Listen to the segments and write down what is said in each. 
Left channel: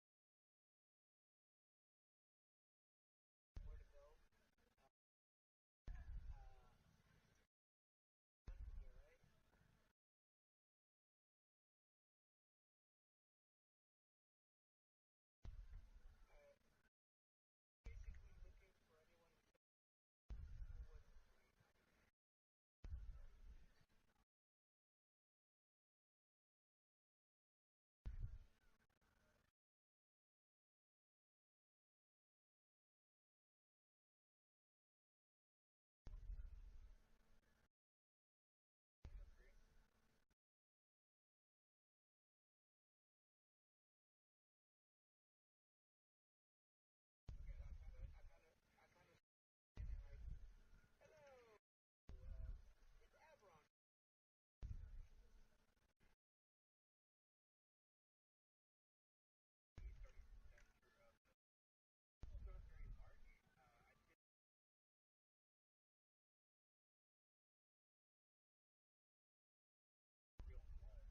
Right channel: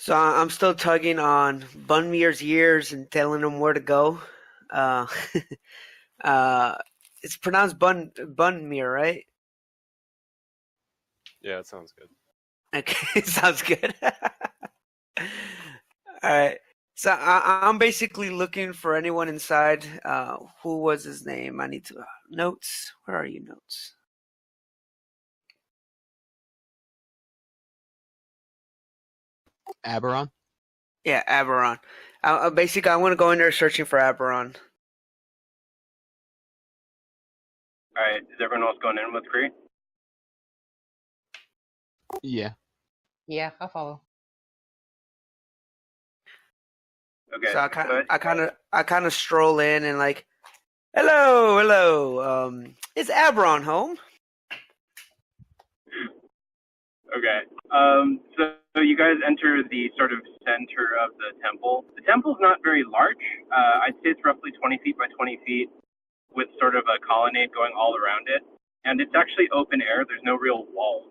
So I'm still tugging on Bunmir's ears and telling him where to go. Uh, uh, it's pronounced Bunmir, right? Yeah, it sounds good. Okay, sounds good. All right. So I'm basically looking for anyone inside. Who was his name? I need to notes. Where are you, notes? Aberon? Yeah, Aberon. Basically, I want to go in there searching for Aberon. Alright, is everyone else going in with Cree? Yeah. Yeah, I'll follow. Okay. So I kind of stroll in and like, hello. Is Aberon home? Okay. So you guys enter the sort of center of the temple. The temple's not very large. I'd say it's roughly 20 feet by 20 feet with sort of a colonnade going all around it. And it's actually open air. There's no real walls.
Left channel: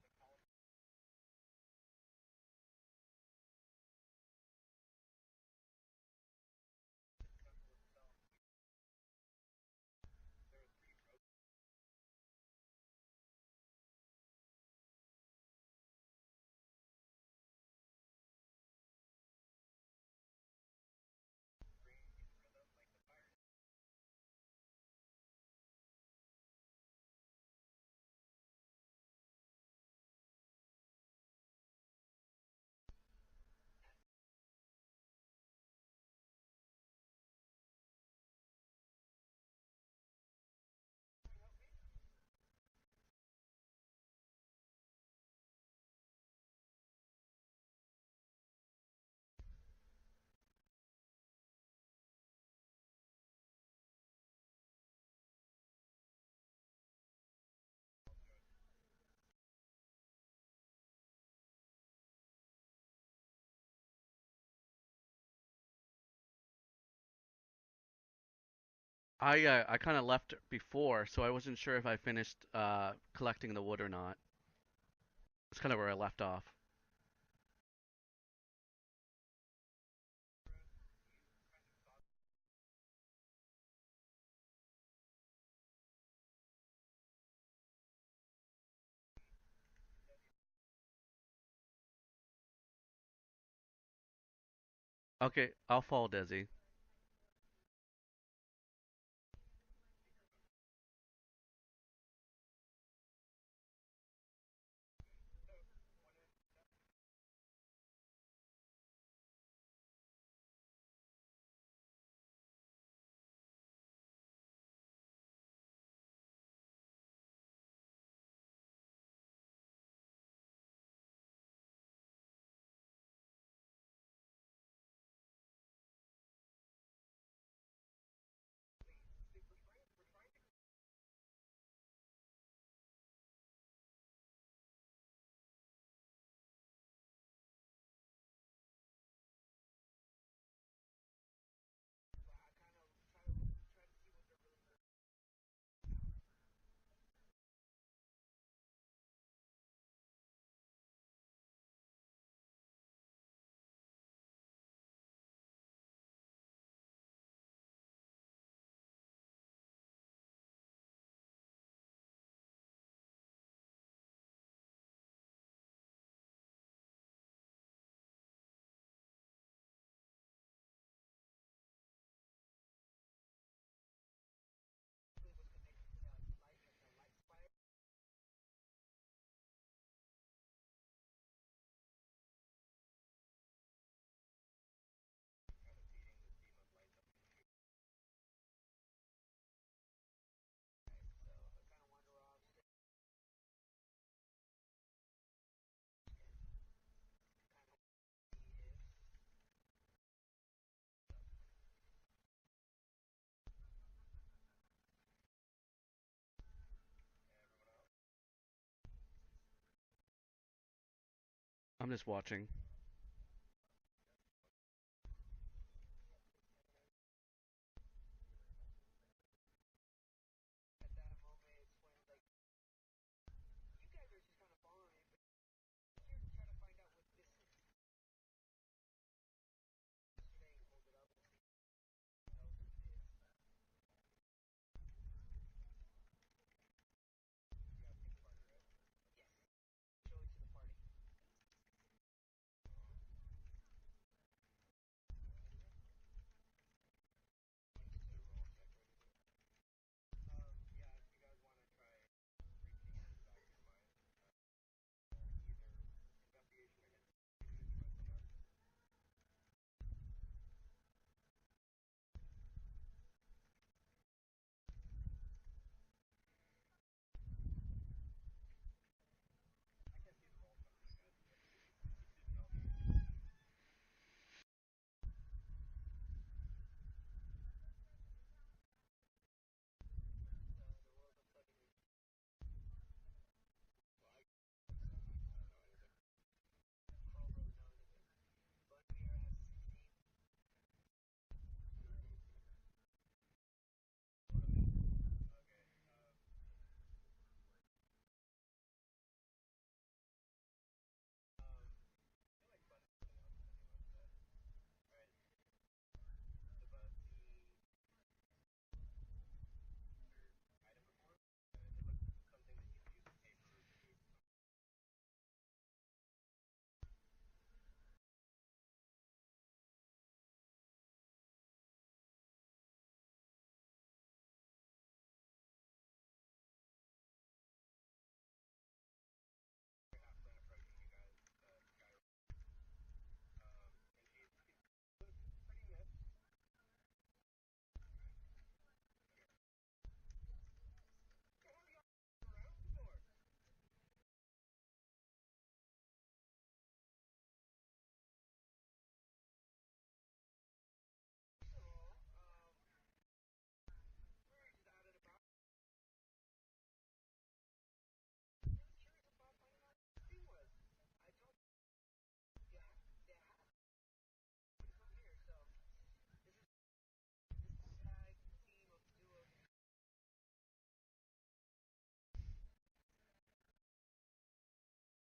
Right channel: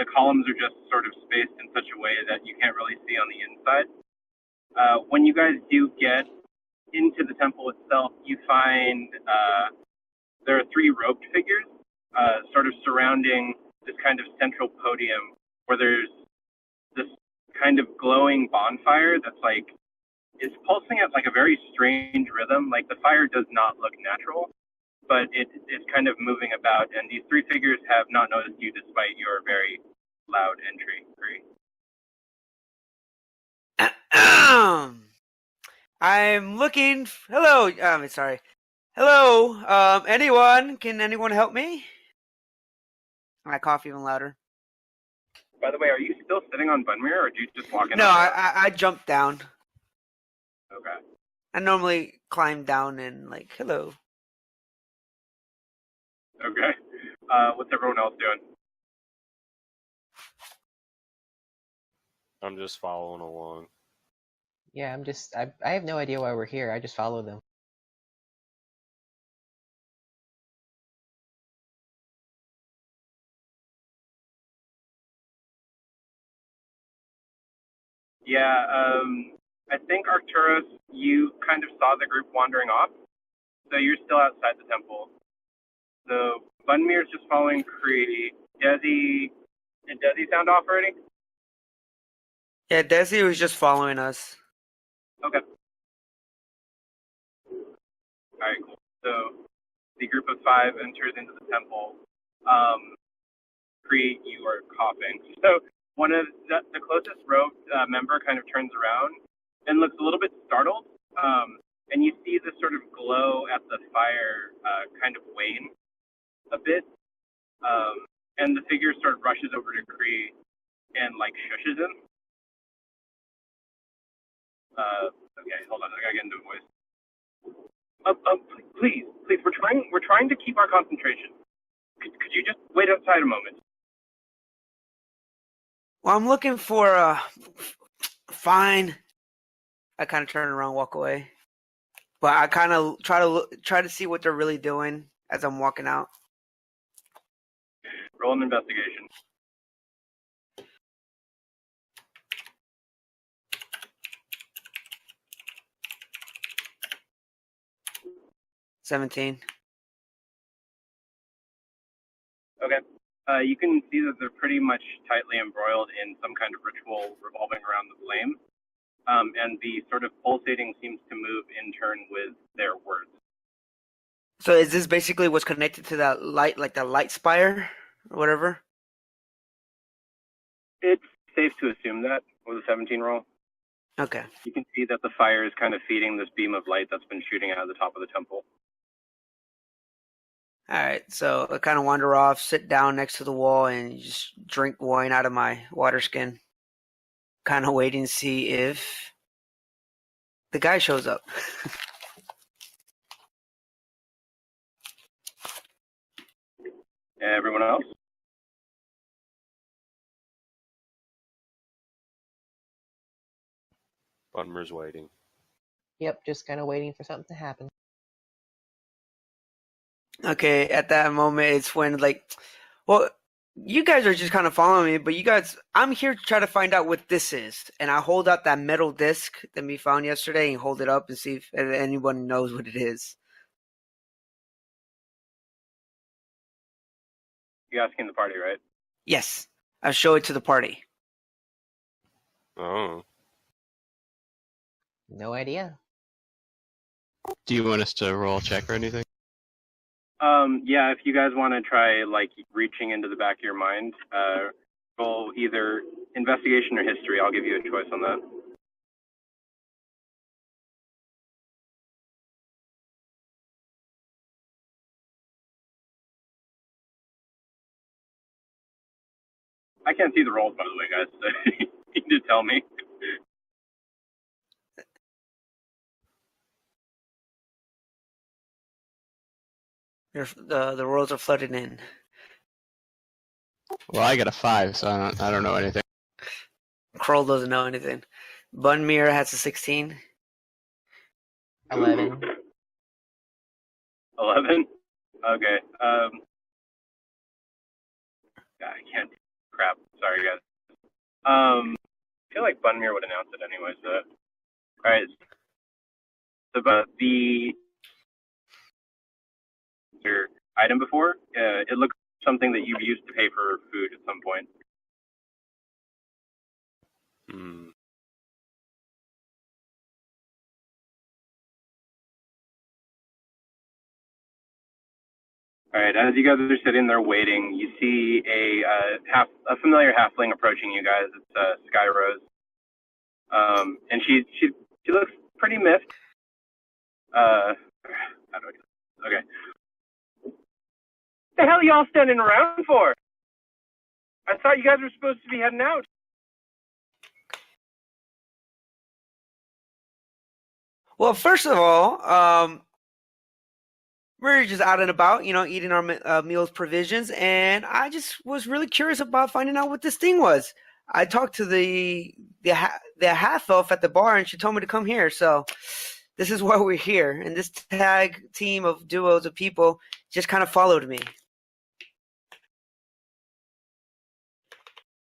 The columns are just sort of spaced in such a way that you can't really see on the inside. When you guys do get into the temple itself, you find there are three robed figures sort of surrounding this kind of central podium where there's this kind of glowing bonfire that's like, it's pulsing at like a very strange rhythm. Like the fire does not look natural, but it's kind of moving about. And these three figures have not noticed you despite your very loud entry. I'm looking. Hello. Sorry. Hello. Anyone? Can anyone help me? I cough even louder. By the way, are you still sitting on Bunmere, or did you just walk in? No, I jumped down. Okay. I normally climb down and like, hello. Okay. What's everyone else doing? I'm just following along. Yeah, I have no idea why we're here. I just follow them. I kind of left before, so I wasn't sure if I finished collecting the wood or not. That's kind of where I left off. Yeah, I think Arcturus, you kind of saw the group wandering off, so you're still outside the temple. So Bunmir's just following Cree. Desi, did Desi sound off already? Yeah, Desi was just following us. Okay. I'll follow Desi. Alright, cool. So the group of five enters into the temple. Cree, you are coughing. So one of the closest robed member kind of turns around and looks a little bit startled. And you see this sort of glow at the fire kind of wane a bit. And the figure sort of rushes over to Cree and like shushes him. Okay, hold on, I gotta get into a voice. Please, we're trying to keep our concentration. Could you just wait outside a moment? Well, I'm looking for fine. I kind of turn around, walk away. But I kind of try to see what they're really doing as I'm walking out. Roll an investigation. $17. Okay. You can see that they're pretty much tightly embroiled in some kind of ritual revolving around the flame. And the sort of pulsating seems to move in turn with their words. So is this basically what's connected to that light, like the light spire or whatever? It's safe to assume that with a 17 roll. Okay. You can see that the fire is kind of feeding this beam of light that's been shooting out of the top of the temple. All right. So I kind of wander off, sit down next to the wall, and just drink wine out of my water skin. Kind of waiting to see if the guy shows up. Everyone else? I'm just watching. Bunmer's waiting. Yep, just kind of waiting for something to happen. Okay, at that moment, it's when, like, well, You guys are just kind of following me, but you guys, I'm here to try to find out what this is. And I hold out that metal disc that we found yesterday and hold it up and see if anyone knows what it is. You're asking the party, right? Yes, I'll show it to the party. Oh. No idea. Do you want us to roll a check or anything? Yeah, if you guys want to try, like, reaching into the back of your mind, roll either investigation or history. I'll give you a choice on that. I can't see the rolls, by the way, guys, so you need to tell me. The rolls are flooded in. Well, I got a 5, so I don't know anything. Kroll doesn't know anything. Bunmir has a 16. 11. 11? Okay. I can't. Crap. Sorry, guys. I feel like Bunmir would announce it anyway, so. Alright. So, but your item before, it looks something that you've used to pay for food at some point. Hmm. All right, as you guys are sitting there waiting, you see a familiar halfling approaching you guys. It's Sky Rose, and she looks pretty miffed. How do I? Okay. What the hell are y'all standing around for? I thought you guys were supposed to be heading out. Well, first of all, we're just out and about, eating our meals provisions, and I just was really curious about finding out what this thing was. I talked to the half elf at the bar, and she told me to come here. So this is why we're here. And this tag team of duos of people just kind of followed me.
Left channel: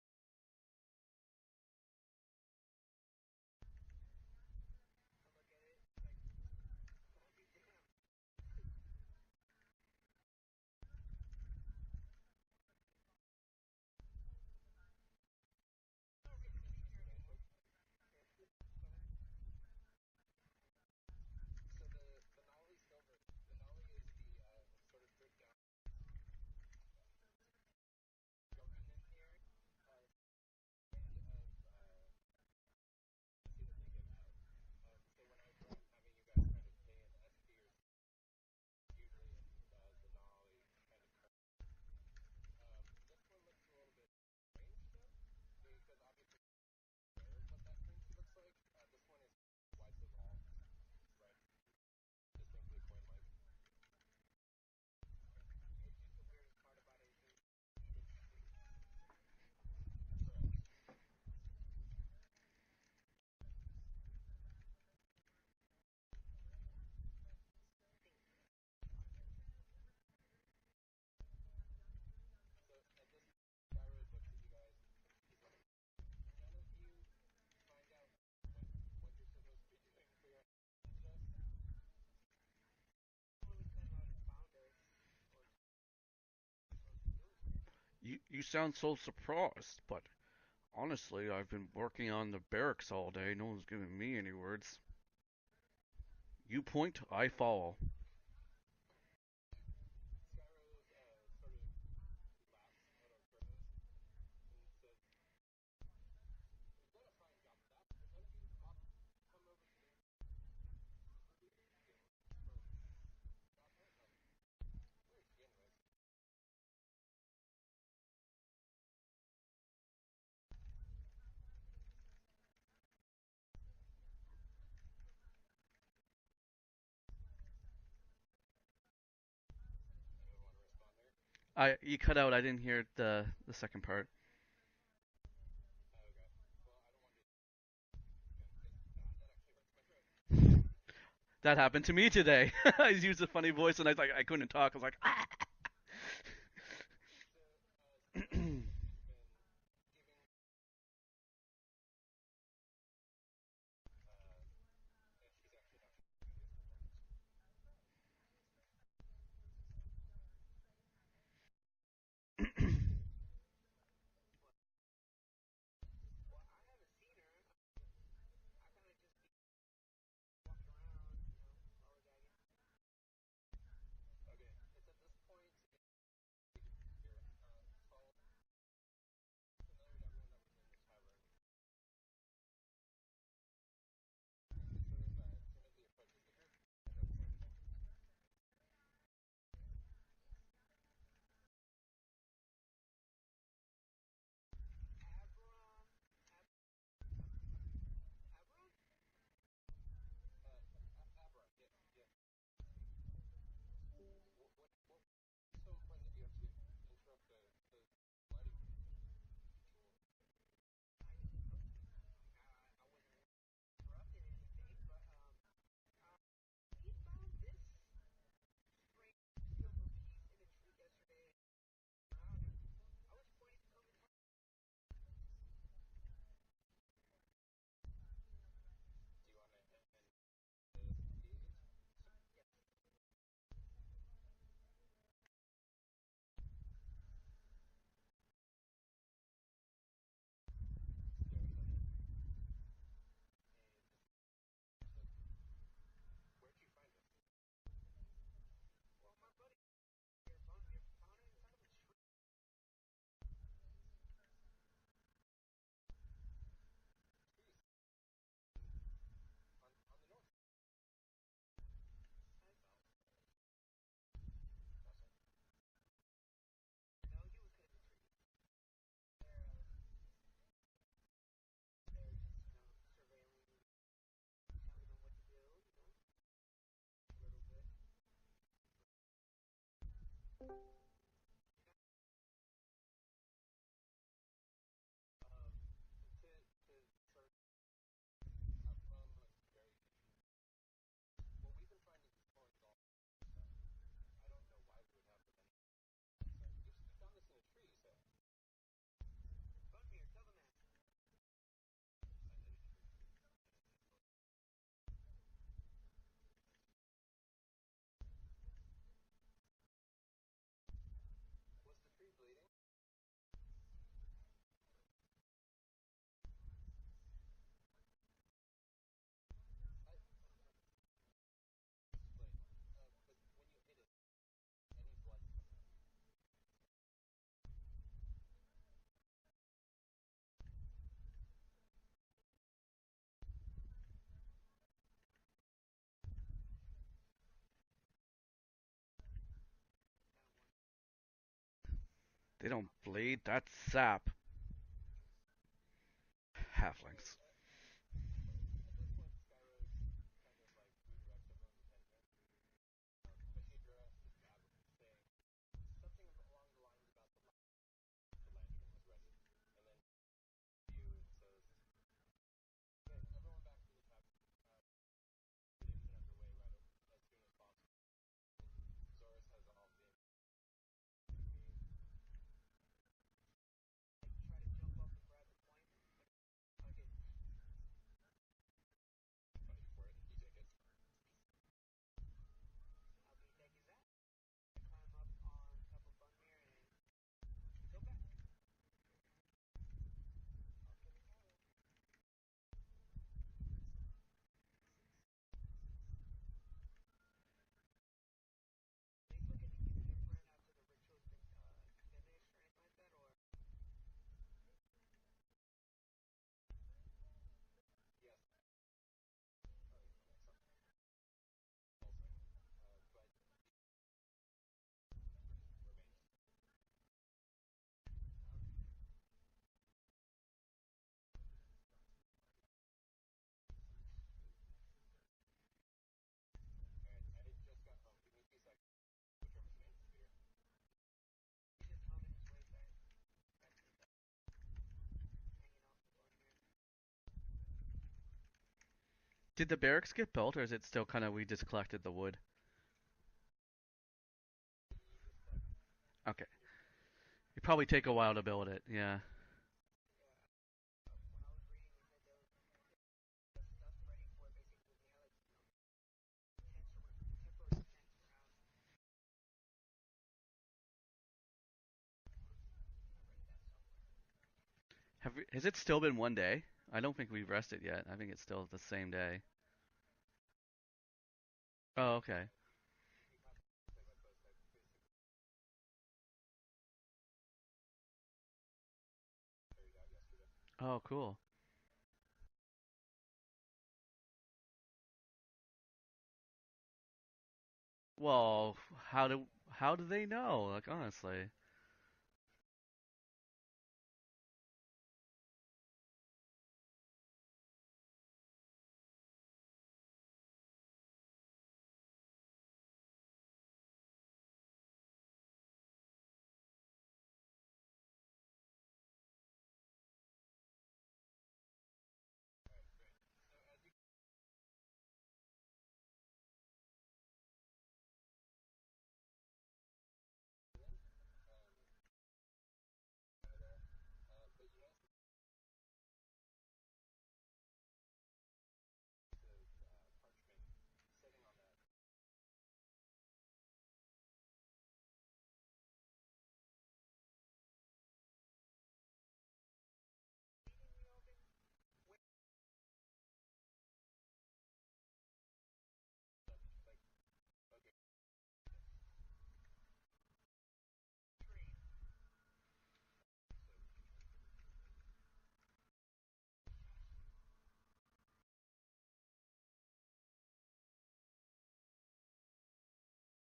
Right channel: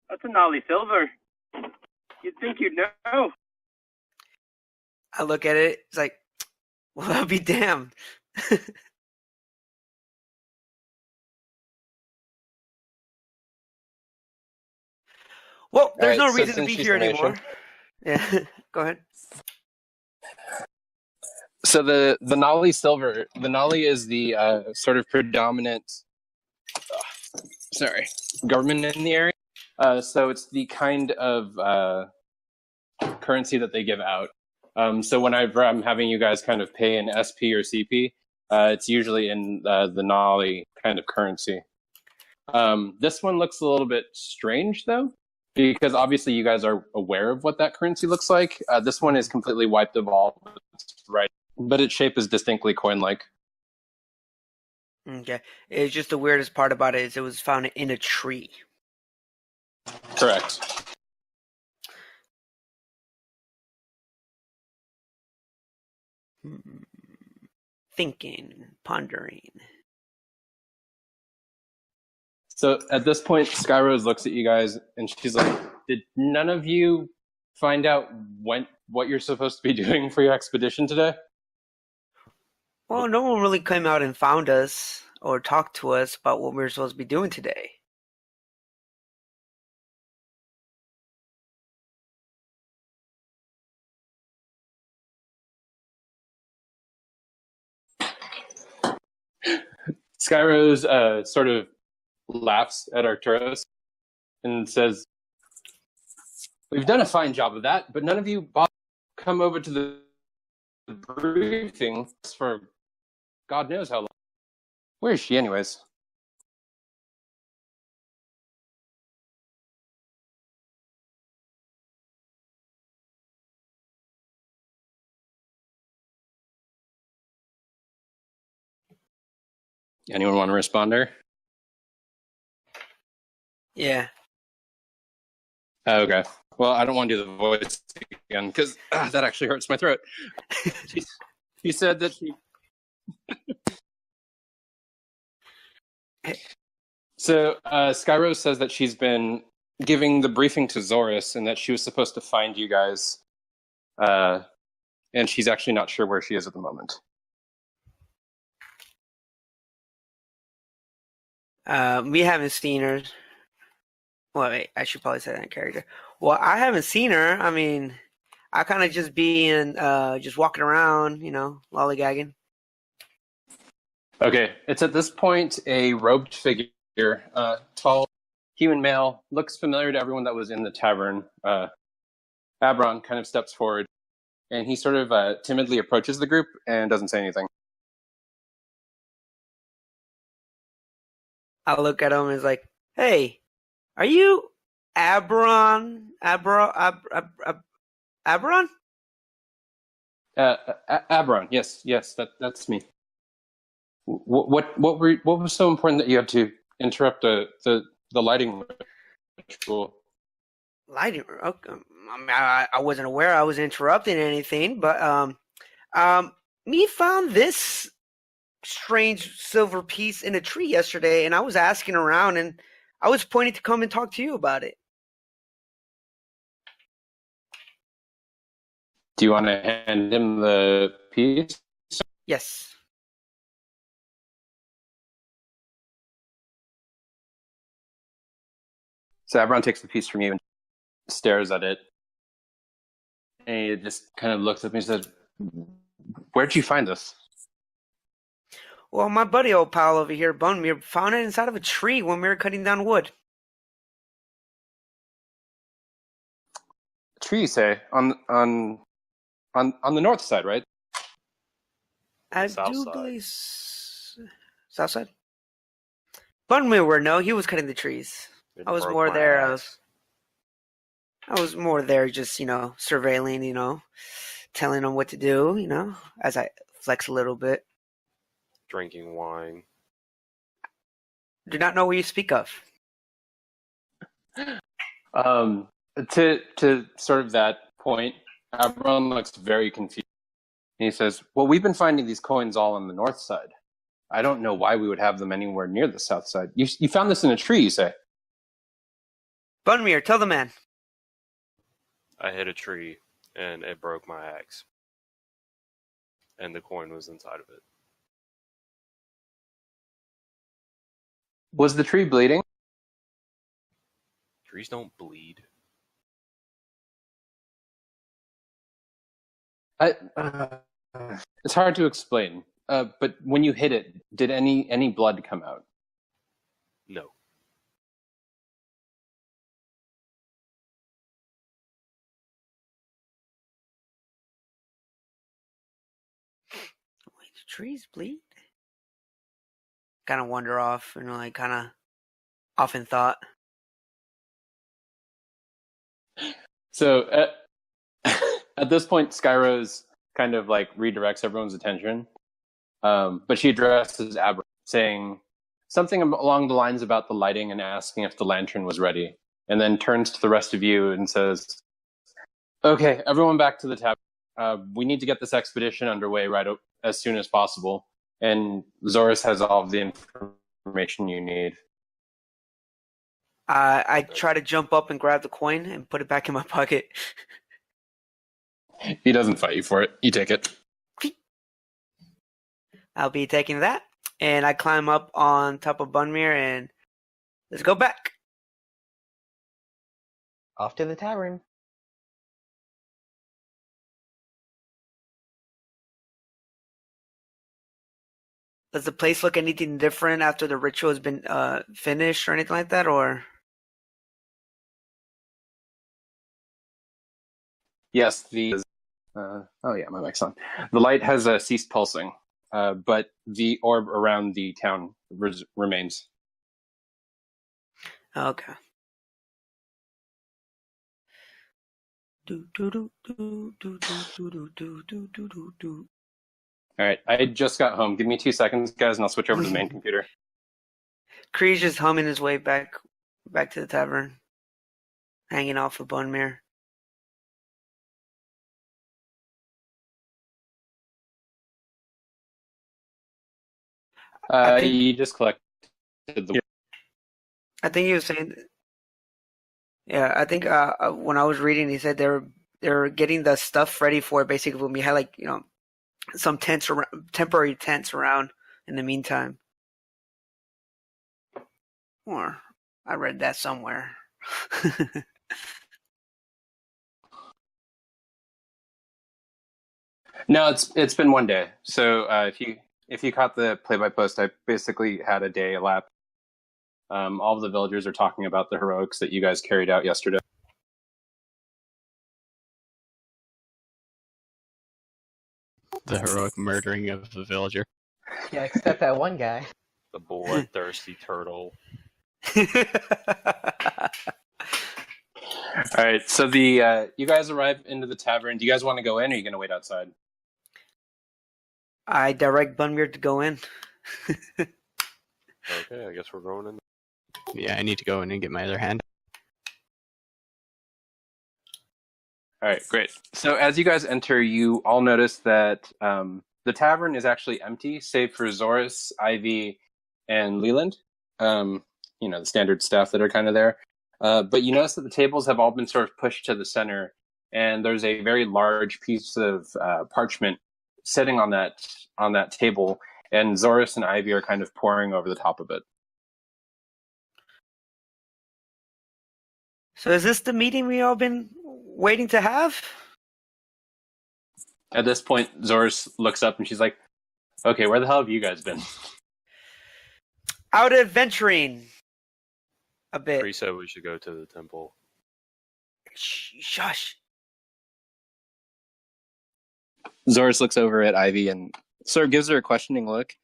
That's a Nolly Silver. You'd think you'd know. I look at it. It's like, well, I'll be damned. Well, there's no reason to be here anymore. Yeah, go ahead. So the Nolly Silver, the Nolly is the sort of predominant, government in the area. So it's the kind of currency that they give out. So whenever I'm having you guys kind of pay in SP or CP, it's usually in the Nolly kind of currency. This one looks a little bit strange though, because obviously you guys are aware of what that currency looks like. This one is completely wiped of all right, but its shape is distinctly coin-like. Okay. It's just the weirdest part about it is it was found in a tree. Correct. Thinking, pondering. So at this point, Skyrose looks at you guys and she's like, did none of you find out what you're supposed to be doing for your expedition today? Well, no one really came out and found us or talked to us about what we were supposed to be doing today. You sound so surprised, but honestly, I've been working on the barracks all day. No one's giving me any words. You point, I follow. Skyrose sort of laughs at Arturos and says, we've done a fine job of that, but none of you come over to the briefing for God knows how long. Where is she anyways? Anyone want to respond to her? You cut out. I didn't hear the second Yeah. Oh, okay. Well, I don't want to do the voice again because that actually hurts my throat. That happened to said me that- today. I used a funny voice and I couldn't talk. I was like, ah. So Skyrose says that she's been giving the briefing to Zoris and that she was supposed to find you guys, and she's actually not sure where she is at the moment. We haven't seen her. Well, wait, I should probably say that in character. Well, I haven't seen her. I mean, I kind of just just walking around, lollygagging. Okay, it's at this point a robed figure, tall, human male, looks familiar to everyone that was in the tavern. Abron kind of steps forward, and he sort of timidly approaches the group and doesn't say anything. I look at him and is like, "Hey, are you Abron? Abron?" Abron, yes, that's me. What was so important that you had to interrupt the lighting ritual? Lighting. Okay. I mean, I wasn't aware I was interrupting anything, but me found this strange silver piece in a tree yesterday, and I was asking around, and I was pointing to come and talk to you about it. Do you want to hand him the piece? Yes. So Abron takes the piece from you and stares at it. And he just kind of looks at me and said, "Where'd you find this?" Well, my buddy old pal over here, Bunmere, found it inside of a tree when we were cutting down wood. Tree, you say? On the north side, right? I South do side. believe south side. Bunmere were no, he was cutting the trees. It I was broke more my there. ass. I was more there, just surveilling, telling them what to do, as I flex a little bit. Drinking wine. Do not know what you speak of. To sort of that point, Abron looks very confused. And he says, "Well, we've been finding these coins all on the north side. I don't know why we would have them anywhere near the south side. You found this in a tree, you say?" Bunmere, tell the man. I hit a tree and it broke my axe. And the coin was inside of it. Was the tree bleeding? Trees don't bleed. It's hard to explain. But when you hit it, did any blood come out? No. Wait, do trees bleed? Kind of wander off, kind of. They don't Often bleed, thought. That's sap. Half So of at this point, Skyrose kind of like redirects everyone's attention. But she addresses Abra, saying something along the lines about the lighting and asking if the lantern was ready, and then turns to the rest of you and says, "Okay, everyone back to the tavern. We need to get this expedition underway as soon as possible, and Zoris has all of the information you need." I try to jump up and grab the coin and put it back in my pocket. He doesn't fight you for it. You take it. I'll be taking that, and I climb up on top of Bunmere, and let's go back. Off to the tavern. Does the place look anything different after the ritual has been finished or anything like that, or? Yes, oh yeah, my mic's on. The light has ceased pulsing, but the orb around the town remains. Okay. All right, I just got home. Give me 2 seconds, guys, and I'll switch over to the main computer. Kree's just humming his way back to the tavern, hanging off of Bunmere. Did the barracks get built, or is it still kind of we just collected the wood? I think- You just collected the. probably I take think a he while was to saying, build it. Yeah. yeah, I think when I was reading, he said they're getting the stuff ready for it. Basically, when we had like some tents around, temporary tents around in the meantime. Or I read that somewhere. Has it still been one day? I don't think we've rested yet. I think it's still the same day. No, it's been one day. So Okay. if you caught the play by post, I basically had a day elapsed. All of the villagers are talking about the heroics that you guys carried out yesterday. Oh, cool. The heroic murdering of a villager. Well, Yeah, except that one guy. how do The they know? bloodthirsty Honestly. turtle. All right, so the you guys arrive into the tavern. Do you guys want to go in, or are you going to wait outside? I direct Bunmir to go in. Okay, I guess we're going in. Yeah, I need to go in and get my other hand. All right, great. So as you guys enter, you all notice that the tavern is actually empty, save for Zoris, Ivy, and Leland. The standard staff that are kind of there. But you notice that the tables have all been sort of pushed to the center, and there's a very large piece of parchment sitting on that table, and Zoris and Ivy are kind of poring over the top of it. So is this the meeting we all been waiting to have? At this point, Zoris looks up and she's like, "Okay, where the hell have you guys been?" Out adventuring a bit. Tree said we should go to the temple. Shush. Zoris looks over at Ivy and sort of gives her a questioning look,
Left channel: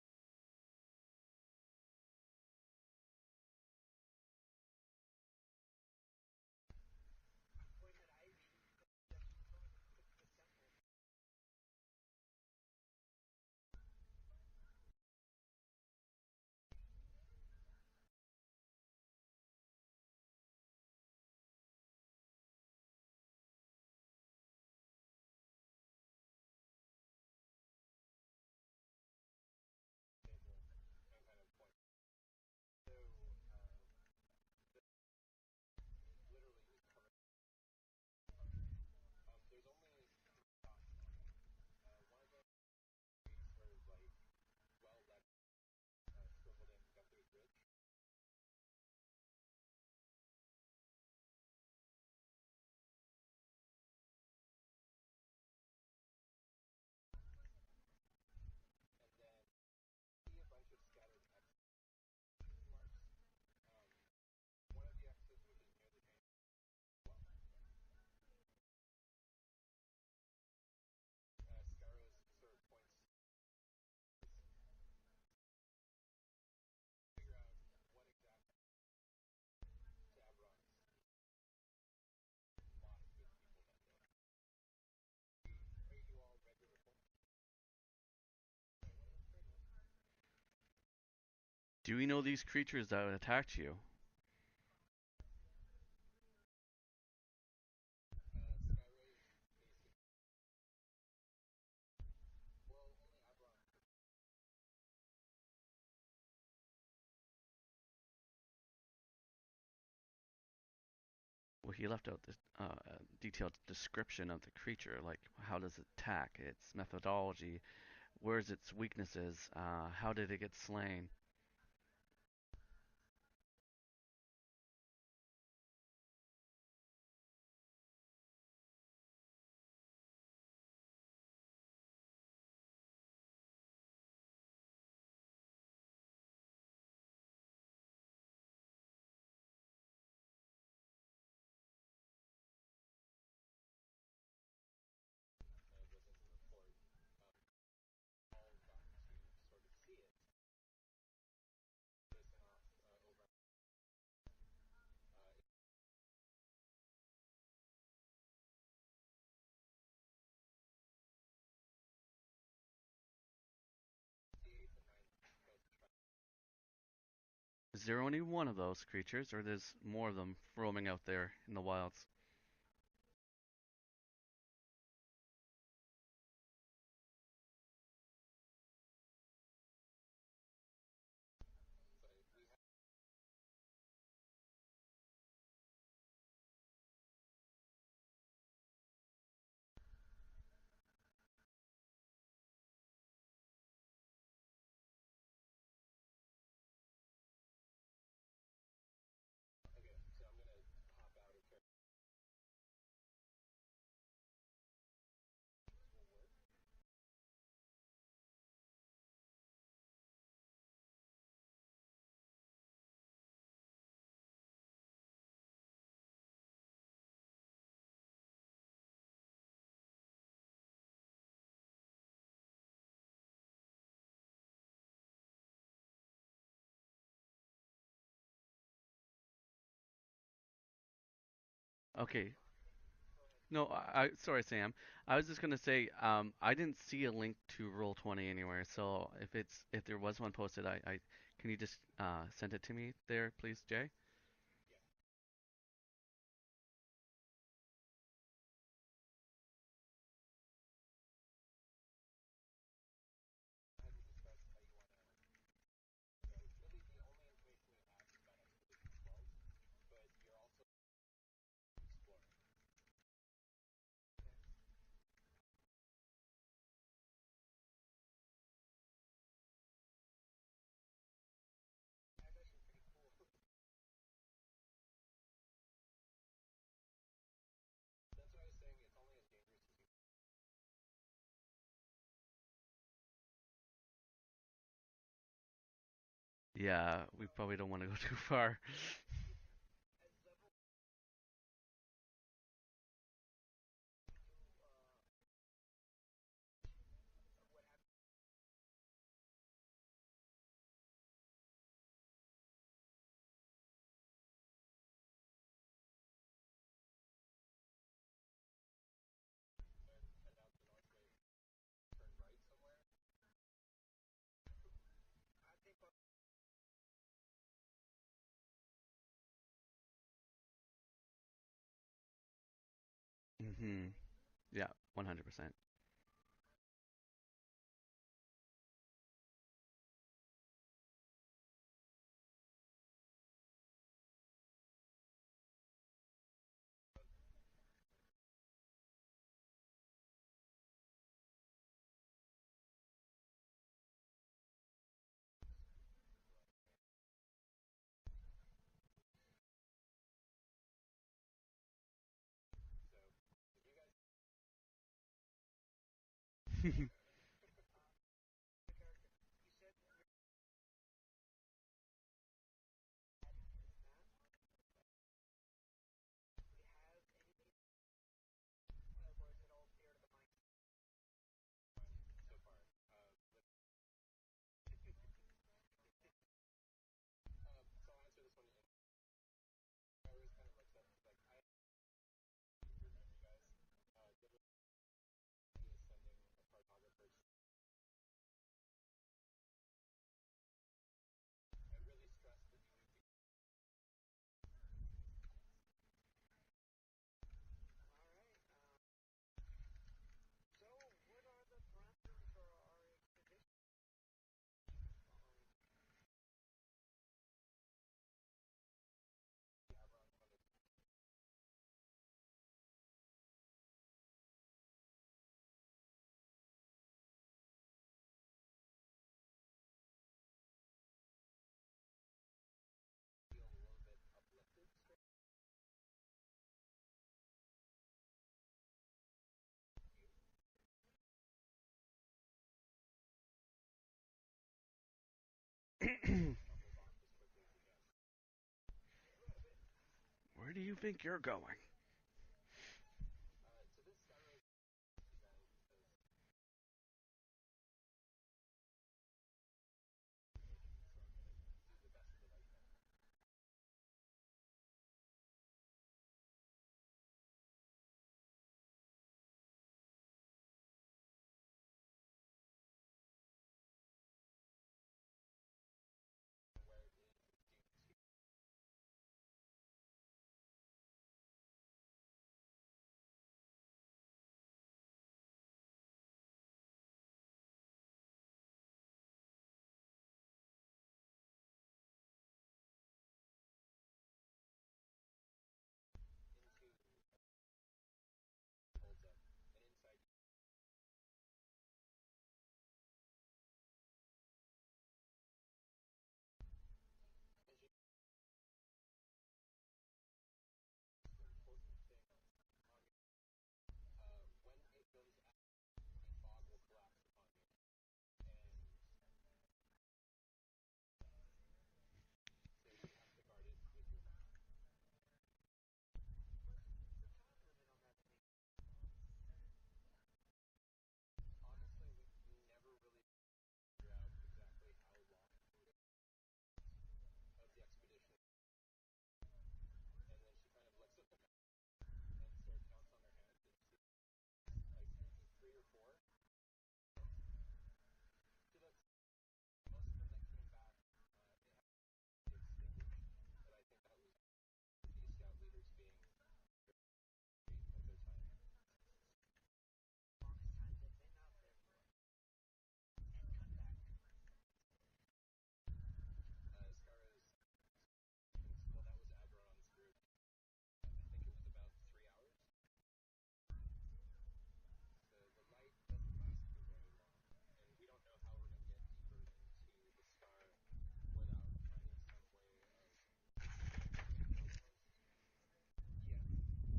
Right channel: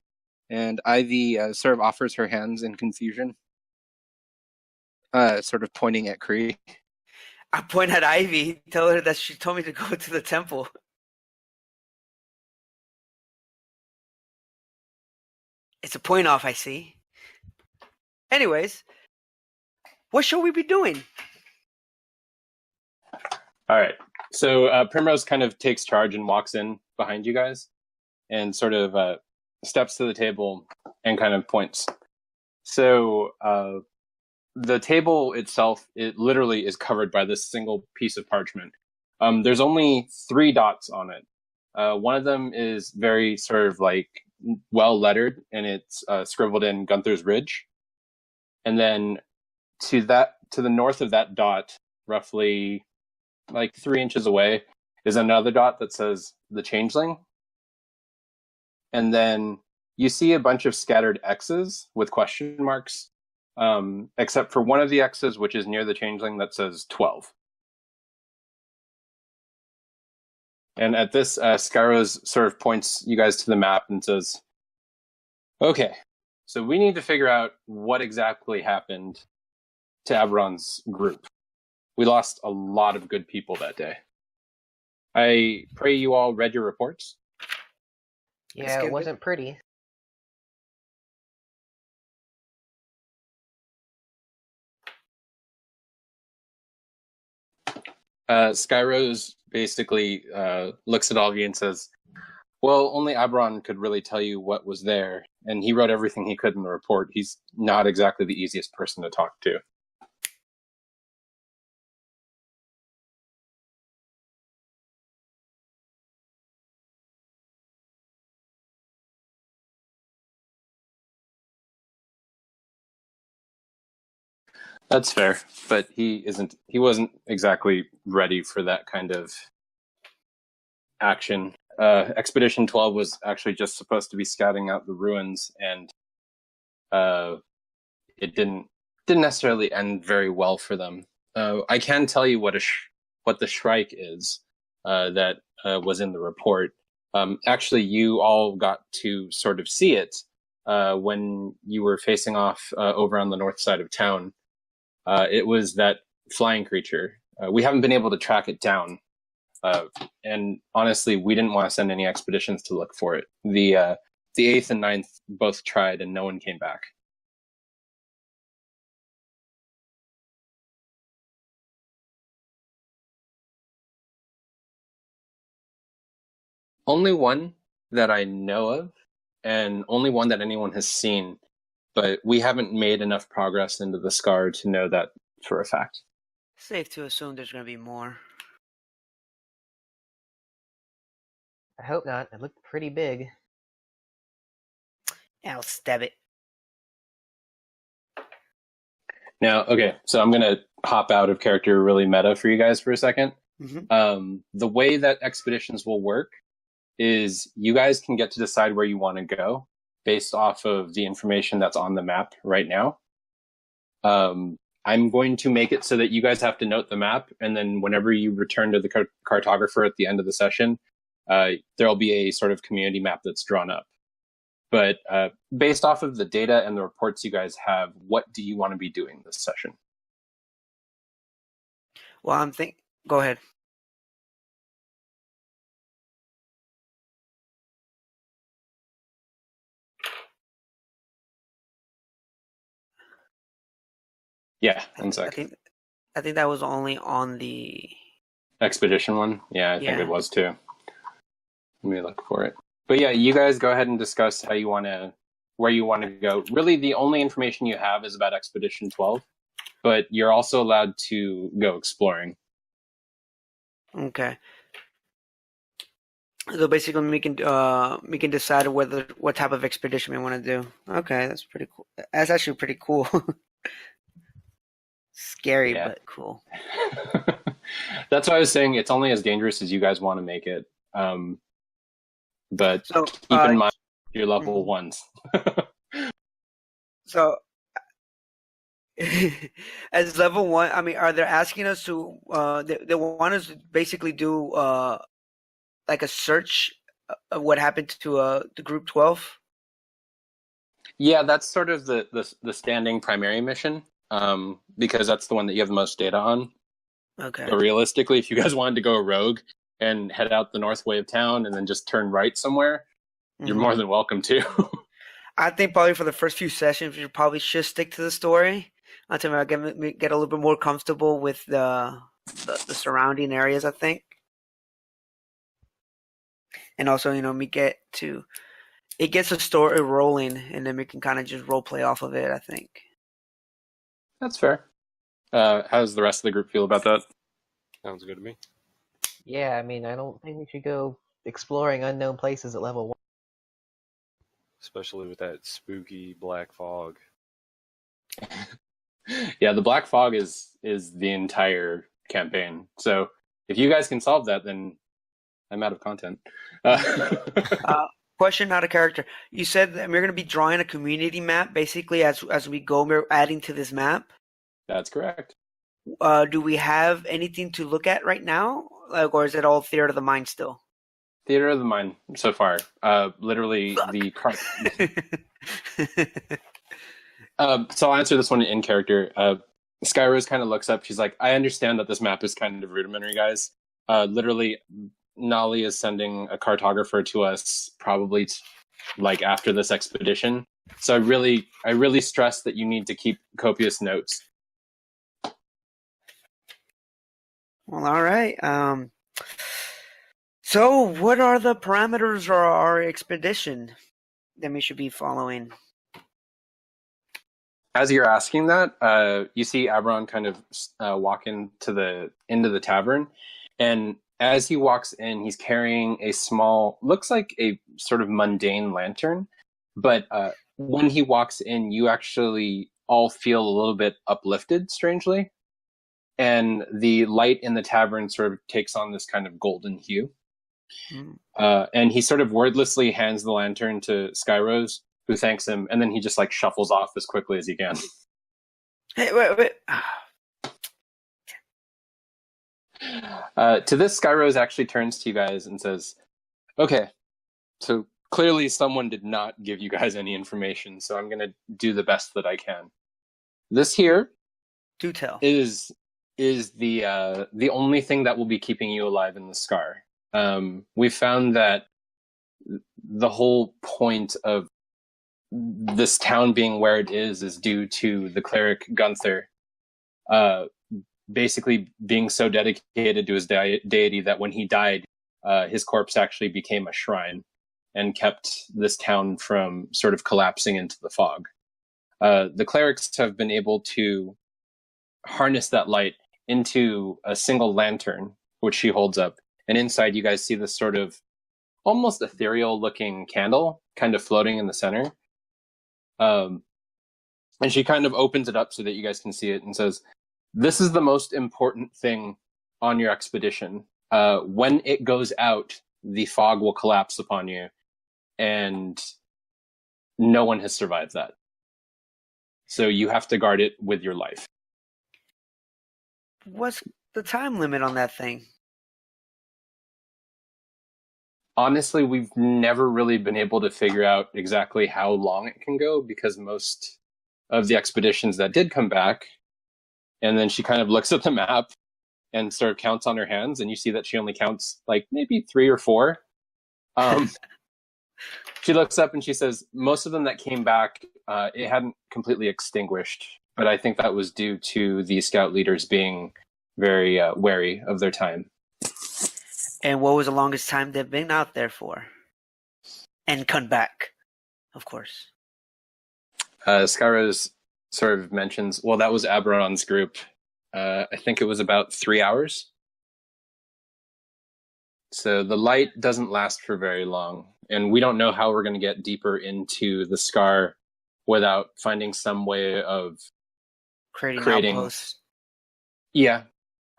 and Ivy sort of offers her hands in confusion, sort of pointing at Kree. I point at Ivy, tell her that she told me to go to the temple. It's a point off, I see. Anyways, what should we be doing? All right. So Primrose kind of takes charge and walks in behind you guys and sort of steps to the table and kind of points. So the table itself, it literally is covered by this single piece of parchment. There's only 3 dots on it. One of them is very sort of like well lettered, and it's scribbled in Gunther's Ridge. And then to the north of that dot, roughly like 3 inches away, is another dot that says the Changeling. And then you see a bunch of scattered X's with question marks, except for one of the X's, which is near the Changeling, that says 12. And at this, Skyros sort of points you guys to the map and says, "Okay, so we need to figure out what exactly happened to Aberon's group. We lost a lot of good people that day. I pray you all read your reports." Yeah, it wasn't pretty. Do we know these creatures that attacked you? Skyros basically looks at all of you and says, "Well, only Aberon could really tell you what was there, and he wrote everything he could in the report. He's not exactly the easiest person to talk to." Well, he left out the detailed description of the creature, like how does it attack, its methodology, where's its weaknesses, how did it get slain. That's fair, but he wasn't exactly ready for that kind of action. Expedition 12 was actually just supposed to be scouting out the ruins, and it didn't necessarily end very well for them. I can tell you what the Shrike is that was in the report. Actually, you all got to sort of see it when you were facing off over on the north side of town. It was that flying creature. We haven't been able to track it down, and honestly, we didn't want to send any expeditions to look for it. The 8th and 9th both tried, and no one came back. Is there only one of those creatures, or there's more of them roaming out there in the wilds? Only one that I know of, and only one that anyone has seen. but we haven't made enough progress into the scar to know that for a fact. Safe to assume there's gonna be more. I hope not. It looked pretty big. I'll stab it. Now, okay, so I'm gonna hop out of character really meta for you guys for a second. The way that expeditions will work is you guys can get to decide where you want to go based off of the information that's on the map right now. I'm going to make it so that you guys have to note the map, and then whenever you return to the cartographer at the end of the session, there'll be a sort of community map that's drawn up. But based off of the data and the reports you guys have, what do you want to be doing this session? Okay. Well, Go ahead. No, sorry, Sam. I was just gonna say, I didn't see a link to Roll20 anywhere. So if there was one posted, can you just send it to me there, please, Jay? Yeah, one sec. I think that was only on the Expedition one? Yeah, I think it was too. Let me look for it. But yeah, you guys go ahead and discuss where you want to go. Really, the only information you have is about Expedition 12, but you're also allowed to go exploring. Okay. So basically, we can decide what type of expedition we want to do. Okay, that's pretty cool. That's actually pretty cool. Scary, but cool. That's why I was saying it's only as dangerous as you guys want to make it. But keep in mind you're level ones. Yeah, So- I probably don't want to go too far. As level 1, I mean, are they asking us to? They want us to basically do like a search of what happened to the group 12. Yeah, that's sort of the standing primary mission, because that's the one that you have the most data on. Okay. But realistically, if you guys wanted to go rogue and head out the north way of town and then just turn right somewhere, you're more than welcome to. I think probably for the first few sessions, we probably should stick to the story until I get a little bit more comfortable with the surrounding areas. I think, Yeah, 100%. and also it gets the story rolling, and then we can kind of just role play off of it. I think That's fair. How does the rest of the group feel about that? Sounds good to me. Yeah, I mean, I don't think we should go exploring unknown places at level 1. Especially with that spooky black fog. Yeah, the black fog is the entire campaign. So if you guys can solve that, then I'm out of content. Question out of character. You said that we're going to be drawing a community map basically as we go. We're adding to this map. That's correct. Do we have anything to look at right now, or is it all theater of the mind still? Theater of the mind so far. Literally the so I'll answer this one in character. Skyrose kind of looks up. She's like, I understand that this map is kind of rudimentary, guys. Literally, Nolly is sending a cartographer to us probably like after this expedition. So I really stress that you need to keep copious notes. Well, all right. So what are the parameters of our expedition that we should be following? As you're asking that, you see Aberon kind of walk into the tavern, and as he walks in, he's carrying a small, looks like a sort of mundane lantern, but when he walks in, you actually all feel a little bit uplifted, strangely, and the light in the tavern sort of takes on this kind of golden hue. And he sort of wordlessly hands the lantern to Skyrose, who thanks him, and then he just like shuffles off as quickly as he can. Hey, wait. Where do you think you're going? To this, Skyrose actually turns to you guys and says, okay, so clearly someone did not give you guys any information, so I'm going to do the best that I can. This here Do tell. is the only thing that will be keeping you alive in the scar. We found that the whole point of this town being where it is due to the cleric Gunther basically being so dedicated to his deity that when he died, his corpse actually became a shrine and kept this town from sort of collapsing into the fog. The clerics have been able to harness that light into a single lantern, which she holds up. And inside, you guys see this sort of almost ethereal looking candle kind of floating in the center. And she kind of opens it up so that you guys can see it and says, "This is the most important thing on your expedition. When it goes out, the fog will collapse upon you, and no one has survived that. So you have to guard it with your life." What's the time limit on that thing? Honestly, we've never really been able to figure out exactly how long it can go, because most of the expeditions that did come back, and then she kind of looks at the map and sort of counts on her hands, and you see that she only counts like maybe 3 or 4. She looks up and she says, most of them that came back, it hadn't completely extinguished, but I think that was due to the scout leaders being very wary of their time. And what was the longest time they've been out there for? And come back, of course. Skyros sort of mentions, well, that was Aberon's group. I think it was about 3 hours. So the light doesn't last for very long, and we don't know how we're going to get deeper into the Scar without finding some way of Creating outposts. Yeah,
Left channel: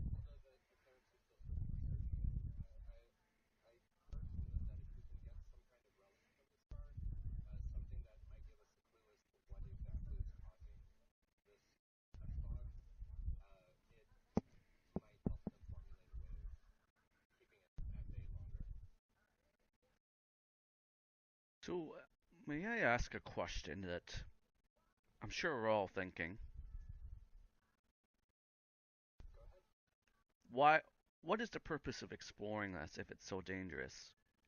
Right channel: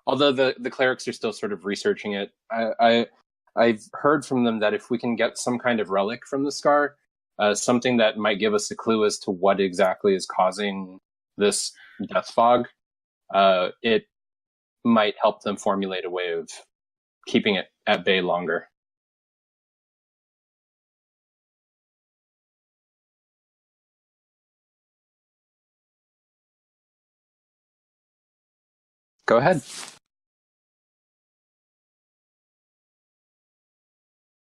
although the clerics are still sort of researching it. I've heard from them that if we can get some kind of relic from the Scar, something that might give us a clue as to what exactly is causing this death fog, it might help them formulate a way of keeping it at bay longer. So, may I ask a question that I'm sure we're all thinking? Go ahead. What is the purpose of exploring this if it's so dangerous?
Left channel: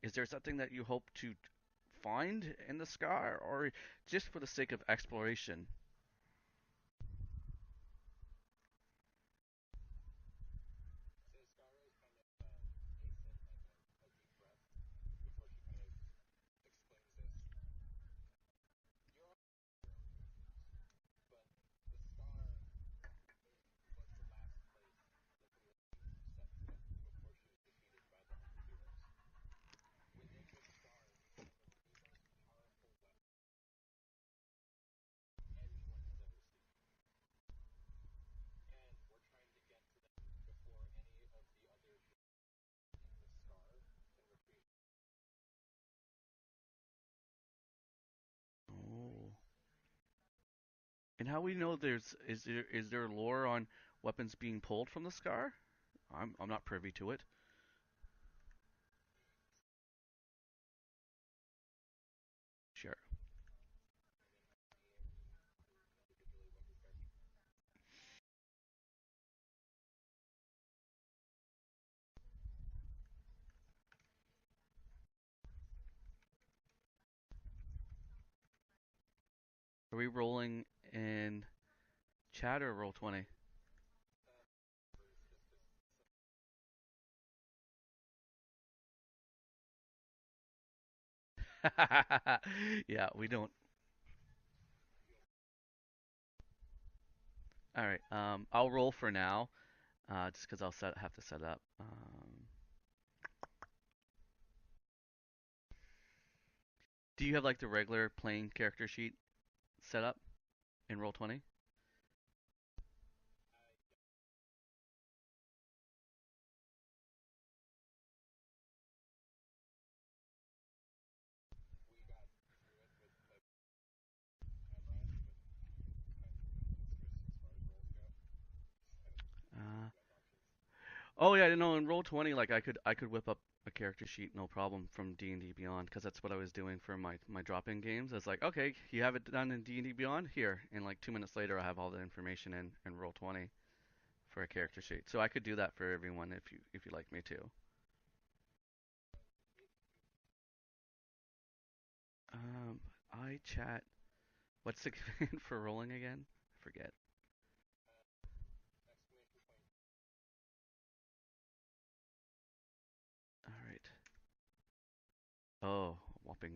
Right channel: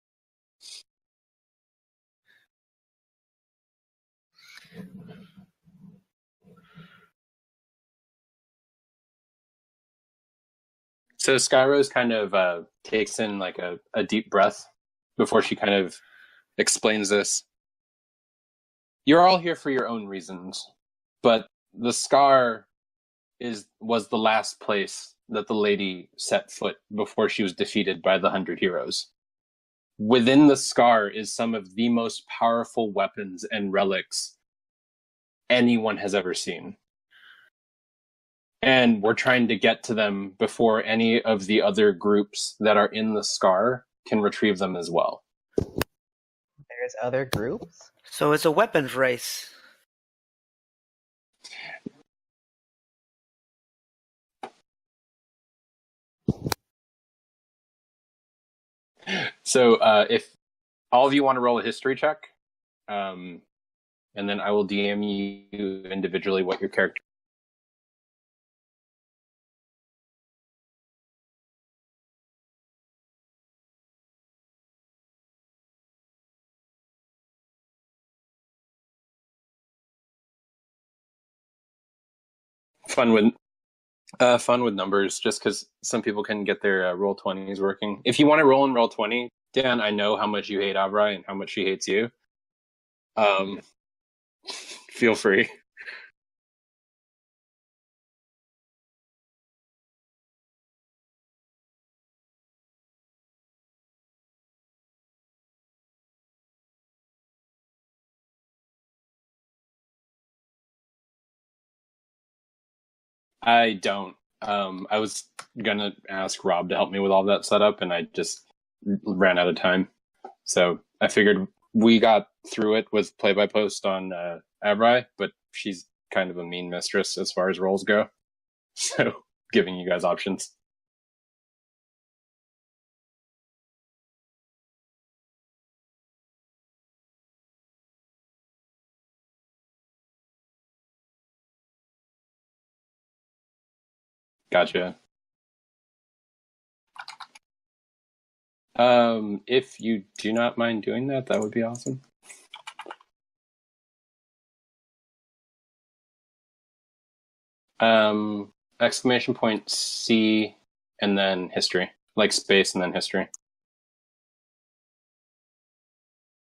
Is there something that you hope to find in the Scar, or just for the sake of exploration? So Skyrose kind of takes in like a deep breath before she kind of explains this. You're all here for your own reasons, but the Scar was the last place that the lady set foot before she was defeated by the 100 heroes. Within the Scar is some of the most powerful weapons and relics anyone has ever seen. And we're trying to get to them before any of the other groups that are in the Scar can retrieve them as well. There's other groups? So it's a weapons race. And how we know is there lore on weapons being pulled from the Scar? I'm not privy to it. So if all of you want to roll a history check, Sure. and then I will DM you individually what your character. Are we rolling in chat or roll? Fun with numbers, just because some people can get their roll 20s working. If you want to roll in roll 20, Dan, I know how much you hate Abrai and how much she hates you. Yeah. Feel free. All right. I'll roll for now, just because I'll have to set up. Do you have like the regular plain character sheet set up in Roll20? I don't. I was gonna ask Rob to help me with all that setup, and I just ran out of time. So I figured we got through it with play-by-post on Abrai, but she's kind of a mean mistress as far as roles go. So giving you guys options. Oh yeah, no. In Roll20, like I could whip up a character sheet no problem from D&D Beyond, because that's what I was doing for my drop-in games. It's like, okay, you have it done in D&D Beyond here, and like 2 minutes later I have all the information in Roll20 for a character Gotcha. sheet. So I could do that for everyone if you'd like me to. If you do not mind doing that, that would be awesome. I chat. What's the command for rolling again? I forget. Exclamation point C and then history, like space and then history. All right. Oh, whopping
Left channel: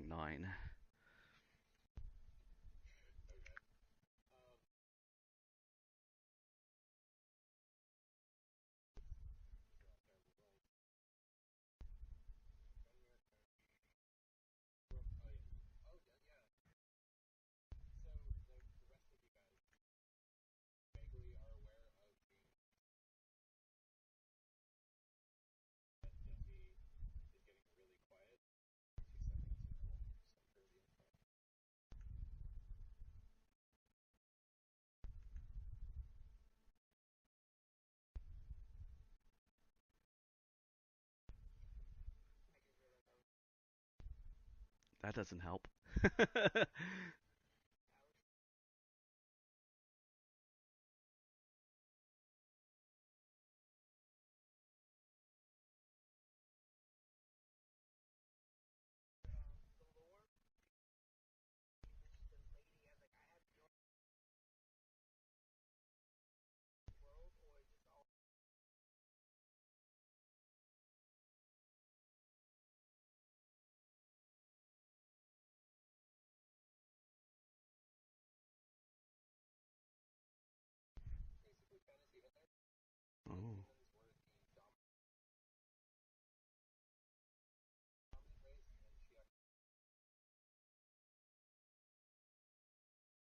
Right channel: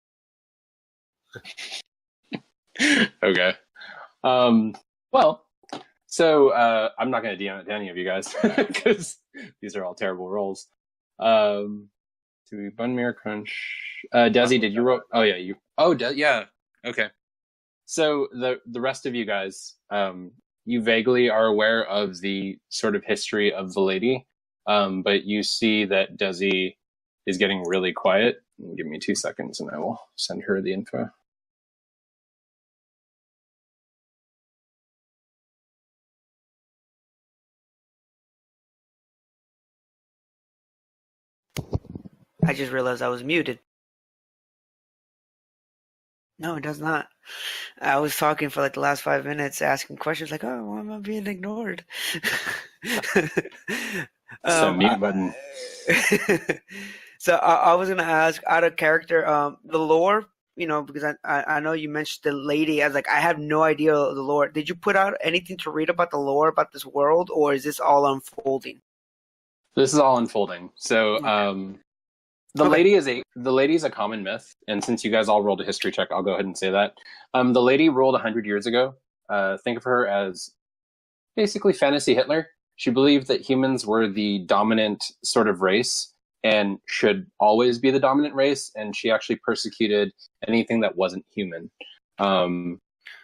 9. Okay. Well, so I'm not going to DM it to any of you guys because these are all terrible rolls. Do we Bun Mirror Crunch? Desi, did you roll? Oh yeah, you. Oh yeah. Okay. So the rest of you guys, you vaguely are aware of the sort of history of the lady, but you see that Desi is getting really quiet. Give me 2 seconds, and I will send her the info. I just realized I was muted. That doesn't help. No, it does not. I was talking for like the last 5 minutes, asking questions like, "Oh, why am I being ignored?" So mute button. So I was gonna ask, out of character, the lore, because I know you mentioned the lady. I was like, I have no idea of the lore. Did you put out anything to read about the lore about this world, or is this all unfolding? This is all unfolding. So, the Okay. lady is a common myth, and since you guys all rolled a history check, I'll go ahead and say that. The lady ruled 100 years ago. Think of her as basically fantasy Hitler. She believed that humans were the dominant sort of race and should always be the dominant race, and she actually persecuted anything that wasn't human.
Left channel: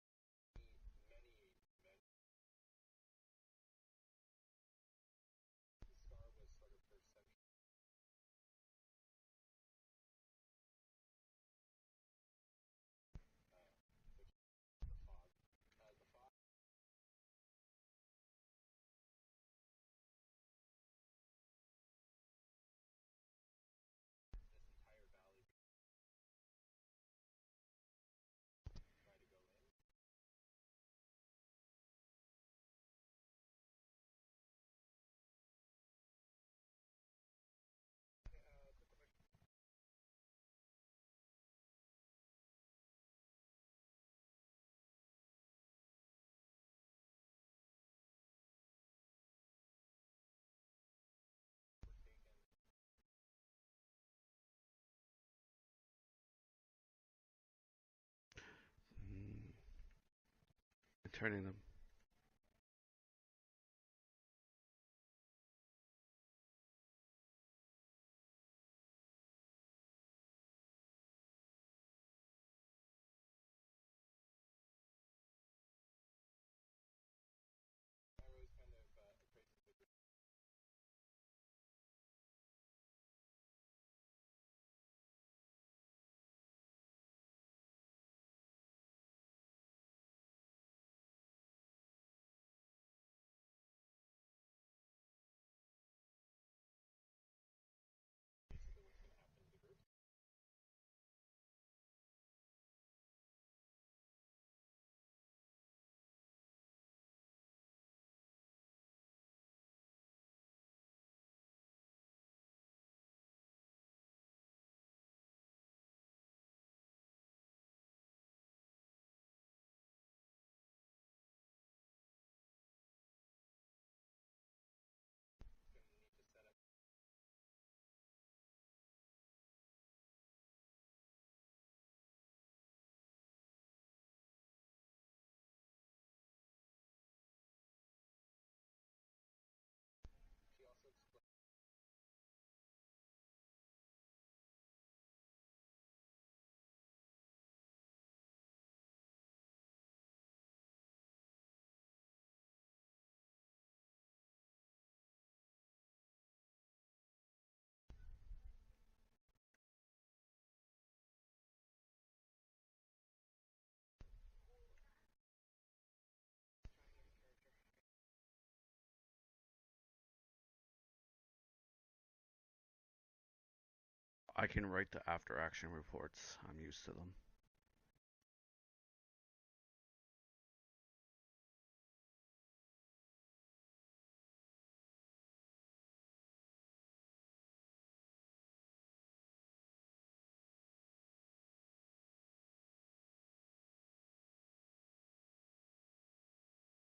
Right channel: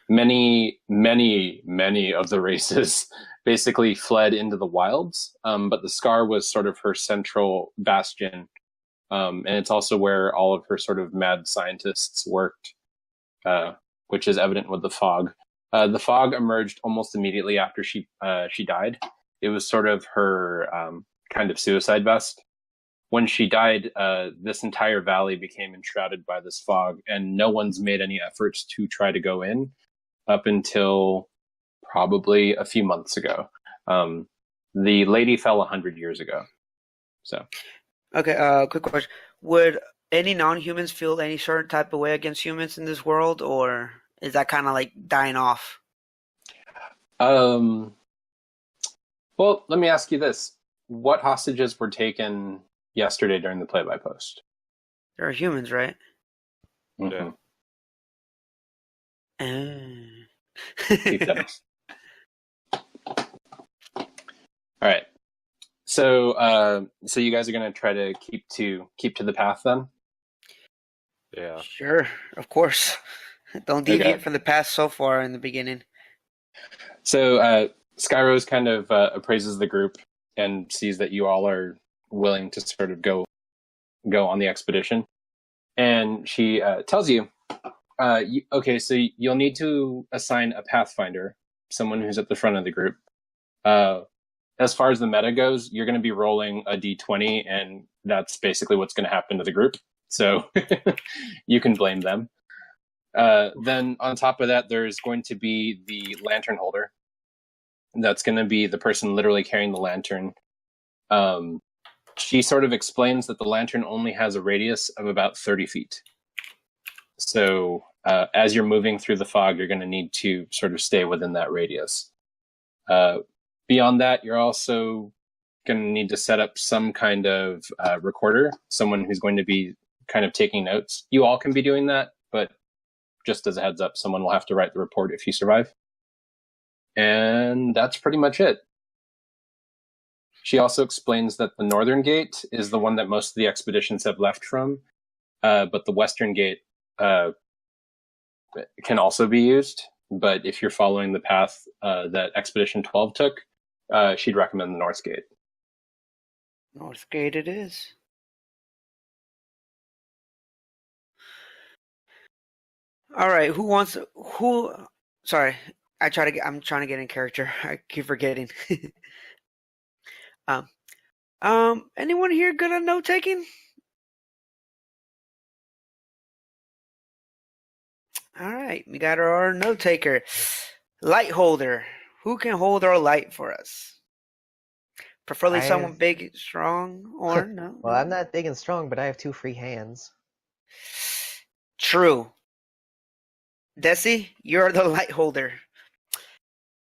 Many of the races basically fled into the wilds, but the Scar was sort of her central bastion, and it's also where all of her sort of mad scientists worked, which is evident with the fog. The fog emerged almost immediately after she died. It was sort of her kind of suicide vest. When she died, this entire valley became enshrouded by this fog, and no one's made any efforts to try to go in up until probably a few months ago. The lady fell 100 years ago. So. Okay, quick question. Would any non-humans feel any certain type of way against humans in this world, or is that kind of like dying off? Well, let me ask you this. What hostages were taken yesterday during the play-by post? There are humans, right? Mm-hmm. Yeah. All right. So you guys are gonna try to keep to the path then? Yeah. Sure, of course. Don't deviate from the path so far in the beginning. So Skyrose kind of appraises the group and sees that you all are willing to sort of go on the expedition, and she tells you, okay, so you'll need to assign a pathfinder, someone who's at the front of the group. As far as the meta goes, you're going to be rolling a d20, and that's basically what's going to happen to the group. So you can blame them. Then on top of that, there's going to be the lantern holder. That's going to be the person literally carrying the lantern. She sort of explains that the lantern only has a radius of about 30 feet. So as you're moving through the fog, you're going to need to sort of stay within that radius. Beyond that, you're also going to need to set up some kind of recorder, someone who's going to be kind of taking notes. You all can be doing that, but just as a heads up, someone will have to write the report if you survive. And that's pretty much it. She also explains that the northern gate is the one that most of the expeditions have left from, but the western gate can also be used. But if you're following the path that Expedition 12 took, she'd recommend the North Gate. North Gate it is. All right, sorry. I'm trying to get in character. I keep forgetting. Anyone here good at note taking? I can write the after action reports. I'm used to them. All right, we got our note taker. Light holder. Who can hold our light for us? Preferably someone big, strong, or no? Well, I'm not big and strong, but I have 2 free hands. True. Desi, you're the light holder.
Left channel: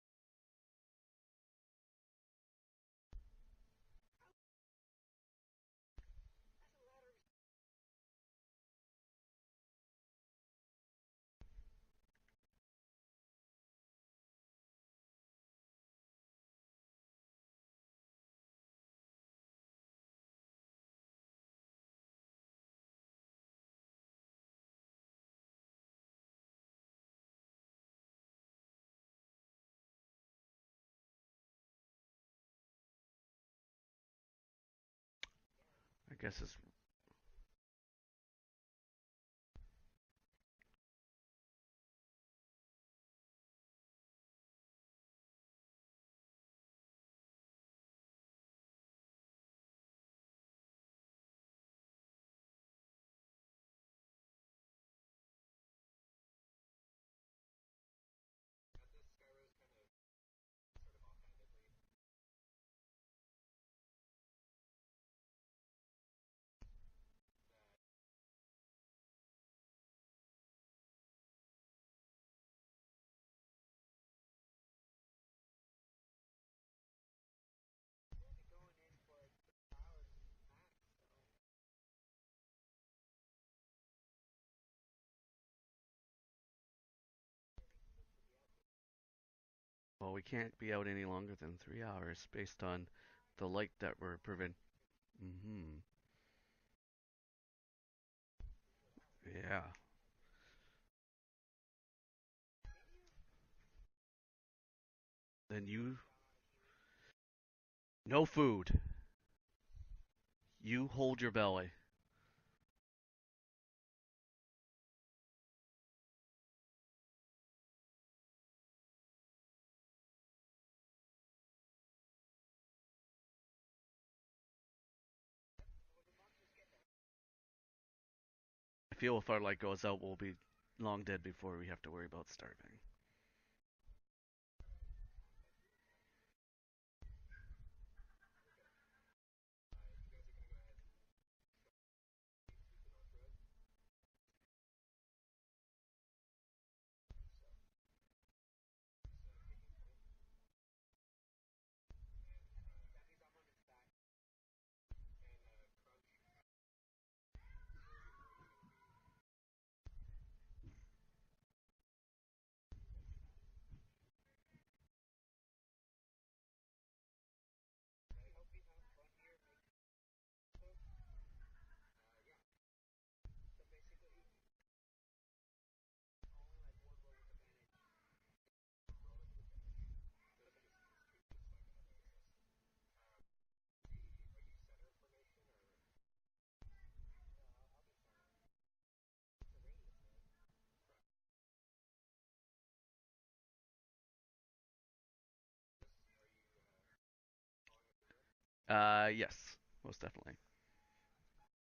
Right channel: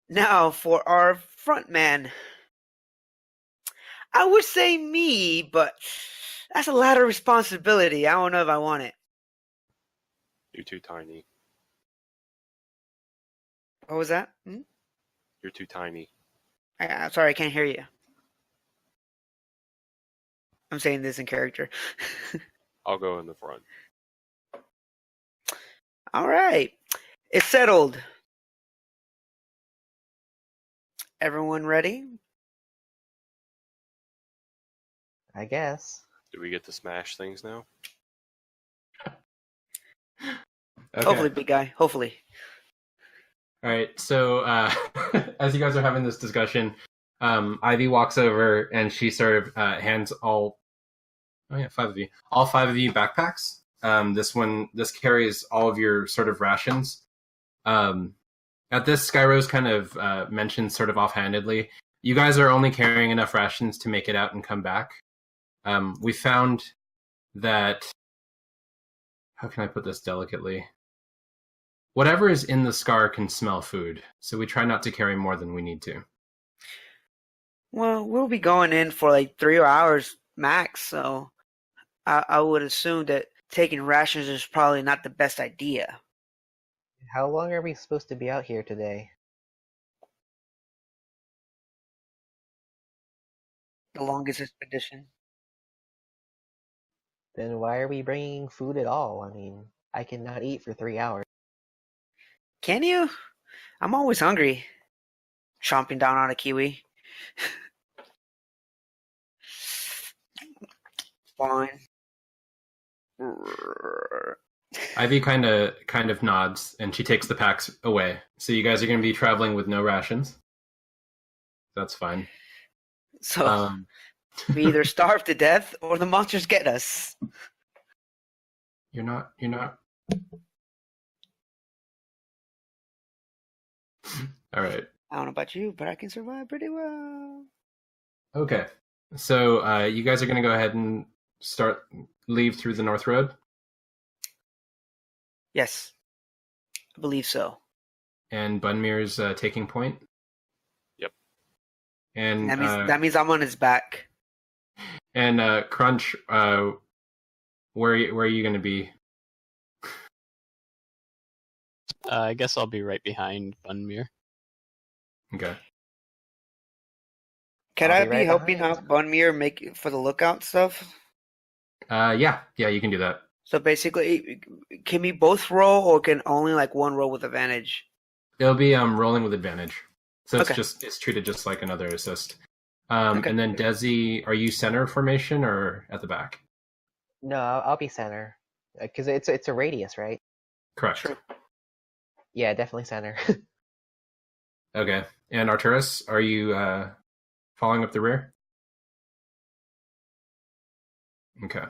Now for our front man. I would say me, but that's a lot of responsibility. I don't know if I want it. You're too tiny. What was that? Hmm? You're too tiny. I'm sorry, I can't hear you. I'm saying this in character. I'll go in the front. All right. It's settled. Everyone ready? I guess. I guess Do we get to smash things now? Okay. Hopefully, big guy. Hopefully. All right. So as you guys are having this discussion, Ivy walks over and she sort of hands all. Oh yeah, all 5 of you backpacks. This carries all of your sort of rations. At this, Skyrose kind of mentioned sort of offhandedly, you guys are only carrying enough rations to make it out and come back. We found that, how can I put this delicately? Whatever is in the scar can smell food, so we try not to carry more than we need to. Well, we'll be going in for like 3 hours max, so I would assume that taking rations is probably not the best idea. How long are we supposed to be out here today? Well, we can't be out any longer than 3 hours based on the light that The longest expedition. Mm-hmm. Then why are we bringing food at all? I mean, Yeah. I cannot eat for 3 hours. Can you? I'm always hungry. Then Chomping down on a kiwi. No food. You hold your belly. Fine. Ivy kind of nods, and she takes the packs away. So you guys are going to be traveling with no rations. That's fine. So we either starve to death or the monsters get us. I feel if our leg goes out, we'll be long dead before we have to worry about starving. All right. I don't know about you, but I can survive pretty well. Okay. So you guys are going to go ahead and leave through the North Road? Yes, I believe so. And Bunmir's taking point? Yep. And that means I'm on his back. And Crunch, where are you going to be? I guess I'll be right behind Bunmir. Okay. Can I'll I be be right helping behind. out Bunmir make for the lookout stuff? Yeah, you can do that. So basically, can we both roll, or can only like one roll with advantage? It'll be rolling with advantage. So Okay. it's treated just like another assist. Okay. And then Desi, are you center formation or at the back? No, I'll be center. Because it's a radius, right? Correct. True. Yeah, definitely center. Okay. And Arturus, are you following up the rear? Yes, most definitely. Okay.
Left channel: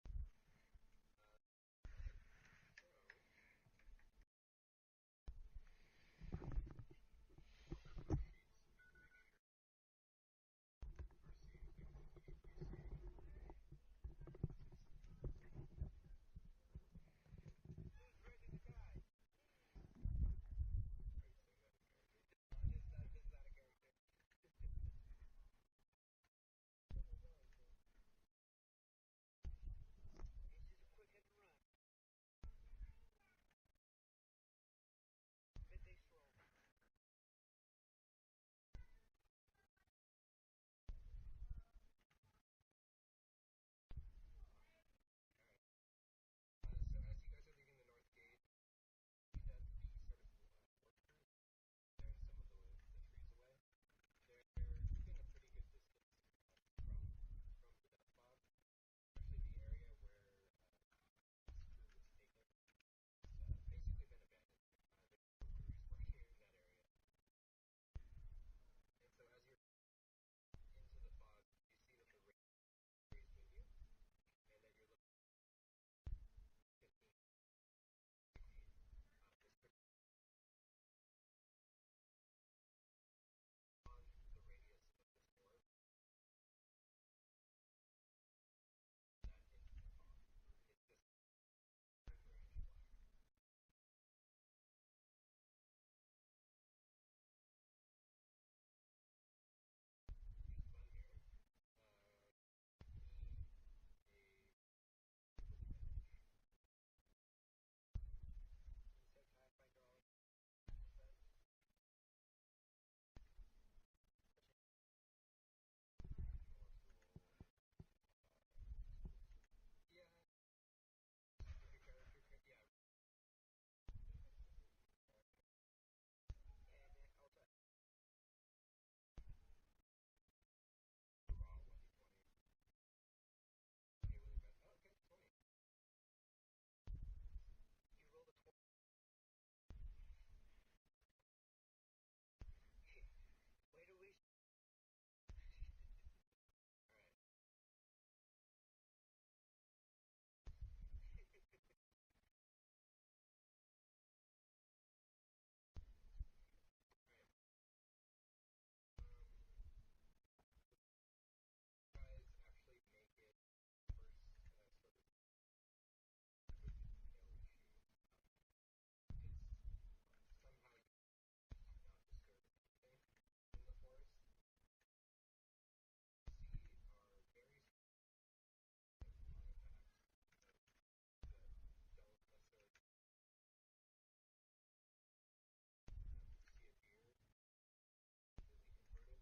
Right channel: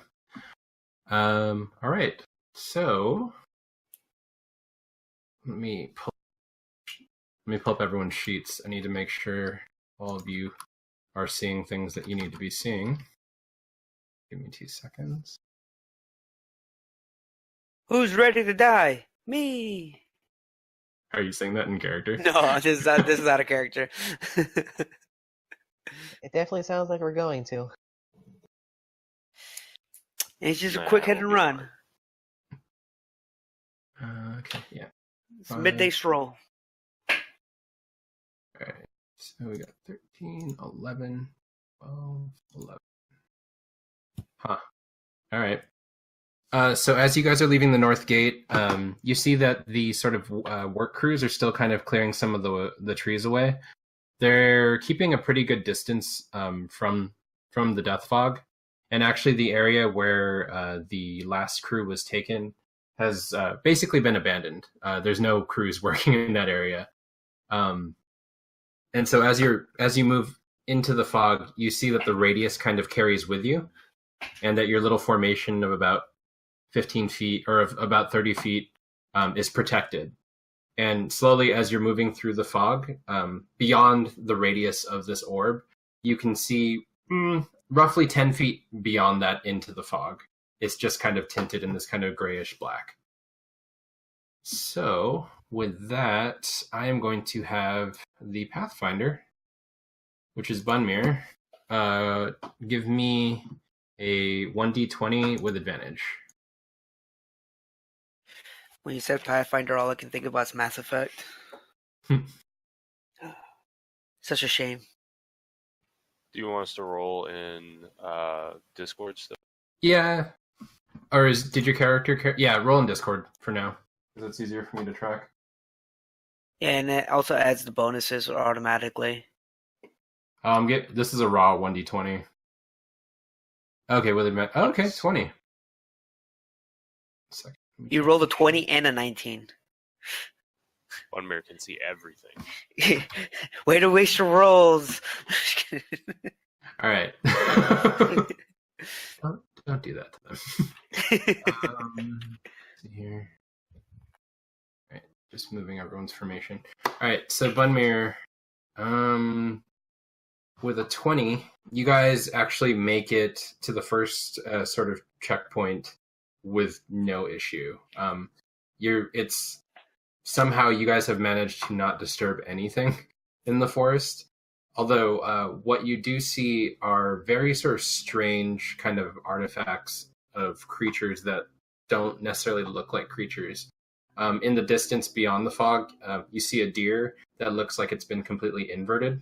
All right. So let me pull up everyone's sheets. I need to make sure all of you are seeing things that you need to be seeing. Give me 2 seconds. Who's ready to die? Me. Are you saying that in character? No, this is out of character. It definitely sounds like we're going to. It's just a Nah, quick hit we'll and be run. fine. Okay. Yeah. It's a midday stroll. All right. So we got 13, 11, 12, 11. Huh. All right. So as you guys are leaving the North Gate, you see that the sort of work crews are still kind of clearing some of the trees away. They're keeping a pretty good distance from the death fog, and actually the area where the last crew was taken has basically been abandoned. There's no crews working in that area, and so as you move into the fog, you see that the radius kind of carries with you, and that your little formation of about 15 feet or of about 30 feet is protected. And slowly, as you're moving through the fog, beyond the radius of this orb, you can see roughly 10 feet beyond that into the fog. It's just kind of tinted in this kind of grayish black. So with that, I am going to have the Pathfinder, which is Bunmir, give me a 1d20 with advantage. When you said Pathfinder, all I can think about is Mass Effect. Such a shame. Do you want us to roll in Discord still? Yeah. Or did your character? Yeah, roll in Discord for now, because it's easier for me to track. Yeah, and it also adds the bonuses automatically. This is a raw 1d20. Okay, with it. Okay, 20. Second. You rolled a 20 and a 19. One mirror can see everything. Way to waste your rolls. All right. don't do that to them. Let's see here. All right, just moving everyone's formation. All right, so Bunmir, with a 20, you guys actually make it to the first sort of checkpoint with no issue. It's somehow you guys have managed to not disturb anything in the forest. Although what you do see are very sort of strange kind of artifacts of creatures that don't necessarily look like creatures. In the distance beyond the fog, you see a deer that looks like it's been completely inverted,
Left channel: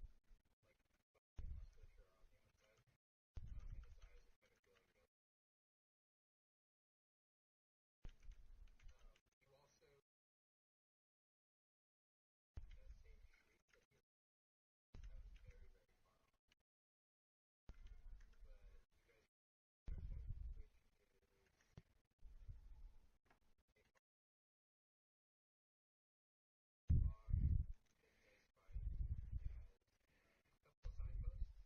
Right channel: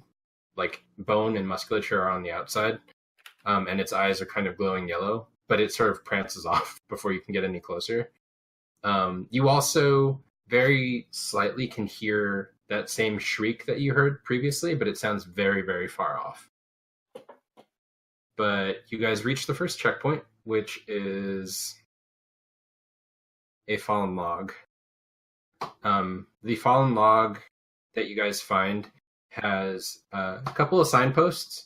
like bone and musculature are on the outside, and its eyes are kind of glowing yellow, but it sort of prances off before you can get any closer. You also very slightly can hear that same shriek that you heard previously, but it sounds very, very far off. But you guys reach the first checkpoint, which is a fallen log. The fallen log that you guys find has a couple of signposts.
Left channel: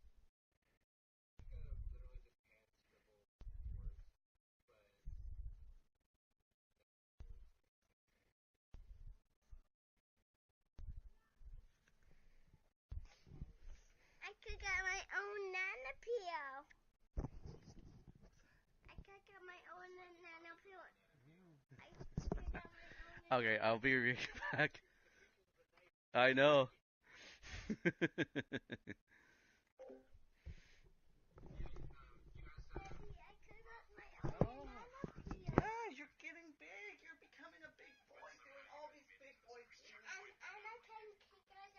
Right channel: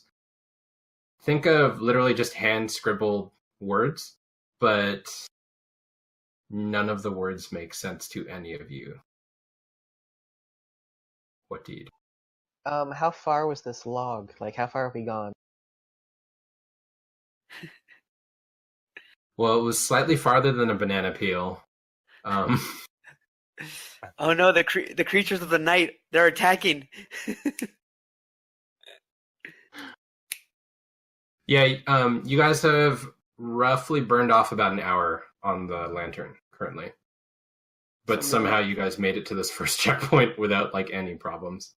Think of literally just hand scribbled words, but none of the words make sense to any of you. What do you do? How far was this log? Like, how far have we gone? Well, it was slightly farther than a banana peel. Okay, I'll be. Oh no, the creatures of the night, they're I know. attacking. Yeah, you guys have roughly burned off about an hour on the lantern currently. But somehow you guys made it to this first checkpoint without like any problems.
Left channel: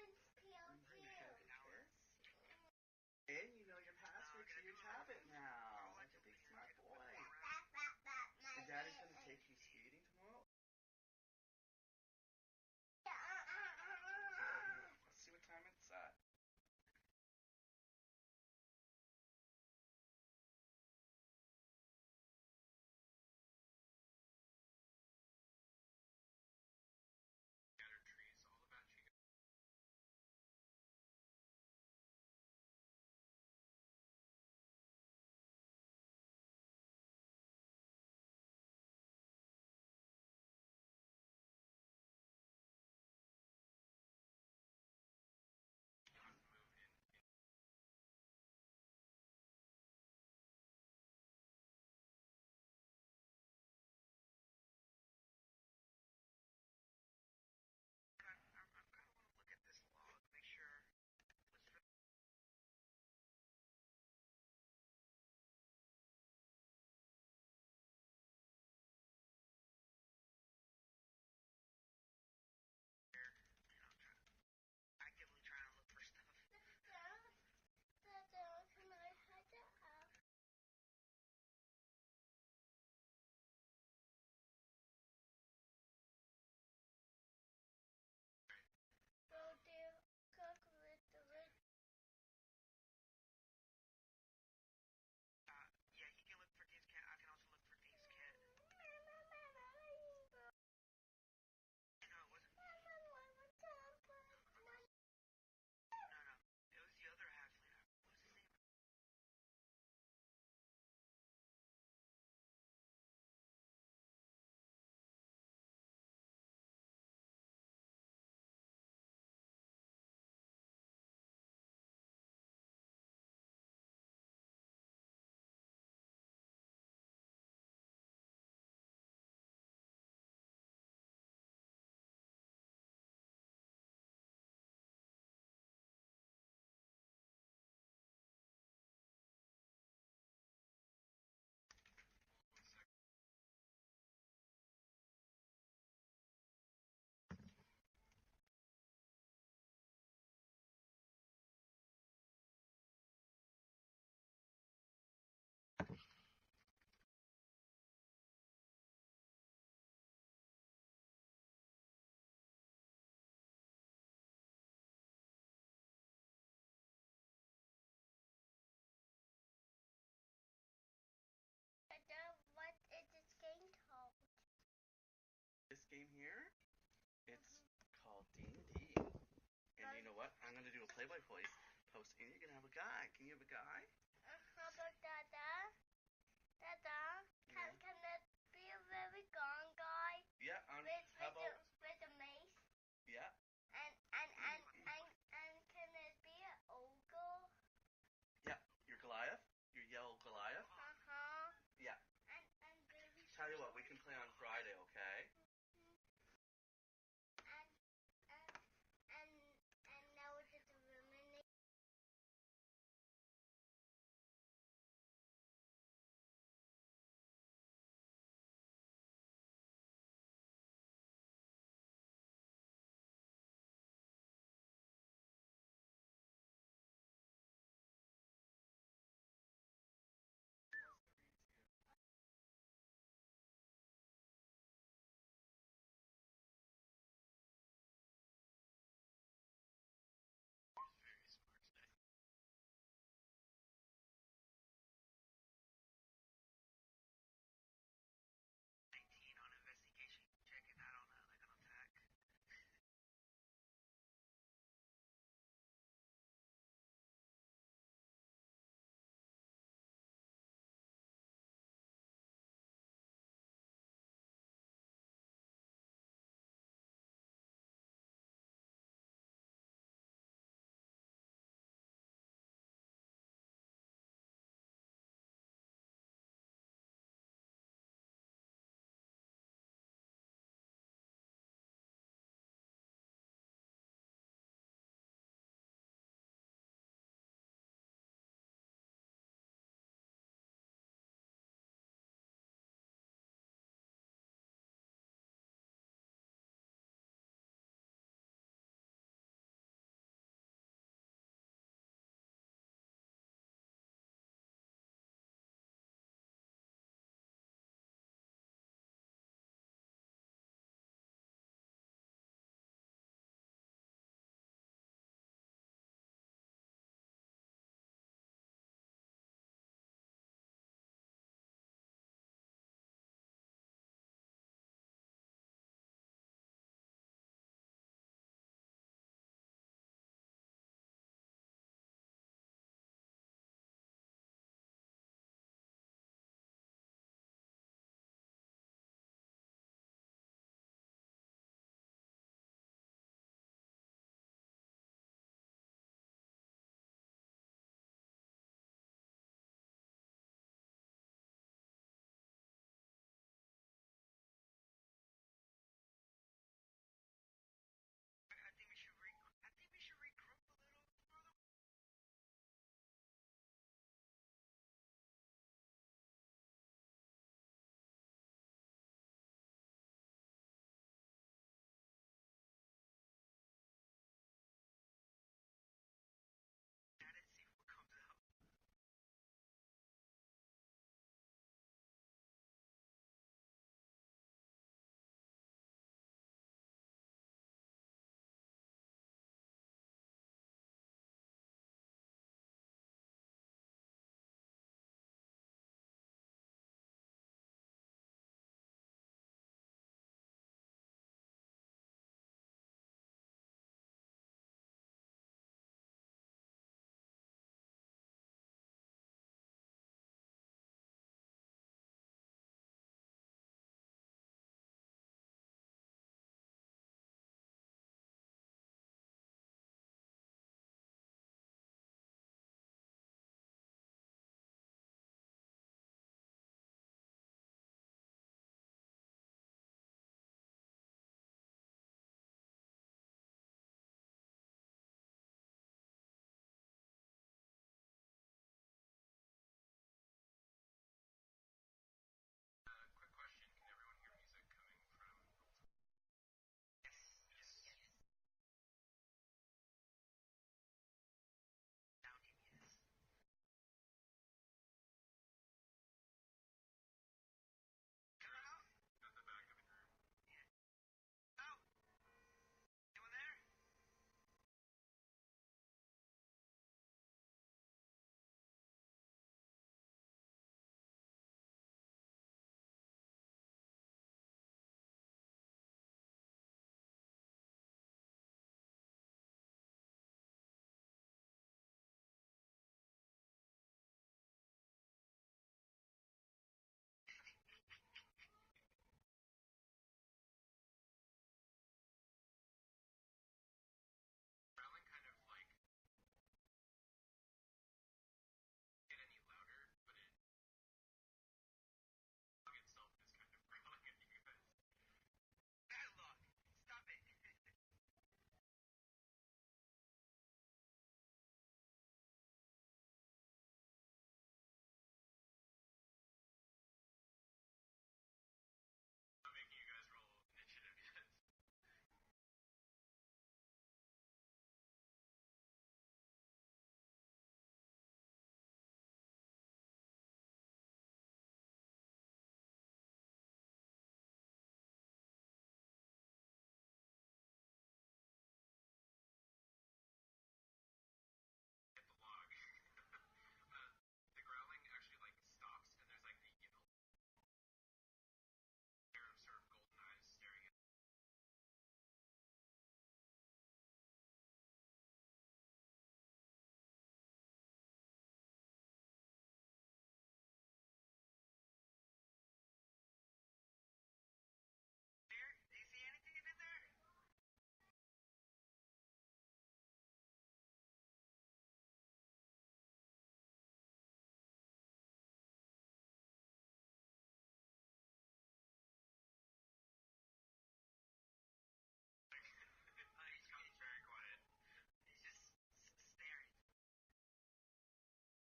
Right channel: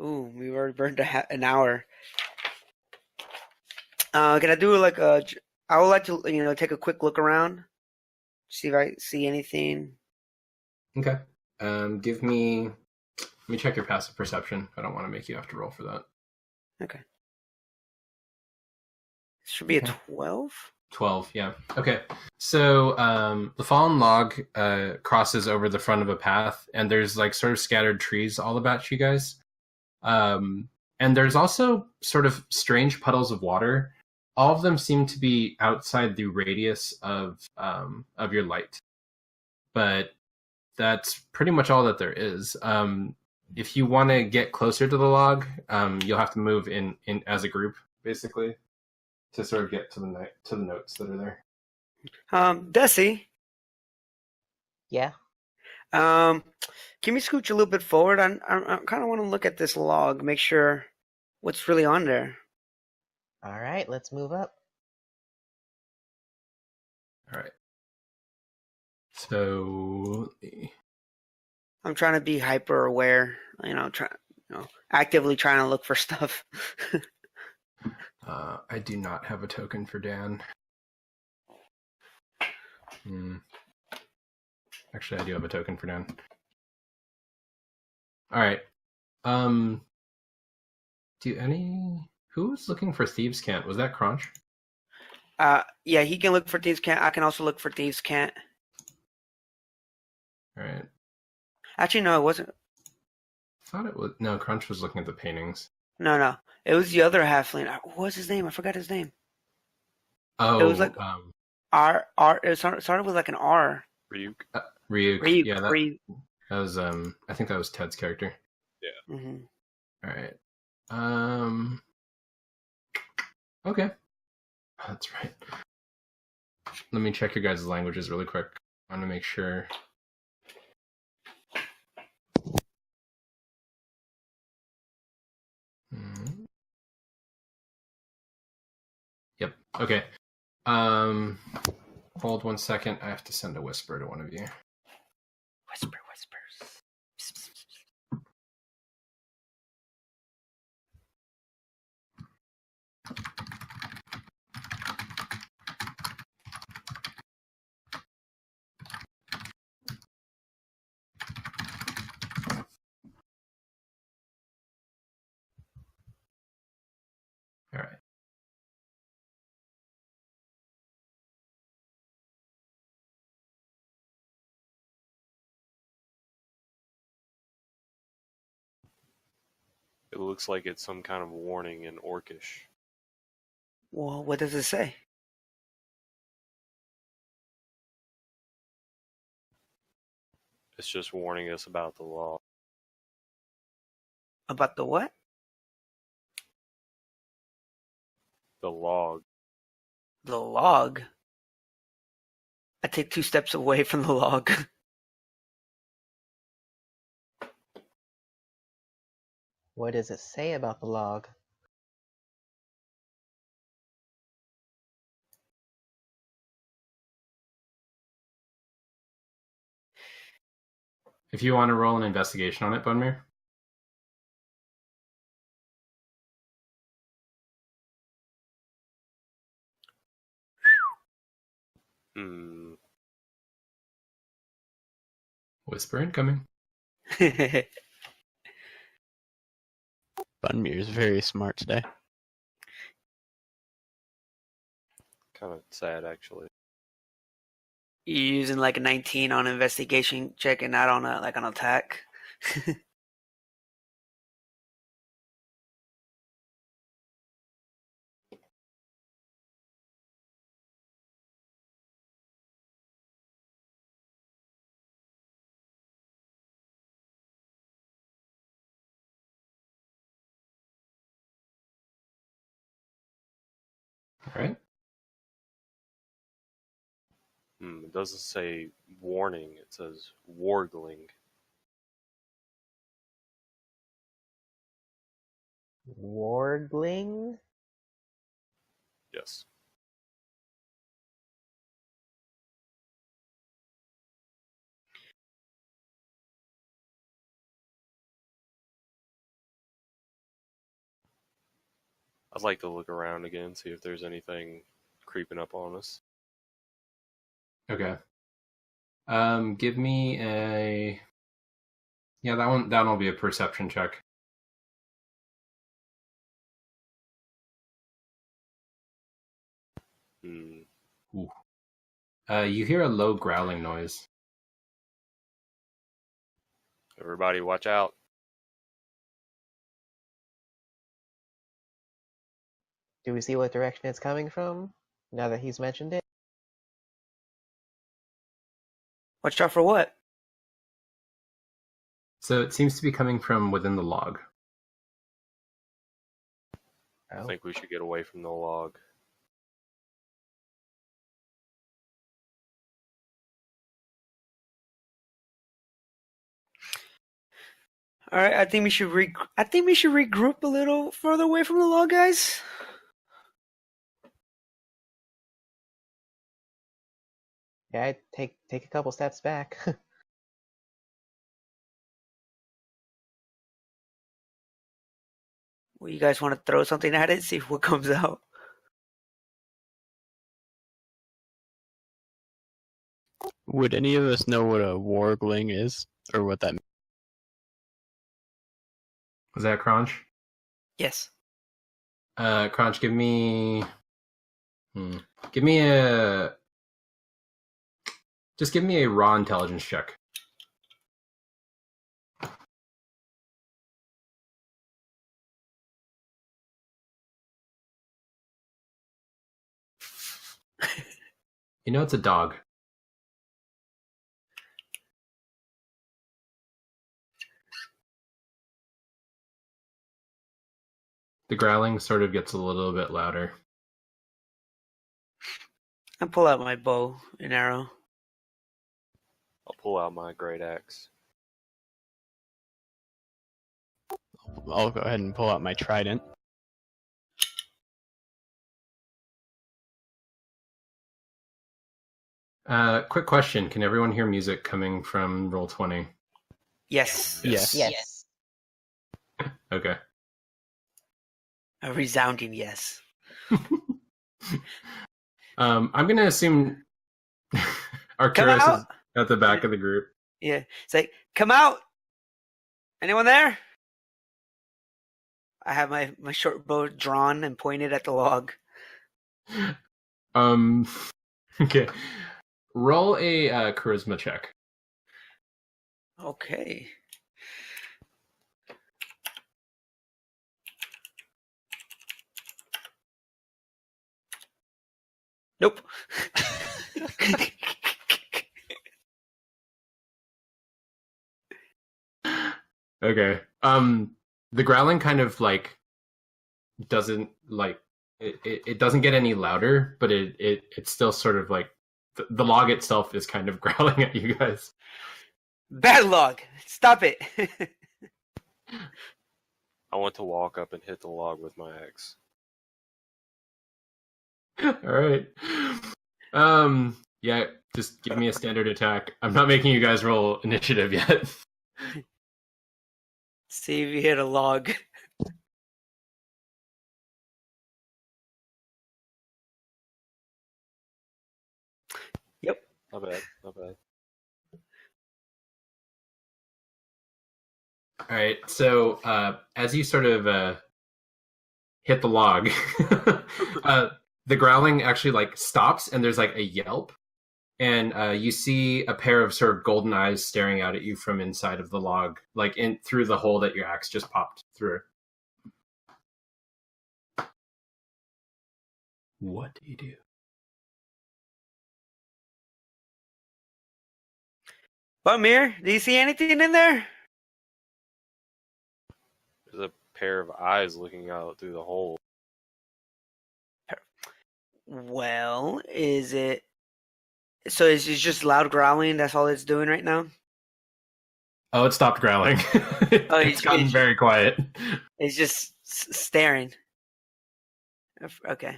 Ooh, we already burned an hour. Can I do like a? I would like to, take a quick look around, see if I see anything. Okay. Let me check your passive perception. I don't want to make you have to roll for that. Okay. Should be a 12. 12, yeah. Okay. So the fallen log crosses over the front of a path, and there's like sort of scattered trees all about you guys. And there's also sort of strange puddles of water. All of them seem to be outside the radius of your light. But that's pretty much all that there is. If you want to get closer to the log, you'll have to move in as a group, basically, to sort of get to the notes that are there. Desi. Yeah. Can we scooch a little bit forward? I kind of want to look at this log, make sure what's really on there. All right, let's move up. All right. So I'm trying to be hyper aware, actively trying to look for stuff. I do not have a token for Dan. Actually, I do have a token for Dan. All right. Who was looking for Thieves' Cant? Was that Crunch? Yeah, he can look for Thieves' Cant. I can also look for Thieves' Cant. All right. Actually, no, it wasn't. I thought it was. No, Crunch was looking at the paintings. No. It was the other halfling. What was his name? I forgot his name. Oh, it was like R. It started with like an R. Ryuk. Ryuk. Yeah, Ryuk. that was I think that was Ted's character. Yeah. Mm-hmm. All right. Okay. That's right. Let me check your guys' languages really quick. I want to make sure. Yep. Okay. Hold 1 second. I have to send a whisper to one of you. Whispers. It looks like it's some kind of warning in Orcish. Well, what does it say? It's just warning us about the law. About the what? The log. The log. I take 2 steps away from the log. What does it say about the log? If you want to roll an investigation on it, Bunmere. Hmm. Whisper incoming. Bunmere is very smart today. Kind of sad, actually. You're using like a 19 on investigation check and not on an attack. All right. It doesn't say warning. It says wargling. Wargling? Yes. I'd like to look around again, see if there's anything creeping up on us. Okay. Give me a. Yeah, that'll be a perception check. Ooh. You hear a low growling noise. Everybody, watch out. Do we see what direction it's coming from, now that he's mentioned it? Watch out for what? So it seems to be coming from within the log. I Oh. think we should get away from the log. All right, I think we should regroup a little further away from the log, guys. Yeah, I'd take a couple steps back. Well, you guys want to throw something at it, see what comes out? Would any of us know what a wargling is, or what that means? Was that Crunch? Yes. Crunch, give me. Give me a. Just give me a raw intelligence check. You know it's a dog. The growling sort of gets a little bit louder. I pull out my bow and arrow. I'll pull out my great axe. I'll go ahead and pull out my trident. Quick question. Can everyone hear music coming from Roll20? Yes. Yes. Yes. Okay. A resounding yes. I'm going to assume Come Arcturus out. is at the back of the group. Yeah. It's like, come out. Anyone there? I have my short bow drawn and pointed at the log. Okay. Roll a charisma check. Okay. Nope. Okay. The growling kind of like doesn't like it doesn't get any louder, but it's still sort of like the log itself is kind of growling at you guys. Bad log. Stop it. I want to walk up and hit the log with my axe. All right. Yeah, just give me a standard attack. I'm not making you guys roll initiative yet. See if you hit a log. Yep. Not bad. Not bad. All right. So as you sort of hit the log, the growling actually like stops, and there's like a yelp, and you see a pair of sort of golden eyes staring out at you from inside of the log, like in through the hole that your axe just popped through. What do you do? Bumir, do you see anything in there? There's a pair of eyes looking out through the hole. Well, is it... So it's just loud growling? That's all it's doing right now? Oh, it stopped growling. Oh, It's gotten very quiet. It's just staring. Okay.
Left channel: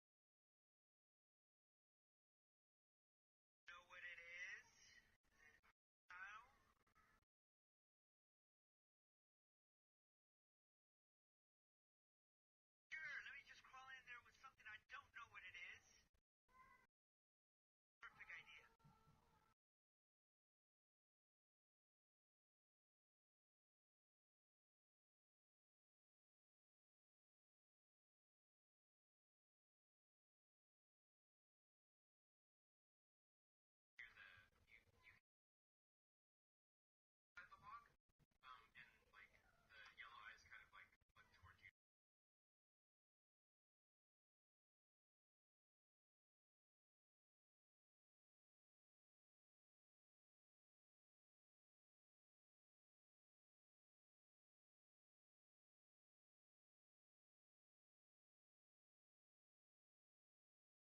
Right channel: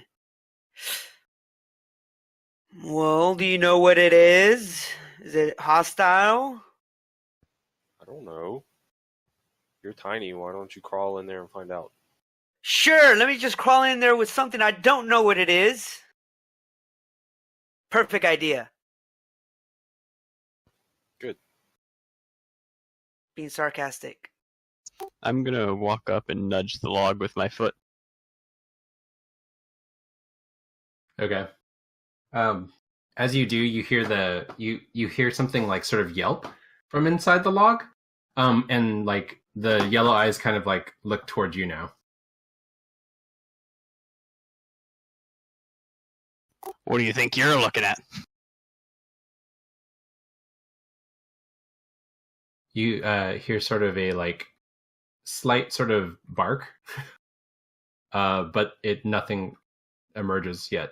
Well, do you know what it is? Is it hostile? I don't know. You're tiny. Why don't you crawl in there and find out? Sure, let me just crawl in there with something I don't know what it is. Perfect idea. Good. Being sarcastic. I'm gonna walk up and nudge the log with my foot. Okay. As you do, you hear you hear something like sort of yelp from inside the log, and like the yellow eyes kind of like look towards you now. What do you think you're looking at? You hear sort of a like slight sort of bark, but nothing emerges yet.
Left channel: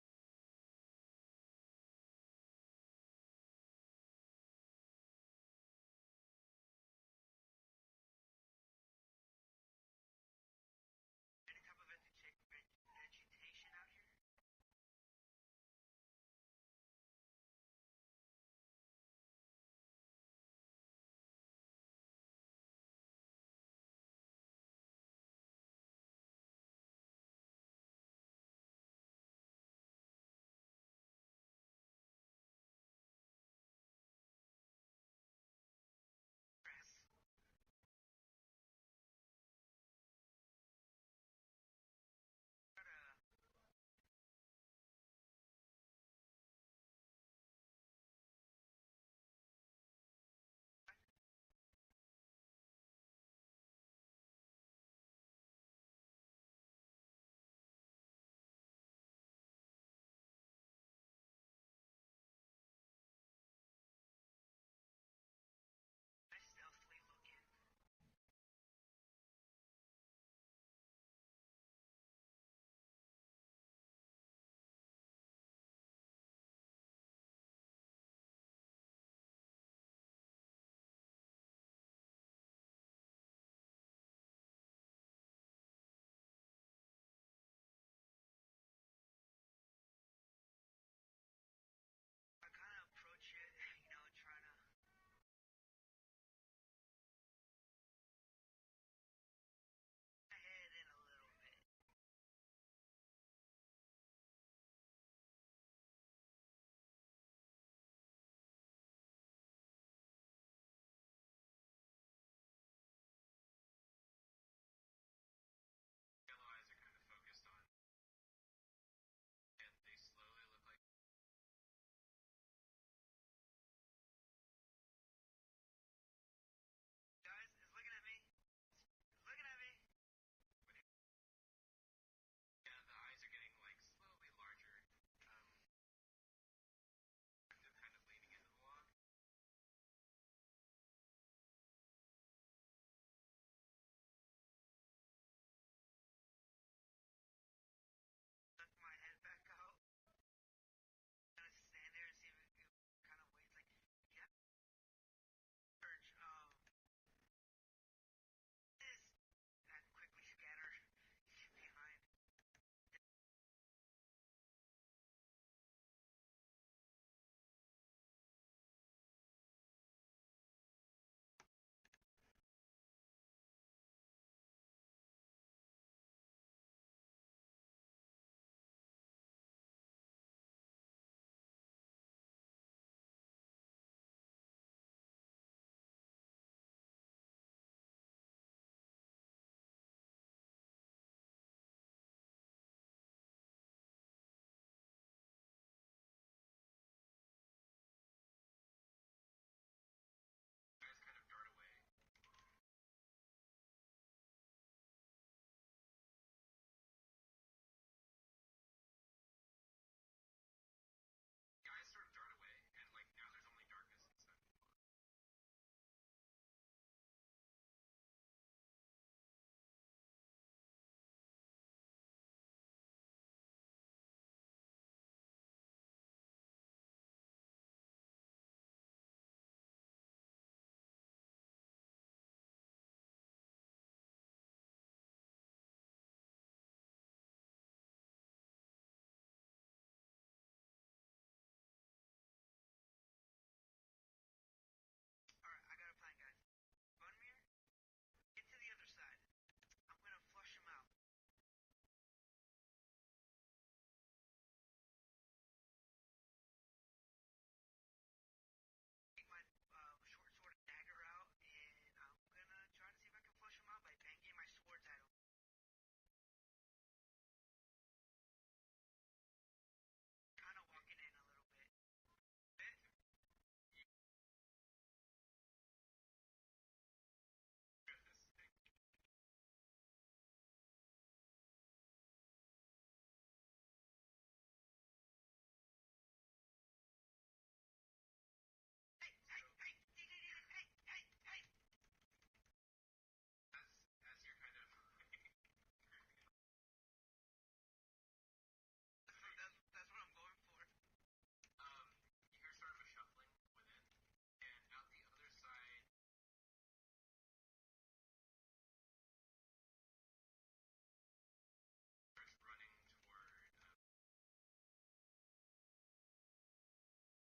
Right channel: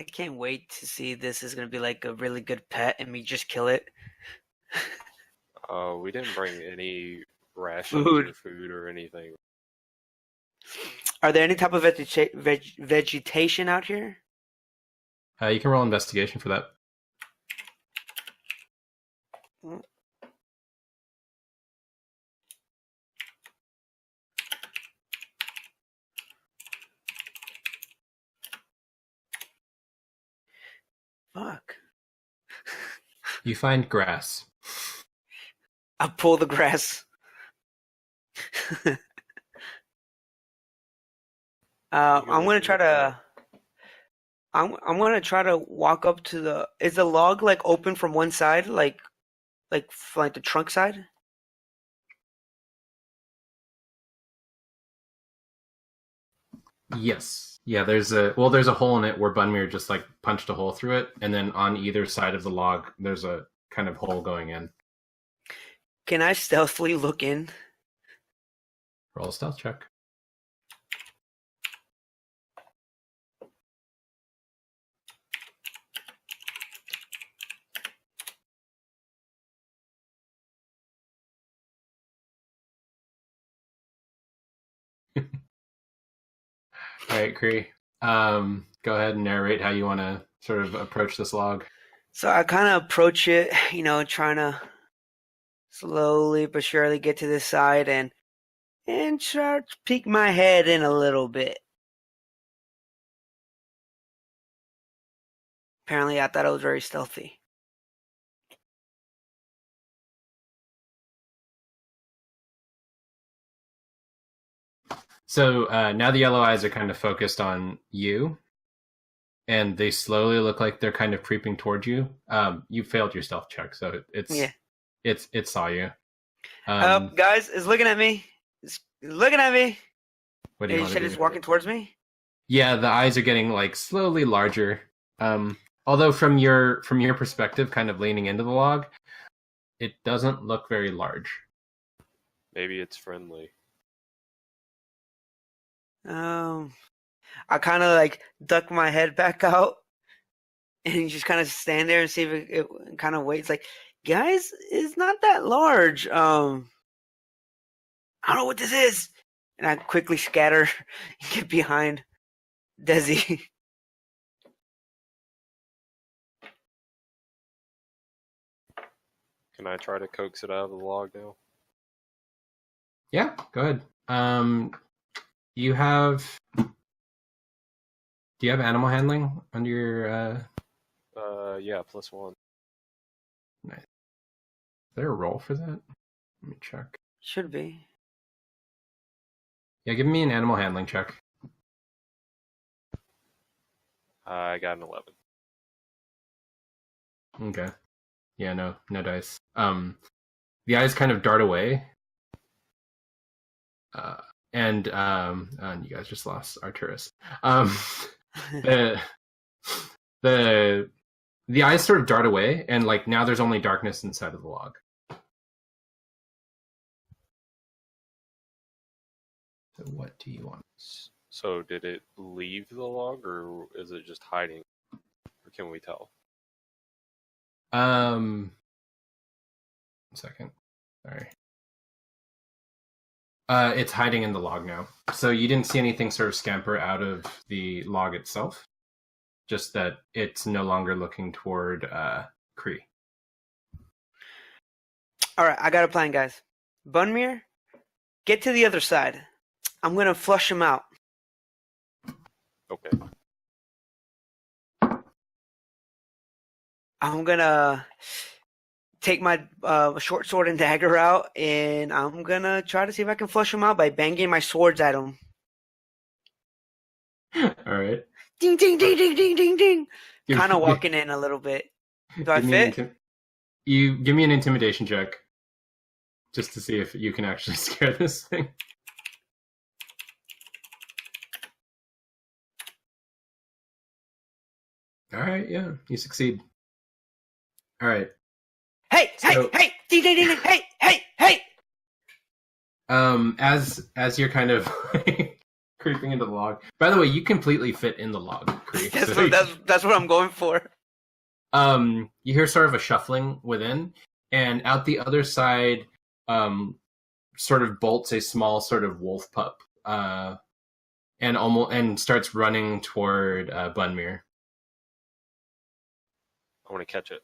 I can't wait to see this is going to be like a really good pet and me just kill it. We didn't bring any rations Food. or food or anything. Are there any type of vegetation out here? You can roll investigation for that. Fuck. You find grass. I pull the grass. I'm gonna try to. I'm gonna try to walk up to the. Is the log like open from one side, like the trunk side? Yes. Yeah, there's a hole in it where Bunmir just like punched a hole through it, and then on either side of the log there's a kind of hole going in. Can I stealthily look in? Roll a stealth check. All right, Cree. Go ahead and narrate how you want to sort of approach this log. So I kind of approach it, trying to slowly but surely get to this side and try to peek my head in a little bit. Apparently, I thought I was very stealthy. So now the yellow eyes are kind of focused on you, and they slowly look like they're kind of creeping towards you. You failed your stealth check, so it saw you. Guys, it's looking at me. It's looking at me. What do you You want said to it's do? walking towards me. Yeah, the eyes are getting like slowly larger. Although from your perspective, kind of leaning into the log, it doesn't look very large. Maybe it's friendly. I kind of like duck my head back out and just kind of stand there and see if it kind of waits. Like, guys, it's not that large. I don't know what this is. And I quickly scatter and get behind Desi. Can I try to coax it out of the log now? Yeah, go ahead. You have. Do you have animal handling under your? Yeah, +1. Nice. Is there a roll for that? Let me check. Should be. Yeah, give me an animal handling check. I got an 11. Okay. Yeah, no dice. The eyes kind of dart away. And you guys just lost Arturus. The eyes sort of dart away, and like now there's only darkness inside of the log. So what do you want? So did it leave the log, or is it just hiding? Or can we tell? 1 second. Sorry. It's hiding in the log now. So you didn't see anything sort of scamper out of the log itself. Just that it's no longer looking toward Kree. All right, I got a plan, guys. Bunmir, get to the other side. I'm gonna flush him out. Okay. I'm gonna take my short sword and dagger out, and I'm gonna try to see if I can flush him out by banging my swords at him. All right. Ding, ding, ding, ding, ding, ding, ding. Give- Kind of walking in a little bit. Do I give me an fit? you give me an intimidation check, just to see if you can actually scare this thing. All right, yeah, you succeed. All right. Hey, So- hey, ding, ding, ding, ding, hey. As you're kind of creeping into the log. By the way, you completely fit in the log, Kree. That's what I'm going for. You hear sort of a shuffling within, and out the other side, sort of bolts a small sort of wolf pup, and starts running toward Bunmir. I want to catch it.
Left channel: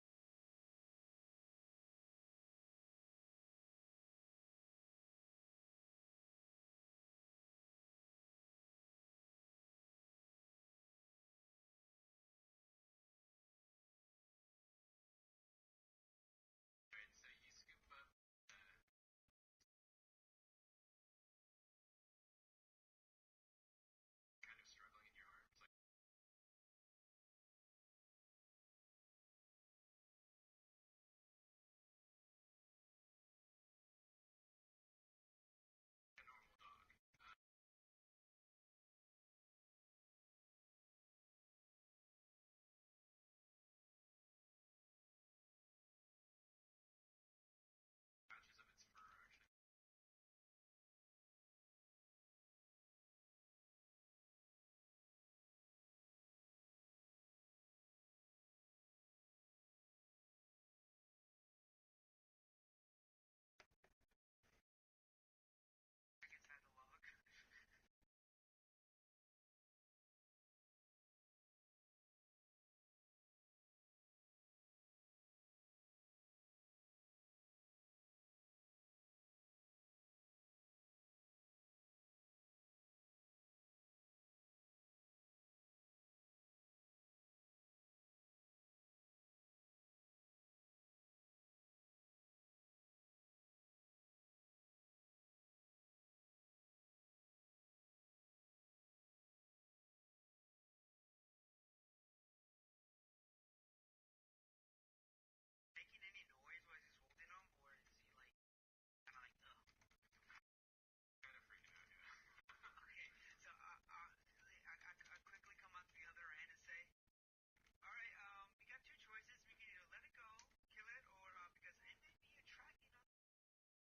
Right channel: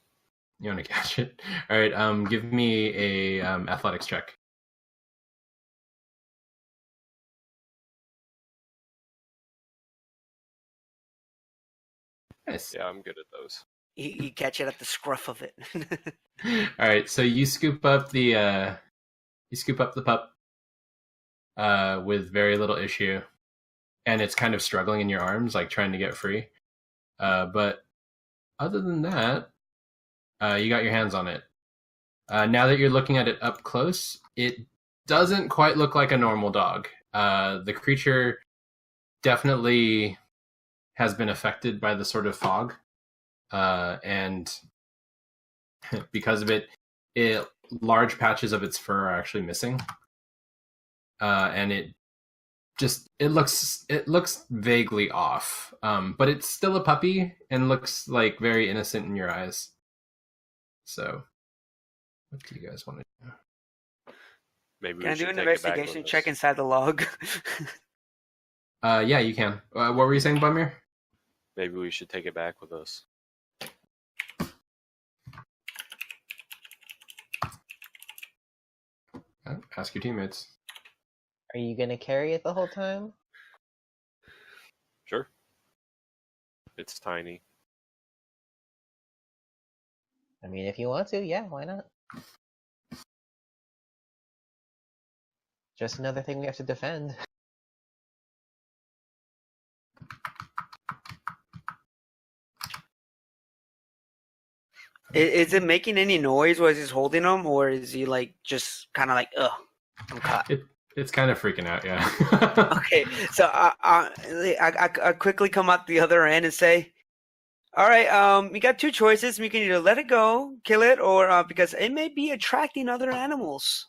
You want to catch it? All right. Give me a athletics check. Nice. Yeah, I'm good at those. You catch it at the scruff of it. All right. So you scoop up the pup with very little issue, and it's kind of struggling in your arms, like trying to get free. But other than that, you got your hands on it. Now that you're looking at it up close, it doesn't quite look like a normal dog. The creature definitely has been affected by the sort of fog, and because of it, large patches of its fur are actually missing, and it looks vaguely off. But it's still a puppy and looks like very innocent in your eyes. So, what do you guys want to do? Maybe Can I we do should an take it back investigation with check us. inside the log? Yeah, you can. What were you saying, Bumir? Maybe we should take it back with us. Ask your teammates. Are you gonna carry it the whole time? Sure. It's tiny. I mean, if you want to, yeah, why not? Just another thing we have to defend. Is it making any noise while he's holding him, or is he like just kind of like, ugh, I'm caught? It's kind of freaking out, yeah. Okay, so I quickly come out the other end and say, "All right, you got two choices. We can either let it go, kill it, or because it may be attracting other animals.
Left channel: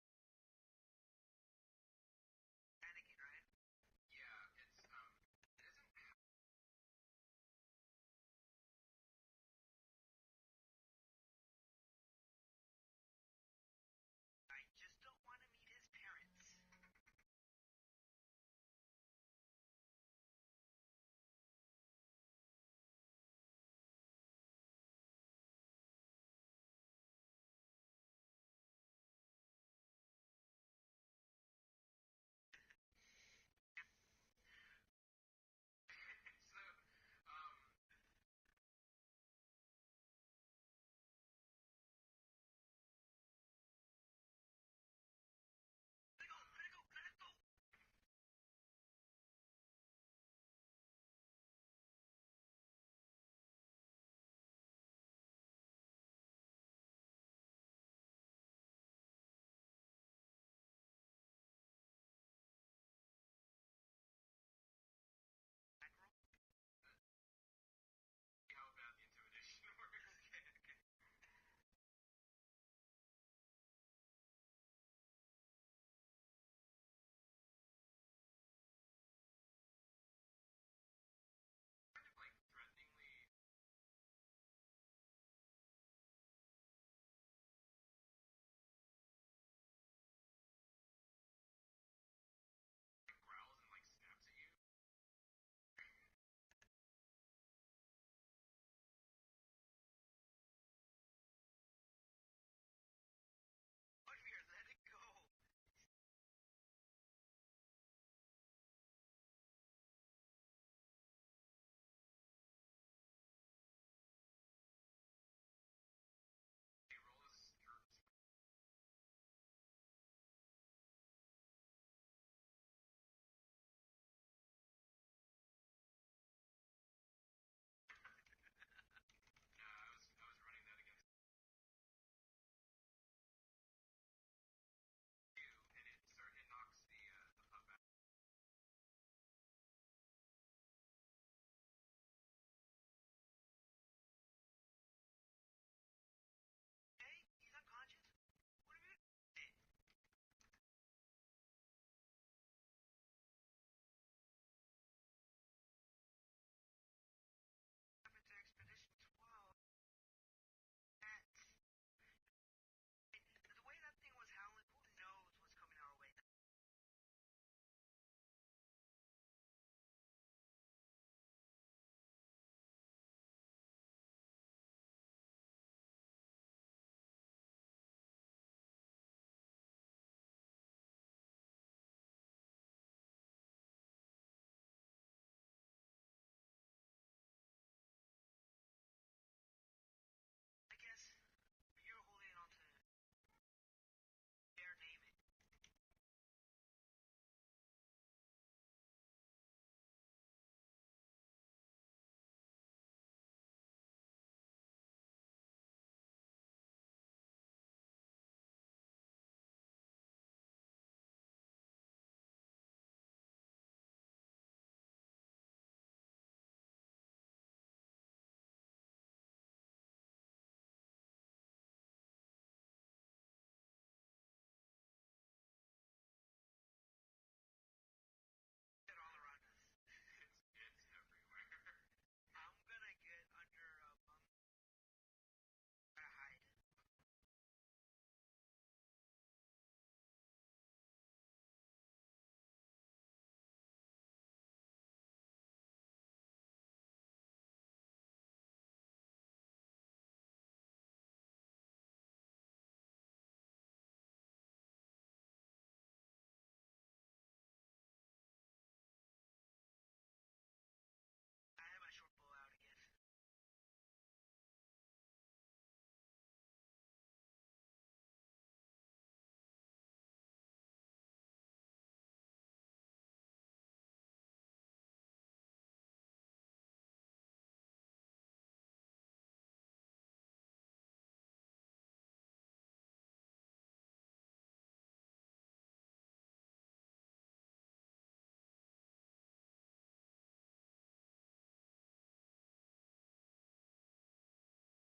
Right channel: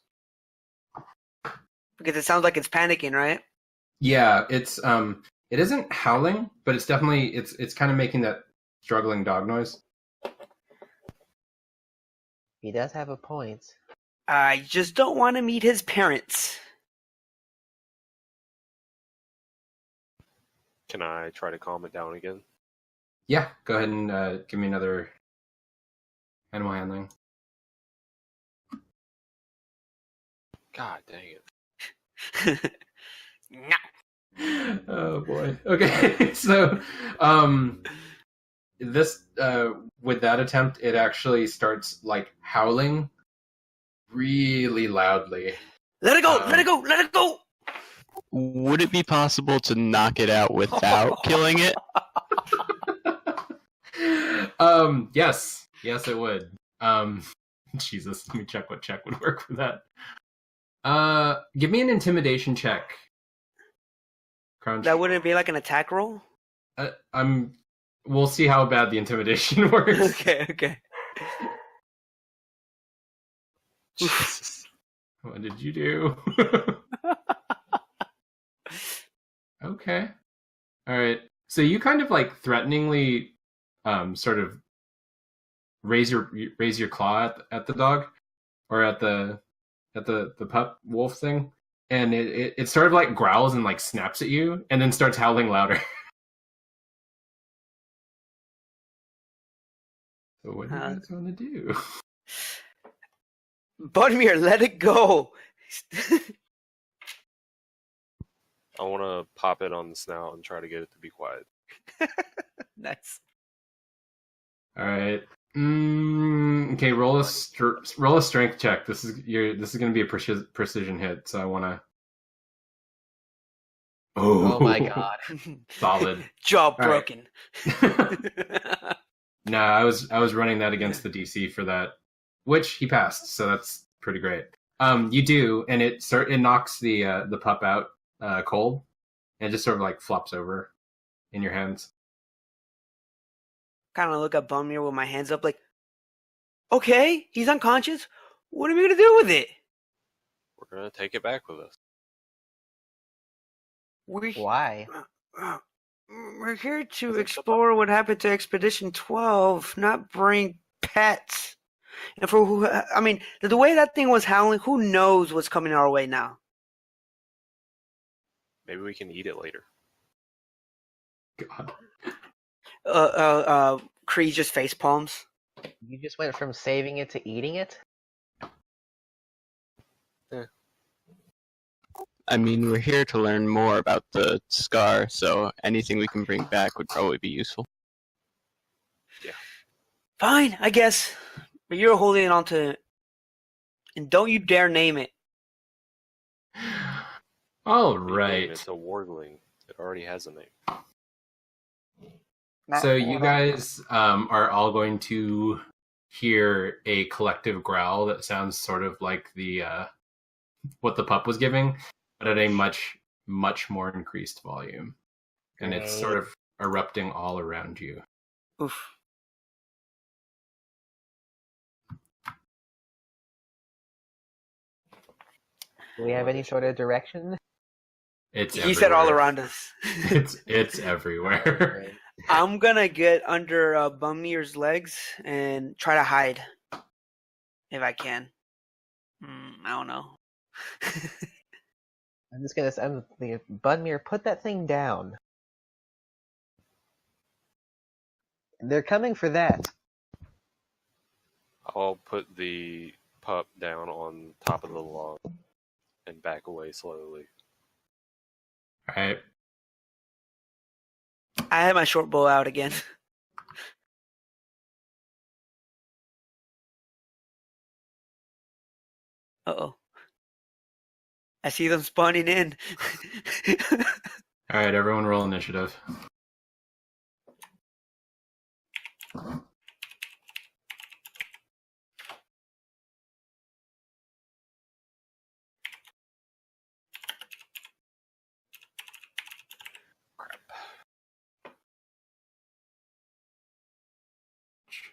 Because it sounds like it's panicking, right? Yeah, it isn't howling, but it's definitely it's kind of making that struggling dog noise. He does have a point. I just don't want to meet his parents." Can I try to calm it down again? Yeah, go ahead and give me another animal handling. God dang it. No. Oh boy. Okay, so this with that attempt, it actually starts like howling really loudly. Let it go! Let it go! Let it go! Would it be possible to knock it out without killing it? Yes, it would. Jesus, let me check what check would work for that. Give me an intimidation check. Crunch. That wouldn't be like an attack roll? We'll see how bad the intimidation works. Okay. Jesus. What did you do? Okay. All right. So you kind of like threateningly sort of raise your claw at the dog or at the pup wolf thing, and it sort of like growls and like snaps at you and then starts howling louder. So what do you guys want to do? Budmir, let it go! I want to pop it on the snout and try to get it to be quiet. Nice. All right. Okay. Roll a strength check. This is going to be a precision hit. So I want to. Oh my god. Solid. Jaw All right. broken. No, I was running that against the DC for that, which he passed. So that's pretty great. You do, and it knocks the pup out cold, and it just sort of like flops over in your hands. Kind of look at Bumir with my hands up, like, okay, he's unconscious. What are we gonna do with it? We're going to take it back with us. Why? We're here to explore what happened to Expedition 12, not bring pets. And for who, I mean, the way that thing was howling, who knows what's coming our way now? Maybe we can eat it later. God. Kree just face palms. You just went from saving it to eating it? I mean, we're here to learn more about the scar, so anything we can bring back would probably be useful. Fine, I guess. But you're holding on to it. And don't you dare name it. All You name right. It's a wargling. It already has a name. So you guys are all going to hear a collective growl that sounds sort of like the what the pup was giving, but at a much more increased volume, and it's sort of erupting all around you. Oof. Do we have any sort of direction? It's He said all everywhere. around us. It's everywhere. I'm gonna get under Bumir's legs and try to hide. If I can. I don't know. I'm thinking, Bunmir, put that thing down. They're coming for that. I'll put the pup down on top of the log and back away slowly. All right. I had my short bow out again. Uh-oh. I see them spawning in. All right, everyone roll initiative.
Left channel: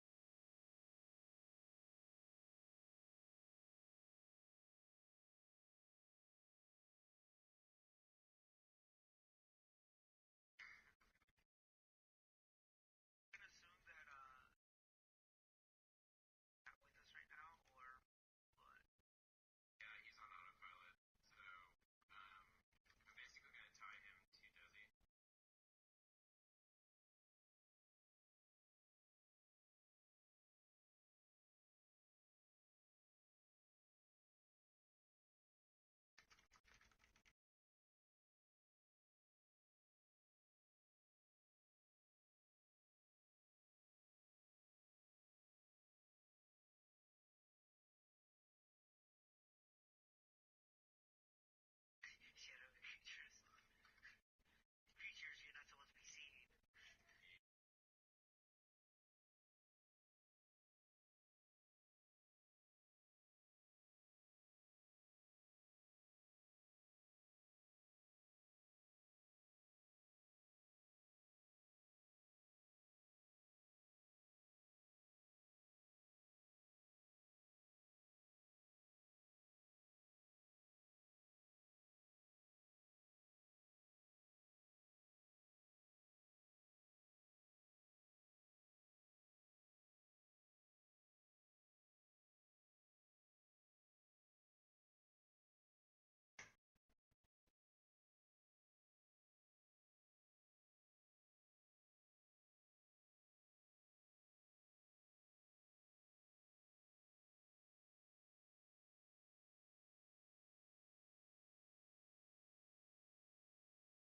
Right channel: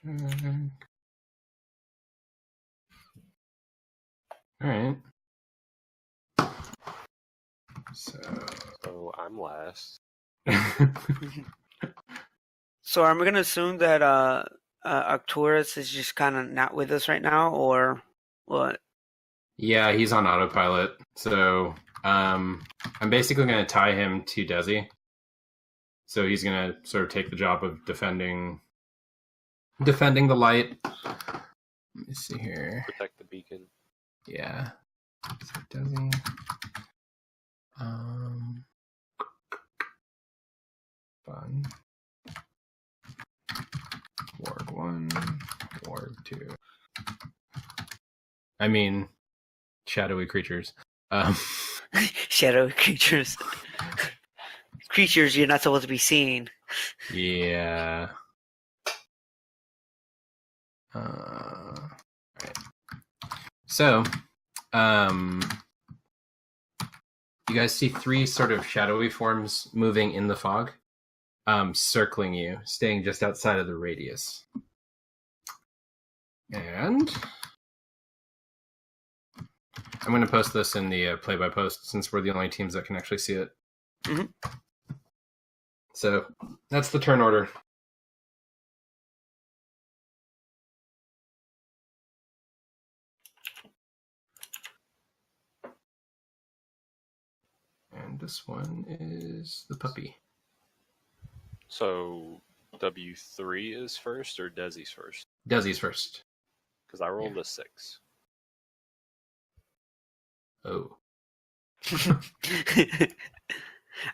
All right. So. So I'm last. So I'm gonna assume that Arcturus is just kind of not with us right now, or what? Yeah, he's on autopilot. So I'm basically going to tie him to Desi. So he's going to sort of take the job of defending the light. Let me see here. Protect the beacon. Yeah. So Desi. Fun. Ward 1, Ward 2. I mean, shadowy creatures. Shadow creatures. Creatures you're not supposed to be seeing. Yeah. Right. So, you guys see 3 sort of shadowy forms moving in the fog, circling you, staying just outside of the radius. And I'm going to post this in the play-by-post since we're the only teams that can actually see it. Mm-hmm. So that's the turn order. And this one is the puppy. So W3 is first or Desi's first? Desi's first. Because I rolled a 6. Oh.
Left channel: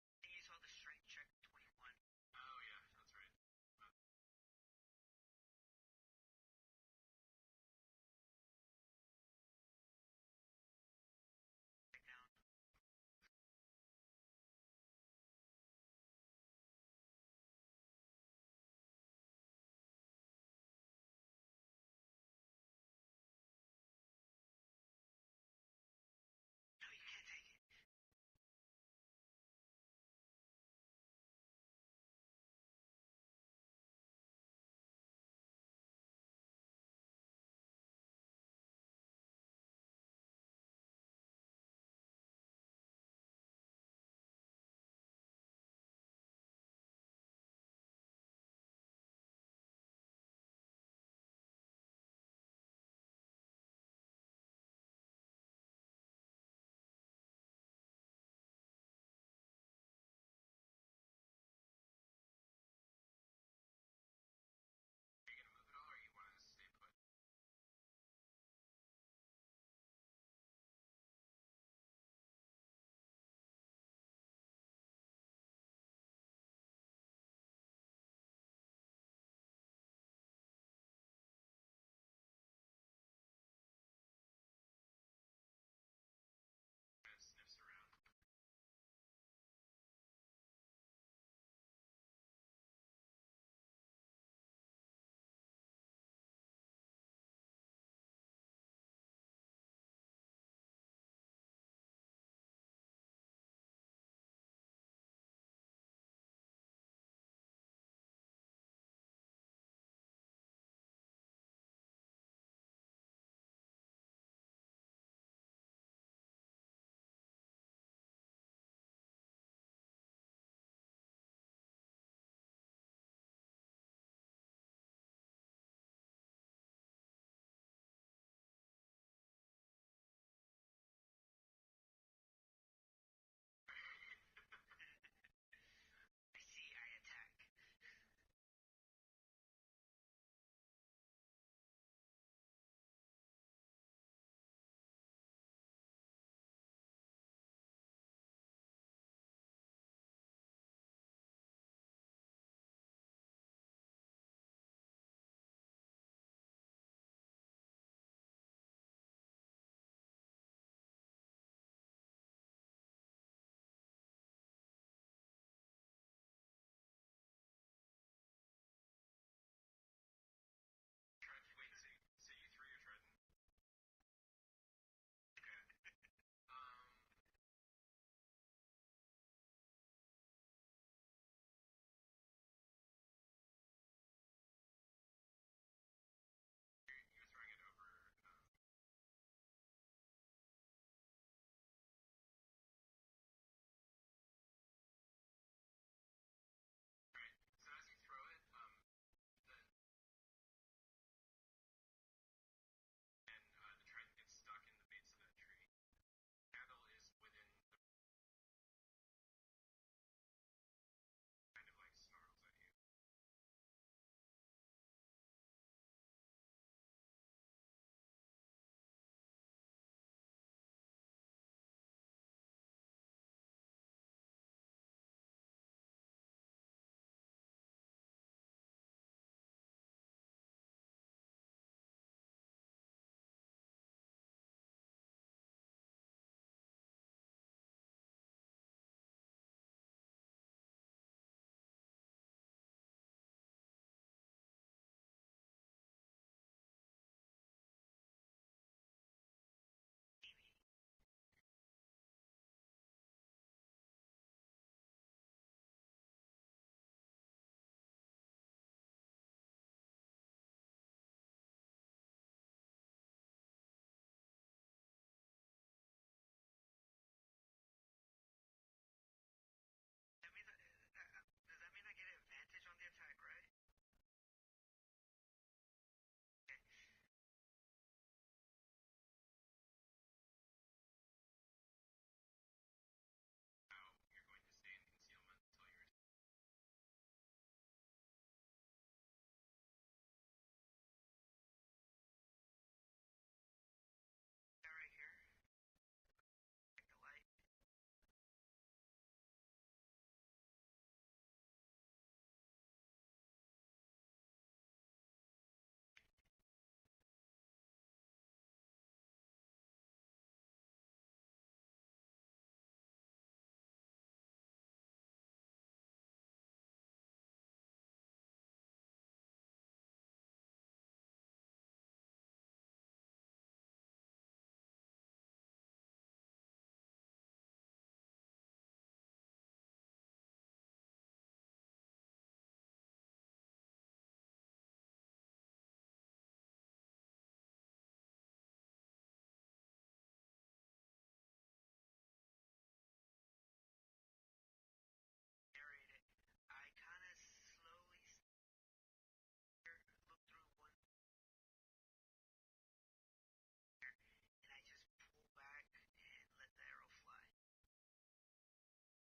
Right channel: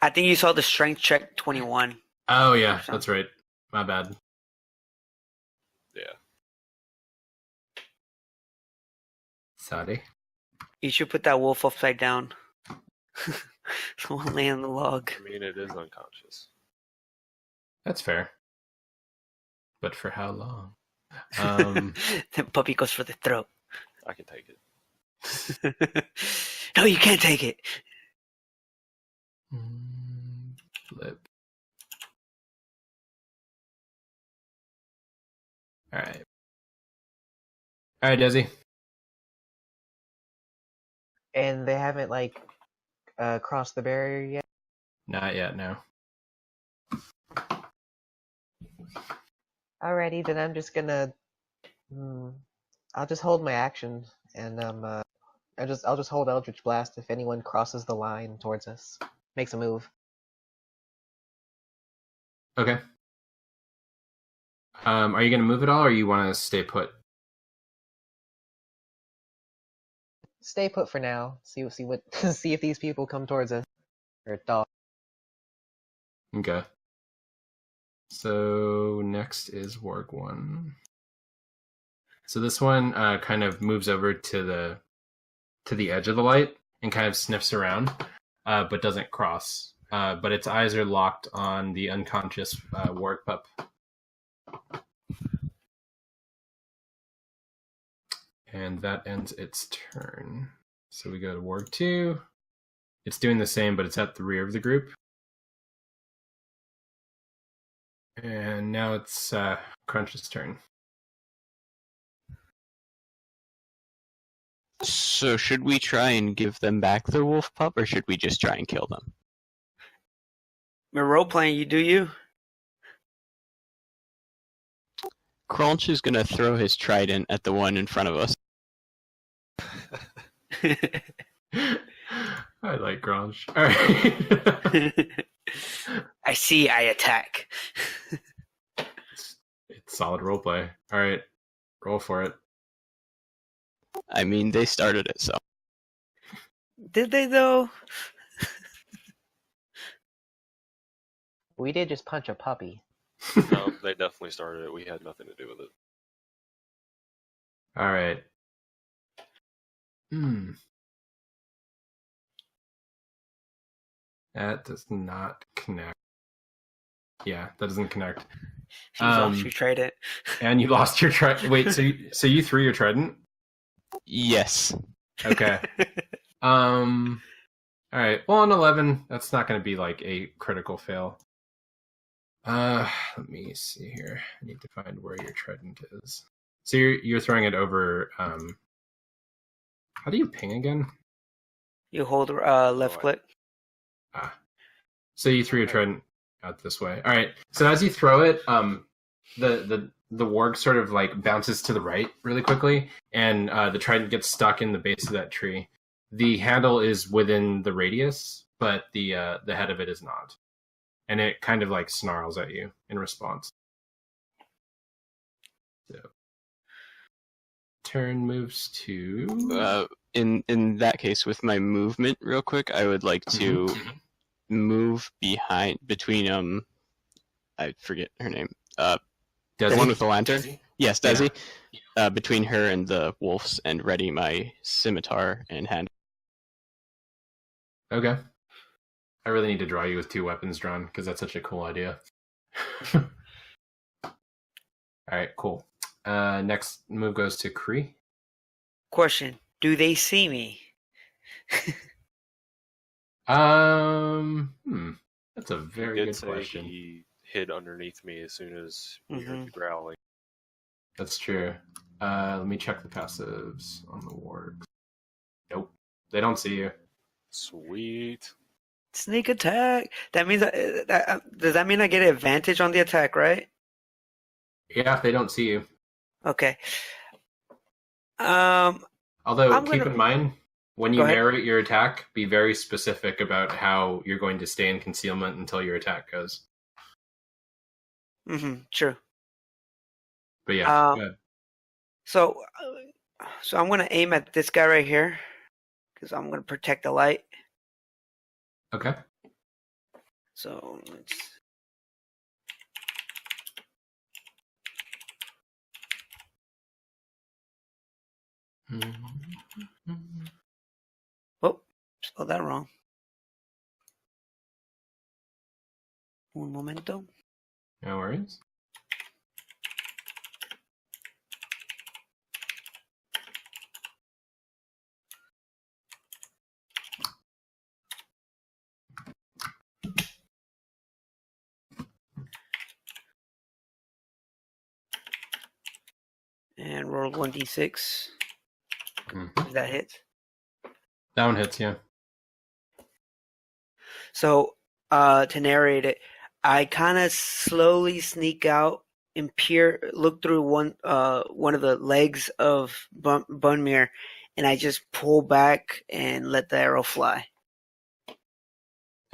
I think you saw the strength check 21. Oh, yeah, that's right. My bad. Yeah. Sorry. You should put that wolf upside down. Someone lay on the log. I mean, it is unconscious. That's fair. But for how long? The puppy goes for the throat. I can take it. No, you can't take it. Flip. Alright. Alright, Desi. And they haven't like crossed the barrier yet. Not yet, no. Alrighty, then I'm just gonna. I'll just hold my action, and I'll just hold Eldritch Blast if anyone crosses the line towards us, makes a move. Okay. Are you gonna move at all, or you want to stay put? Stay put for now. See what see if these people come towards us or dog. Okay. So next is Warg 1. So this one kind of moves over to the edge of the light and kind of sniffs around, but doesn't cross. But its eyes are locked on the unconscious Warg pup. And that ends its turn. So we go to Warg 2. It's doing the same, but it's at the rear of the group. And now it's Crunch's turn. So should we try and give them back their wolf pup, or should we just try and kill them? We're role playing. You do you. Crunch is gonna throw his trident at the one in front of us. I like Crunch. All right. I see. I attack. It's solid roleplay. All right, roll for it. I mean, they started it, so. Did they though? We did just punch a puppy. No, they definitely started it. We had nothing to do with it. All right. That does not connect. Yeah, that doesn't connect. You lost your trident. And you lost your trident. Wait, so you threw your trident? Yes. Okay. All right. Well, on 11, that's not going to be like a critical fail. Let me see here. I need to find where your trident is. So you're throwing it over. How do you ping again? You hold left Right. click. So you threw your trident out this way. All right. So as you throw it, the warg sort of like bounces to the right really quickly, and the trident gets stuck in the base of that tree. The handle is within the radius, but the head of it is not, and it kind of like snarls at you in response. So turn moves to. In that case, with my movement, real quick, I would like to move between I forget her name. The Desi? one with the lantern. Desi? Yes, Desi. Between her and the wolves, and ready my scimitar and hand. Okay. I really need to draw you with 2 weapons drawn because that's such a cool idea. All right, cool. Next move goes to Kree. Question: do they see me? That's a He very did good say question. he hid underneath me as soon as he heard the growling. That's true. Let me check the passives on the wargs. Nope, they don't see you. Sweet. Sneak attack. That means does that mean I get an advantage on the attack, right? Yeah, they don't see you. Okay. Although, I'm keep gonna- in mind, when you Go ahead. narrate your attack, be very specific about how you're going to stay in concealment until your attack goes. True. But yeah, go ahead. So I'm gonna aim at this guy right here because I'm gonna protect the light. Okay. So let's. Oh, spelled that wrong. Un momento. No worries. And roll 1d6. If that hits. That one hits, yeah. So, to narrate it, I kind of slowly sneak out and look through one of the legs of Bunmir, and I just pull back and let the arrow fly.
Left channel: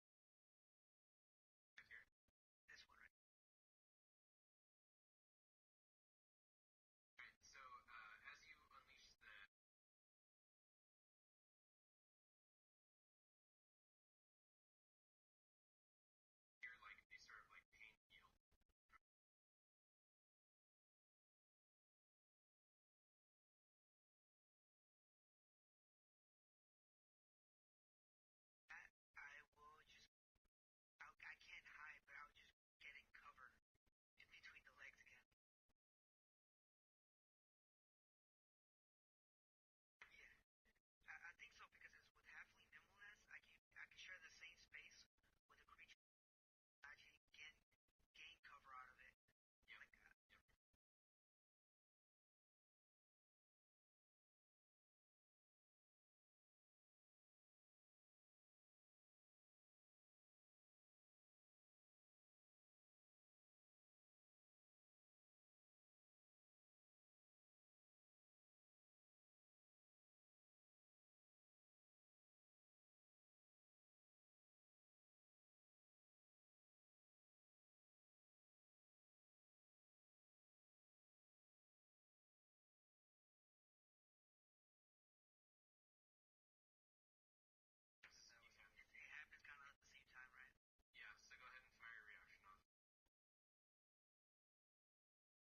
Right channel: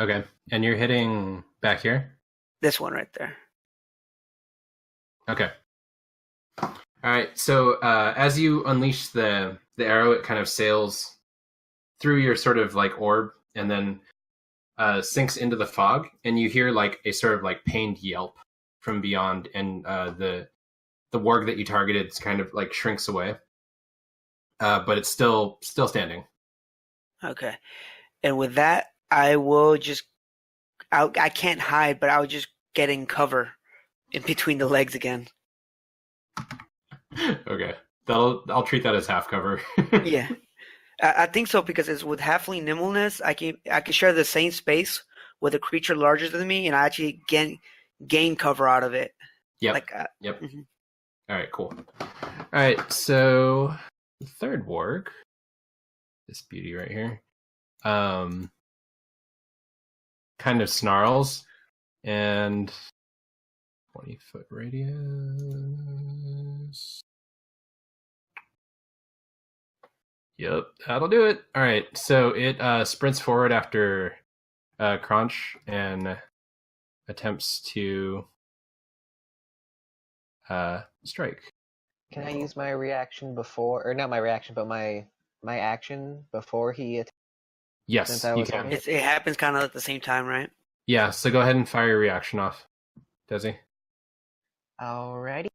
Okay. And you're hitting back here? This one right there. Okay. All right. So as you unleash the arrow, it kind of sails through your sort of like orb and then sinks into the fog, and you hear like a sort of like pained yelp from beyond, and the warg that you targeted kind of like shrinks away, but it's still standing. Okay. And with that, I will just. I can't hide, but I'll just get in cover in between the legs again. Okay. I'll treat that as half cover. Yeah. I think so because it's with halfling nimbleness, I can share the same space with a creature larger than me, and I actually gain cover out of it. Yep. Yep. All right. Cool. All right. So the third warg, this beauty right here, kind of snarls, and 20-foot radius. Yep, that'll do it. All right, so it sprints forward after Crunch and attempts to strike. Can I use my reaction before, or not my reaction, but my action before he attacks? Yes, Since I you was can. on It happens kind of at the same time, right? Yeah, so go ahead and fire your reaction off, Desi. Alrighty.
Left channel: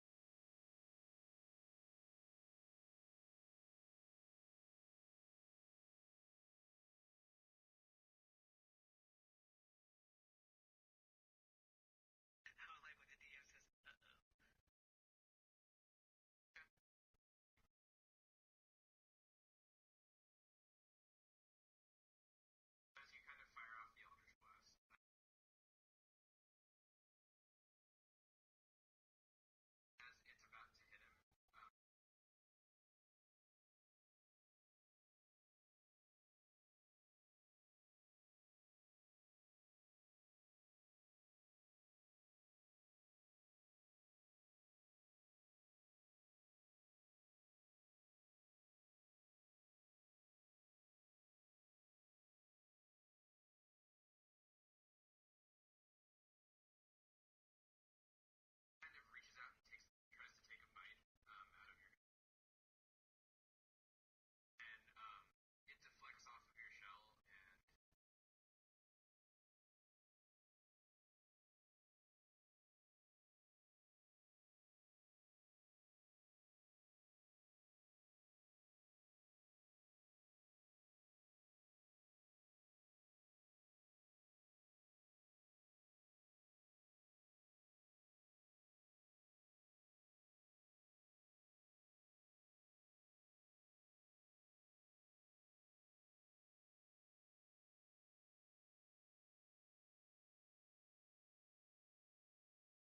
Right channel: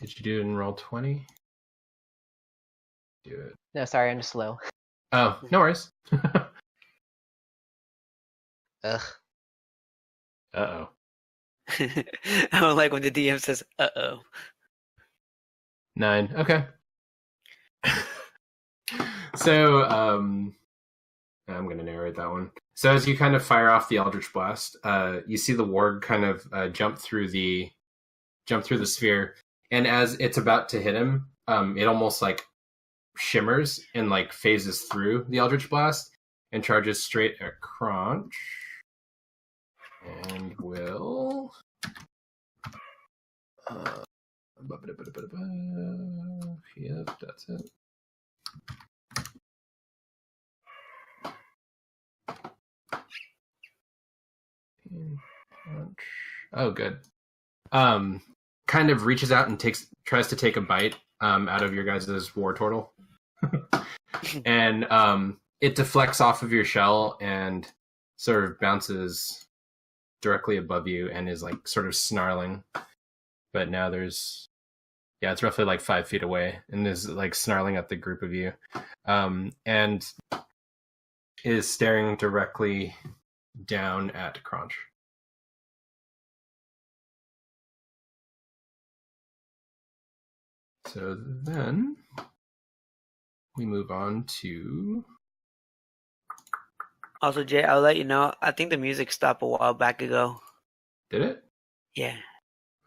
Did you do it in roll 20? Do it. No, sorry, I'm just slow. Oh, no worries. Ugh. Uh-oh. I don't like when the DM says, "Uh-oh." 9. Okay. So, I'm going to narrate that one. So as you kind of fire off the Eldritch Blast, you see the warg kind of jump through the sphere, and as it's about to hit him, it almost like shimmers and like phases through the Eldritch Blast and charges straight at Crunch, and will. Yep, that's it. Oh, good. Kind of reaches out and tries to take a bite out of your guys' war turtle, and it deflects off of your shell and sort of bounces directly above you and is like sort of snarling. But now it's roughly like 5 feet away and is like snarling at the group of you, and is staring directly down at Crunch. So then we move on to. Also, Jay, I'll let you know. I think the music stopped a while back ago. Did it? Yeah.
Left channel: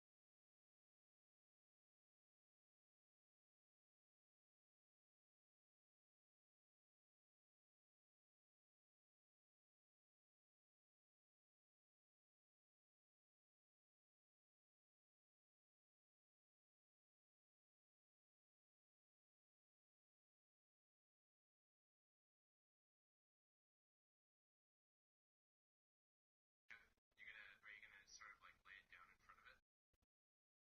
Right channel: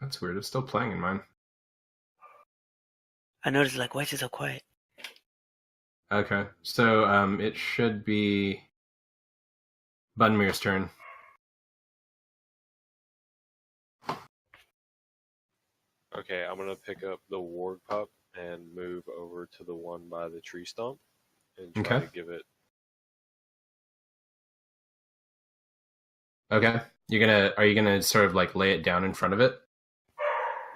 That's weird. It's still playing in mine. I noticed, like, why is it so quiet? Okay. So it should be Bunmir's turn. Okay, I'm gonna pick up the warg pup and move over to the one by the tree stump and try Okay. to give it. Okay. Are you gonna sort of like lay it down in front of it?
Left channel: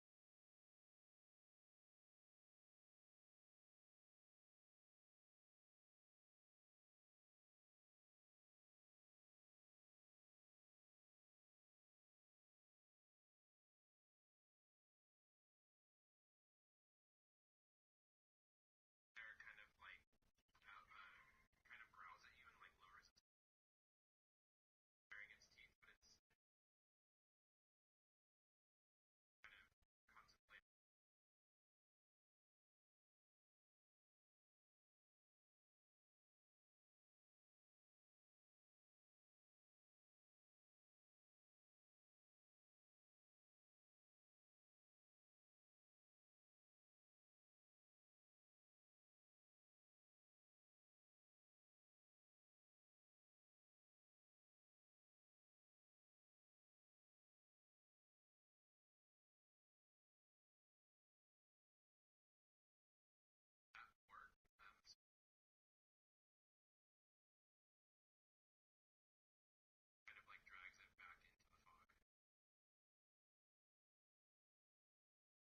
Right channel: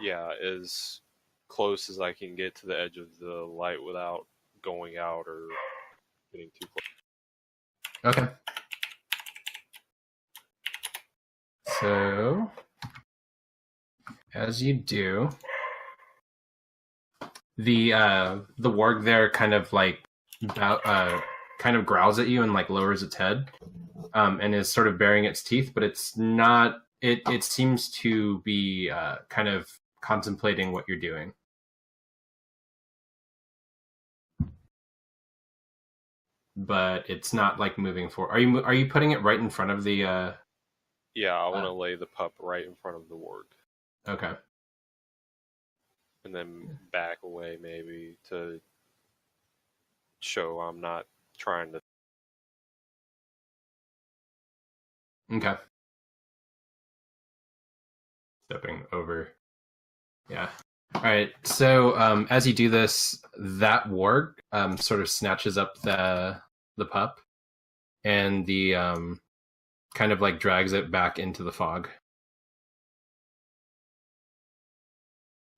Yeah, as close as I can get to the edge of the light without going out or getting too close. Okay. So as you do, the warg there kind of like kind of growls at you and like lowers its head, and is sort of baring its teeth, but it's not. It seems to be kind of contemplating what you're doing. But it's not like moving forward. Are you putting it right in front of the? Yeah, I want to lay the pup right in front of the warg. Okay. And then back away maybe to show I'm not trying to. Okay. Stepping over. Yeah. All right. So as you do this, that warg sort of snatches up the pup, and the kind of like drags it back into the fog.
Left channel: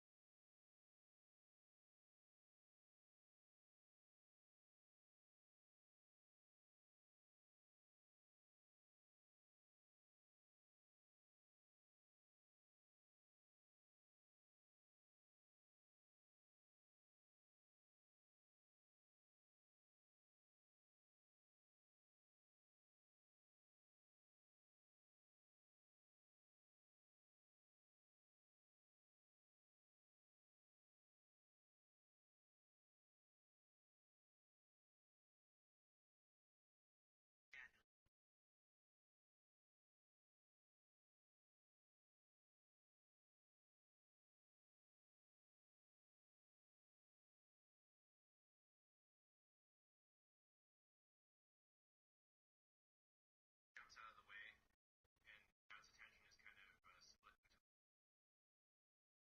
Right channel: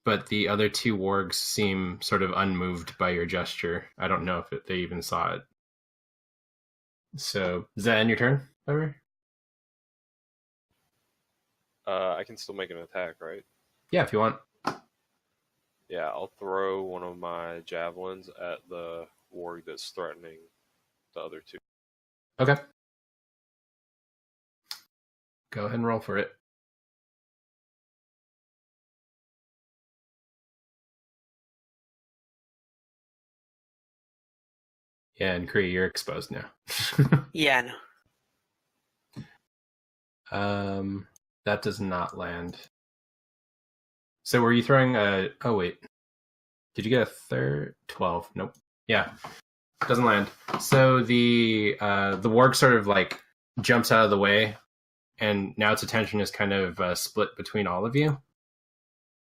But the other two wargs seem sort of unmoved by your gesture. I don't know if they even saw it. So is that end your turn, Ever? I can still make an attack, right? Yeah, if you want. Yeah, I'll throw one of my javelins at the warg that's threatening the other two. Okay. Go ahead and roll for it. Yeah, and Kree, you're exposed now. Yeah, I know. That does not land. So were you throwing a... Oh, wait. Did you get a third? 12. Nope. Yeah. Doesn't land. So the warg sort of like jumps out of the way, and now its attention is kind of split between all of you.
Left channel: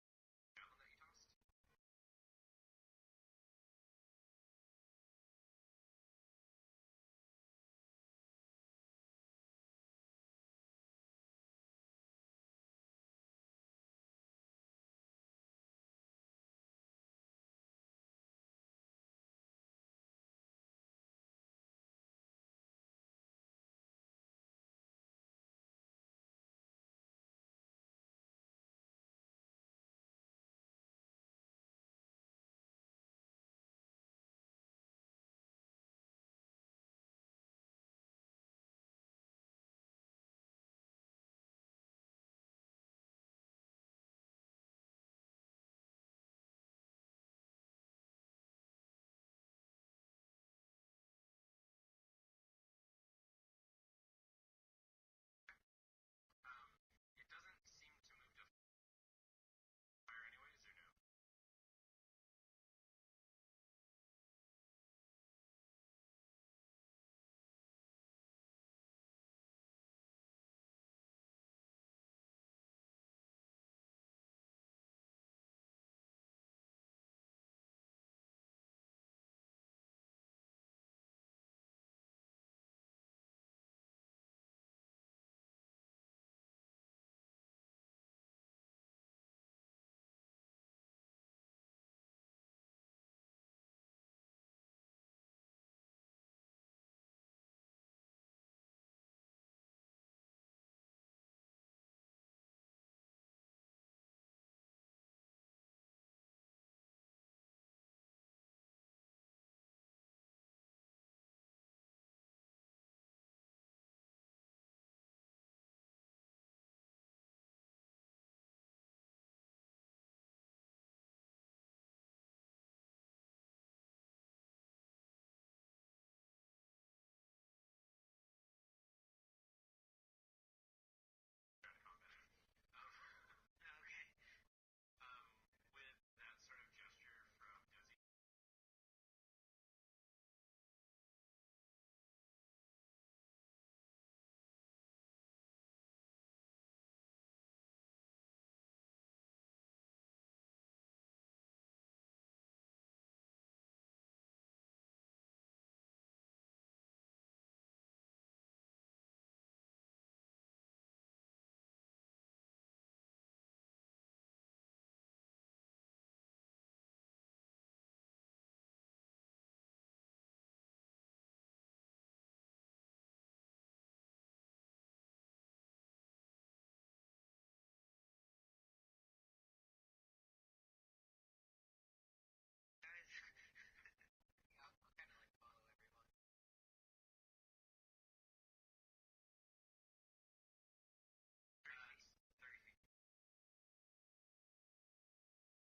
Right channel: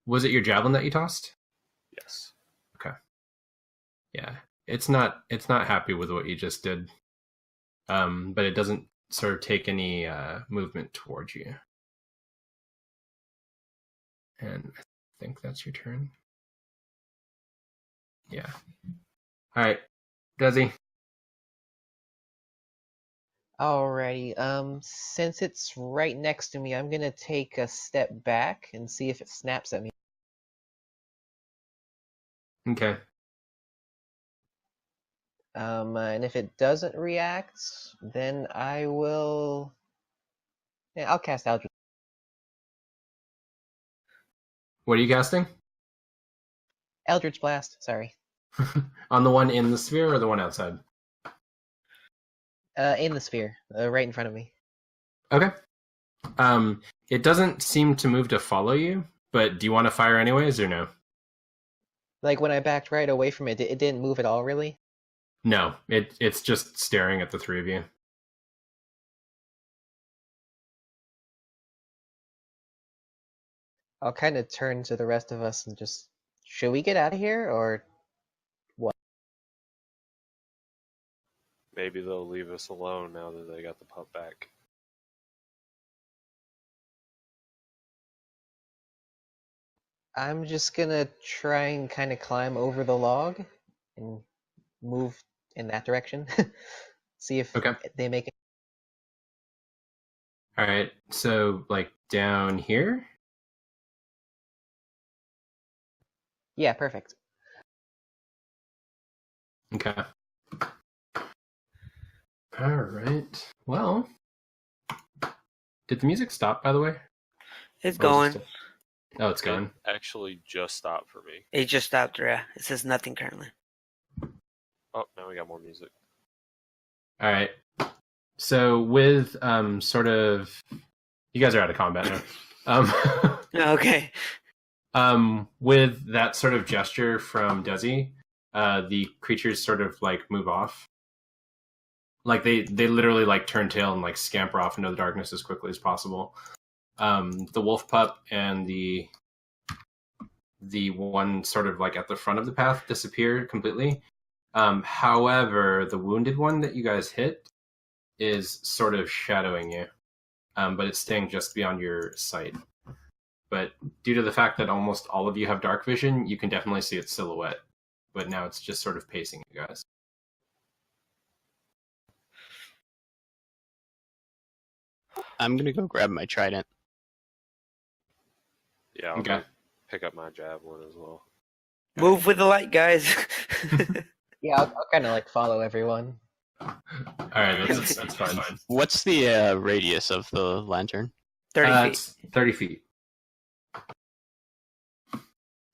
Was it your javelin that you tossed? Yes. Okay. Yeah. It's not happy with what you just did. But it doesn't sort of take any movement towards you. And I think that's your turn. Yeah. All right, Desi. Alrighty. Since it's right next to me, I'm gonna take a step back and see if it snaps at me. Okay. And if it doesn't react, then I will. Yeah, I'll cast Eldritch. What are you casting? Eldritch Blast. Sorry. On the one in the sphere or the one outside? In the sphere, right in front of me. Okay. It doesn't seem to move to follow you, but do you want to fire anyways or no? Like when I backed right away from it, it didn't move at all, really. No, it's just staring at the three of you. I'll kind of turn to the rest of us and just, should we get out of here or what? Maybe they'll leave us alone now that they got the pup back. I'm just gonna try and kind of climb over the log and move in that direction. See if Okay. they make it. All right. So like down here. Yeah, perfect. Okay. All right. Well, did the music stop, by the way? It's Or was going. it still- Oh, it's gone. It actually just stopped for me. It just stopped. Yeah, it says nothing currently. Oh, now we got more music. All right. So with sort of, you guys are out of combat now. Okay. With that sort of gesture from Desi, the creatures sort of like move off. Like they literally like turn tail and like scamper off into the darkness as quickly as possible. The wolf pup and the one sort of like at the front of the path disappear completely. However, the wounded one that you guys hit is sort of shadowing you, but it's staying just beyond your sight. But due to the fact that almost all of you have dark vision, you can definitely see its silhouette. But now it's just sort of pacing you guys. I'm gonna go grab my trident. Yeah, I'll Okay. go pick up my javelin as well. Move with the light, guys. Yeah, I'll kind of like follow everyone. All right, that's fine. What's the radius of the lantern? 30 feet. It's 30 feet.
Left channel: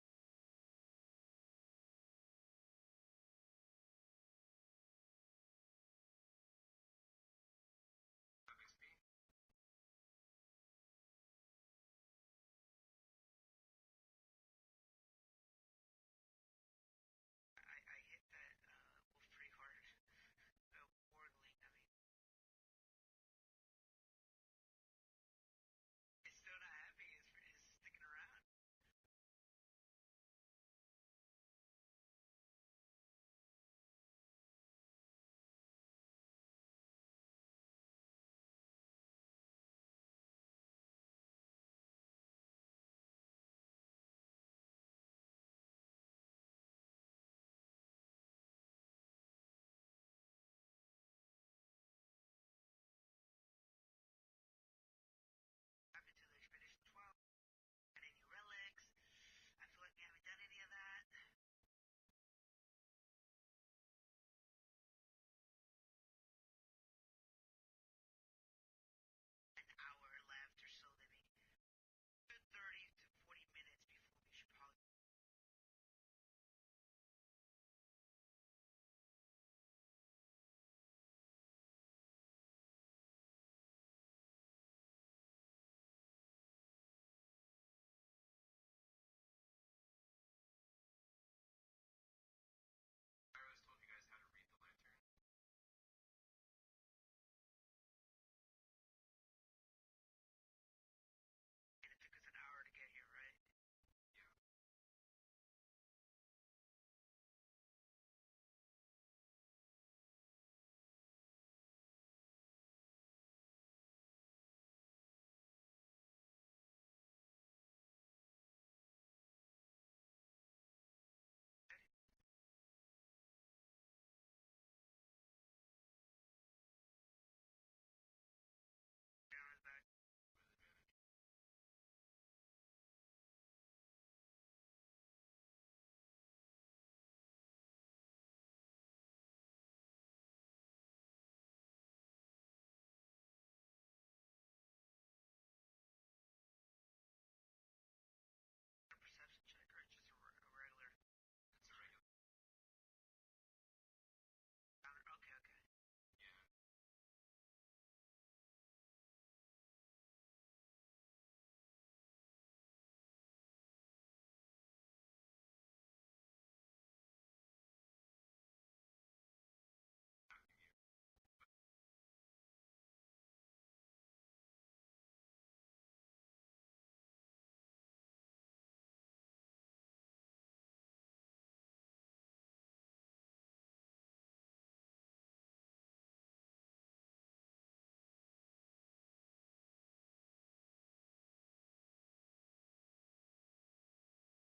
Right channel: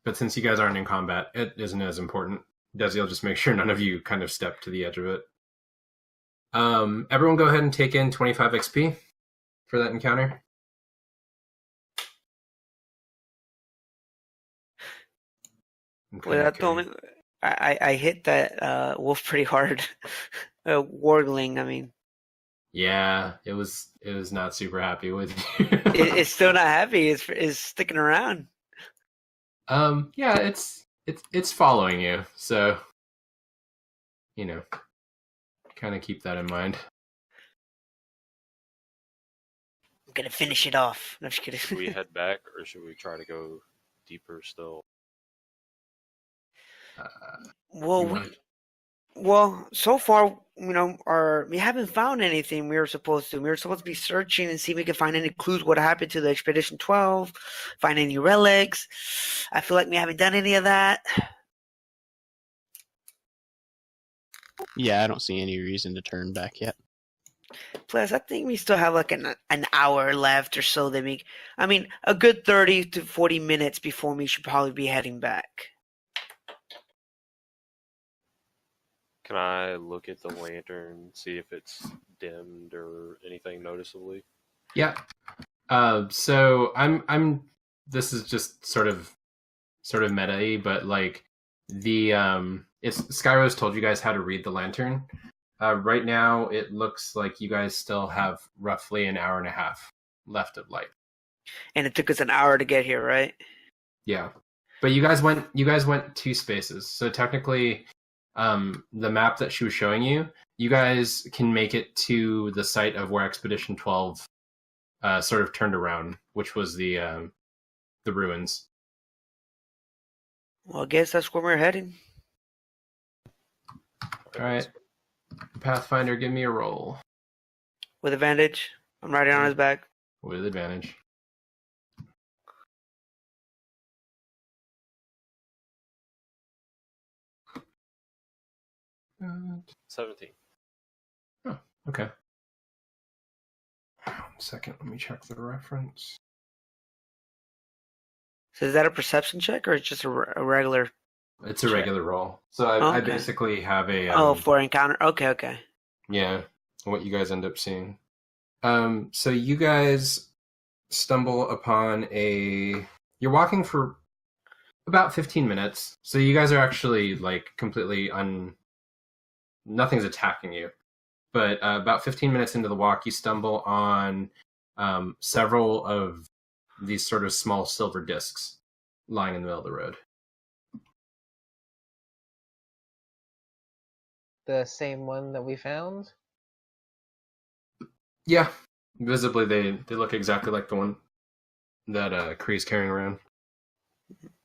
But since you guys aren't in combat, it isn't as important. Desi will just make sure none of you kind of step to the edge of it. Everyone go ahead and take in 25 XP for that encounter. Okay, Well, that told me I hit that wolf pretty hard. Wargling, I mean. Yeah, it was not super happy with you. It's still not happy. It's sticking around. Yeah, it's following you, so you know, kind of keep that in mind. I'm gonna finish it off. No, I'm just kidding. Should we head back or should we try to go deeper still? Well, You want- well, so far, we haven't found anything we were supposed to. We were supposed to be searching and see if we could find any clues what happened to the Expedition 12, find any relics. I feel like we haven't done any of that. Yeah, I don't see any reason to turn back yet. Plus, I think we still have like an hour left or so. A good 30 to 40 minutes before we should probably be heading back. Can I look at the lantern, see if it's dimmed or anything noticeably? Yeah. So I'm. This is just sort of meta-y, but like the it's Skyrose told you guys how to read the lantern. Right now, it looks like you guys still have roughly an hour and a half left of light. And it took us an hour to get here, right? Yeah, but you guys went 2 spaces, so technically, the map that she was showing you, you guys can make it to the site of where Expedition 12 sort of turned around, which was the ruins. Well, I guess that's where we're heading. All right, Pathfinder, give me a roll With advantage. I'm riding on his back. with advantage. Uh, 17. Oh, okay. 1 second, let me check the reference. So is that a perception check or it's just a regular It's a Check. regular roll. So I Okay. basically have a for encounter. Okay. yeah, what you guys end up seeing. So you guys stumble upon you're walking for about 15 minutes. So you guys are actually like completely nothing's attacking you. But about 15 minutes into the walk, you stumble on several of these sort of small silver discs lying in the middle of the road. The same one that we found? Yeah, visibly they look exactly like the one that Kree's carrying around.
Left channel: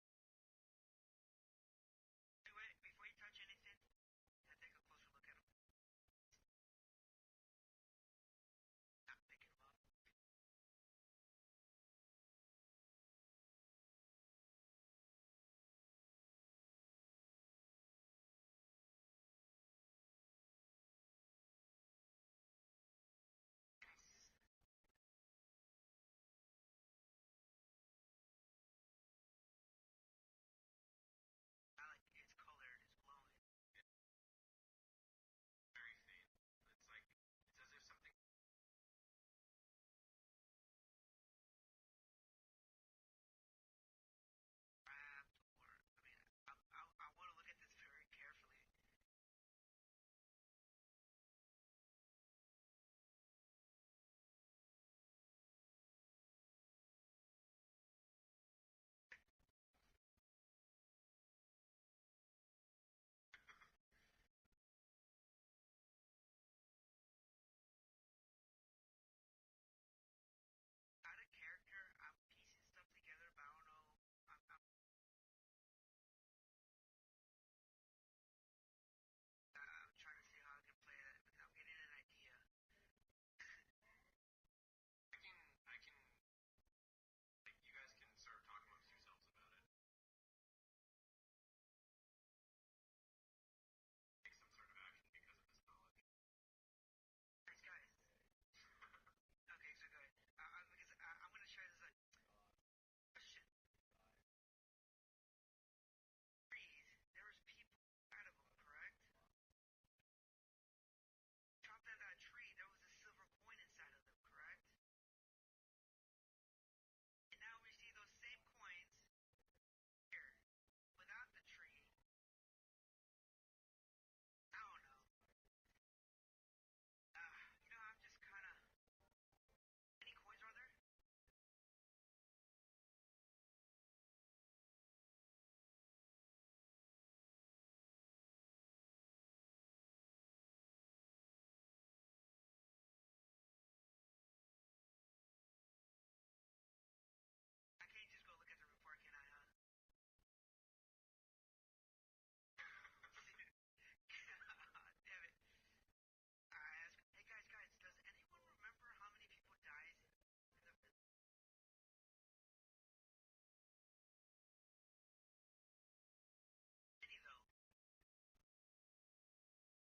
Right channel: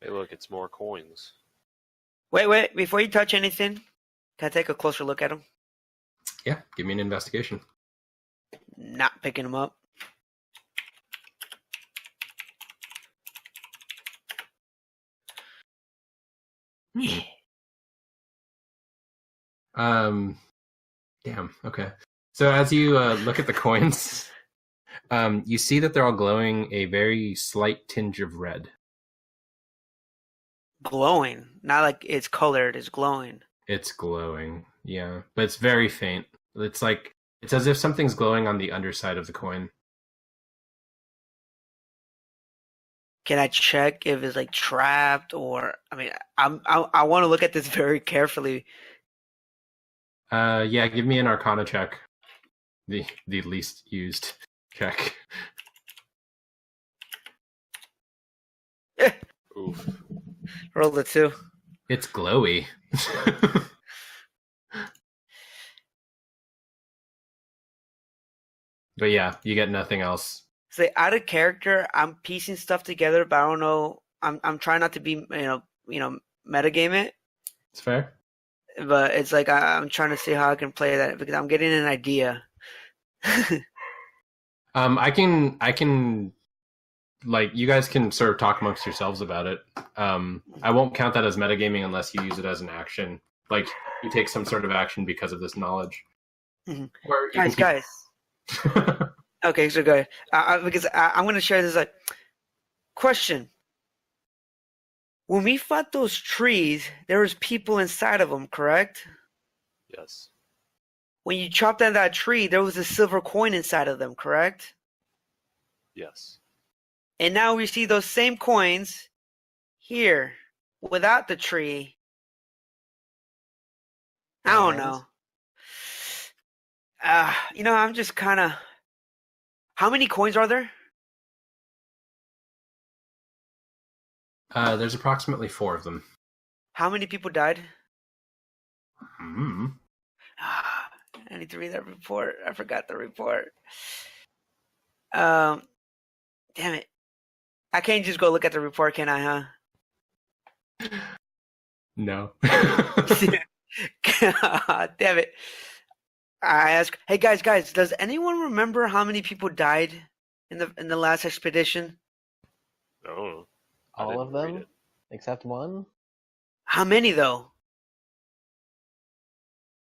Hey, look, it's more coins. Wait. Before you touch anything, can I take a closer look at them? Yeah, give me an investigation. Not picking them up. Damn. Okay. So as you look at the coins, you see that they're all glowing a very slight tinge of red. Glowing. Not like it's colored, it's glowing. It's glowing, yeah, but it's very faint. It's as if something's glowing on the underside of the coin. Can I check if it's like trapped or I mean I want to look at this very carefully. Yeah, give me an Arcana check. The least used check. Oof. Roll the 2. It's glowy. But yeah, you get nothing else. So out of character, I'm piecing stuff together, but I don't know. I'm trying not to be metagame it, It's fair. but it's like I'm trying to see how I can play that because I'm getting an idea. I can like you guys can sort of talk amongst yourselves about it. I won't count that as metagaming unless you use it as an action. Like you take some sort of action because of this knowledge. Mhm. Or you Guys. Okay, so go ahead. Because I'm going to share this question. When we fought those trees, there was people inside of them, correct? Yes. When you chopped down that tree, there was a silver coin inside of them, correct? Yes. And now we see those same coins here without the tree. I don't know. I'm just kind of... How many coins are there? There's approximately 4 of them. How many people died? Hmm. I need to read that report. I forgot the report. Damn it. I can't just go look at the report, can I, huh? No. God damn it. I ask, hey guys, does anyone remember how many people died in the last expedition? No. I All of didn't read them? it. Except one? How many though?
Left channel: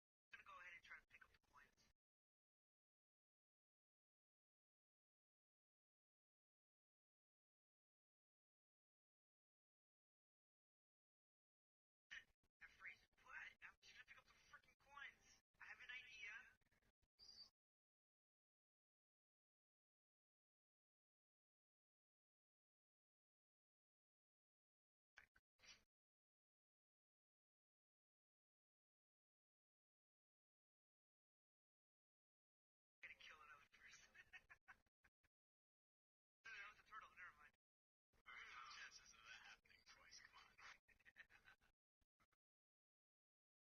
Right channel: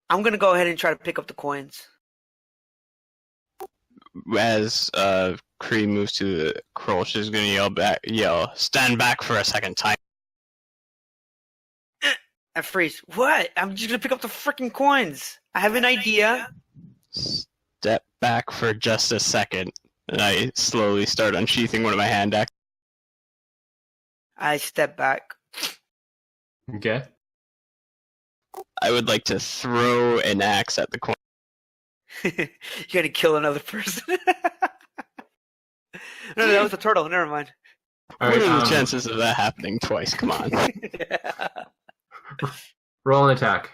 I'm gonna go ahead and try to pick up the coins. As Kree moves to the Kroll, she's gonna yell, stand back for a second time. I freeze. What? I'm just gonna pick up the freaking coins. I have an idea. Step back for just a second. And I slowly start unsheathing one of my hand axes. I step back. Okay. I would like to throw an axe at the coin. You're gonna kill another person. No, that was a turtle. Never mind. All What right. are the chances of that happening twice? Come on. Roll an attack.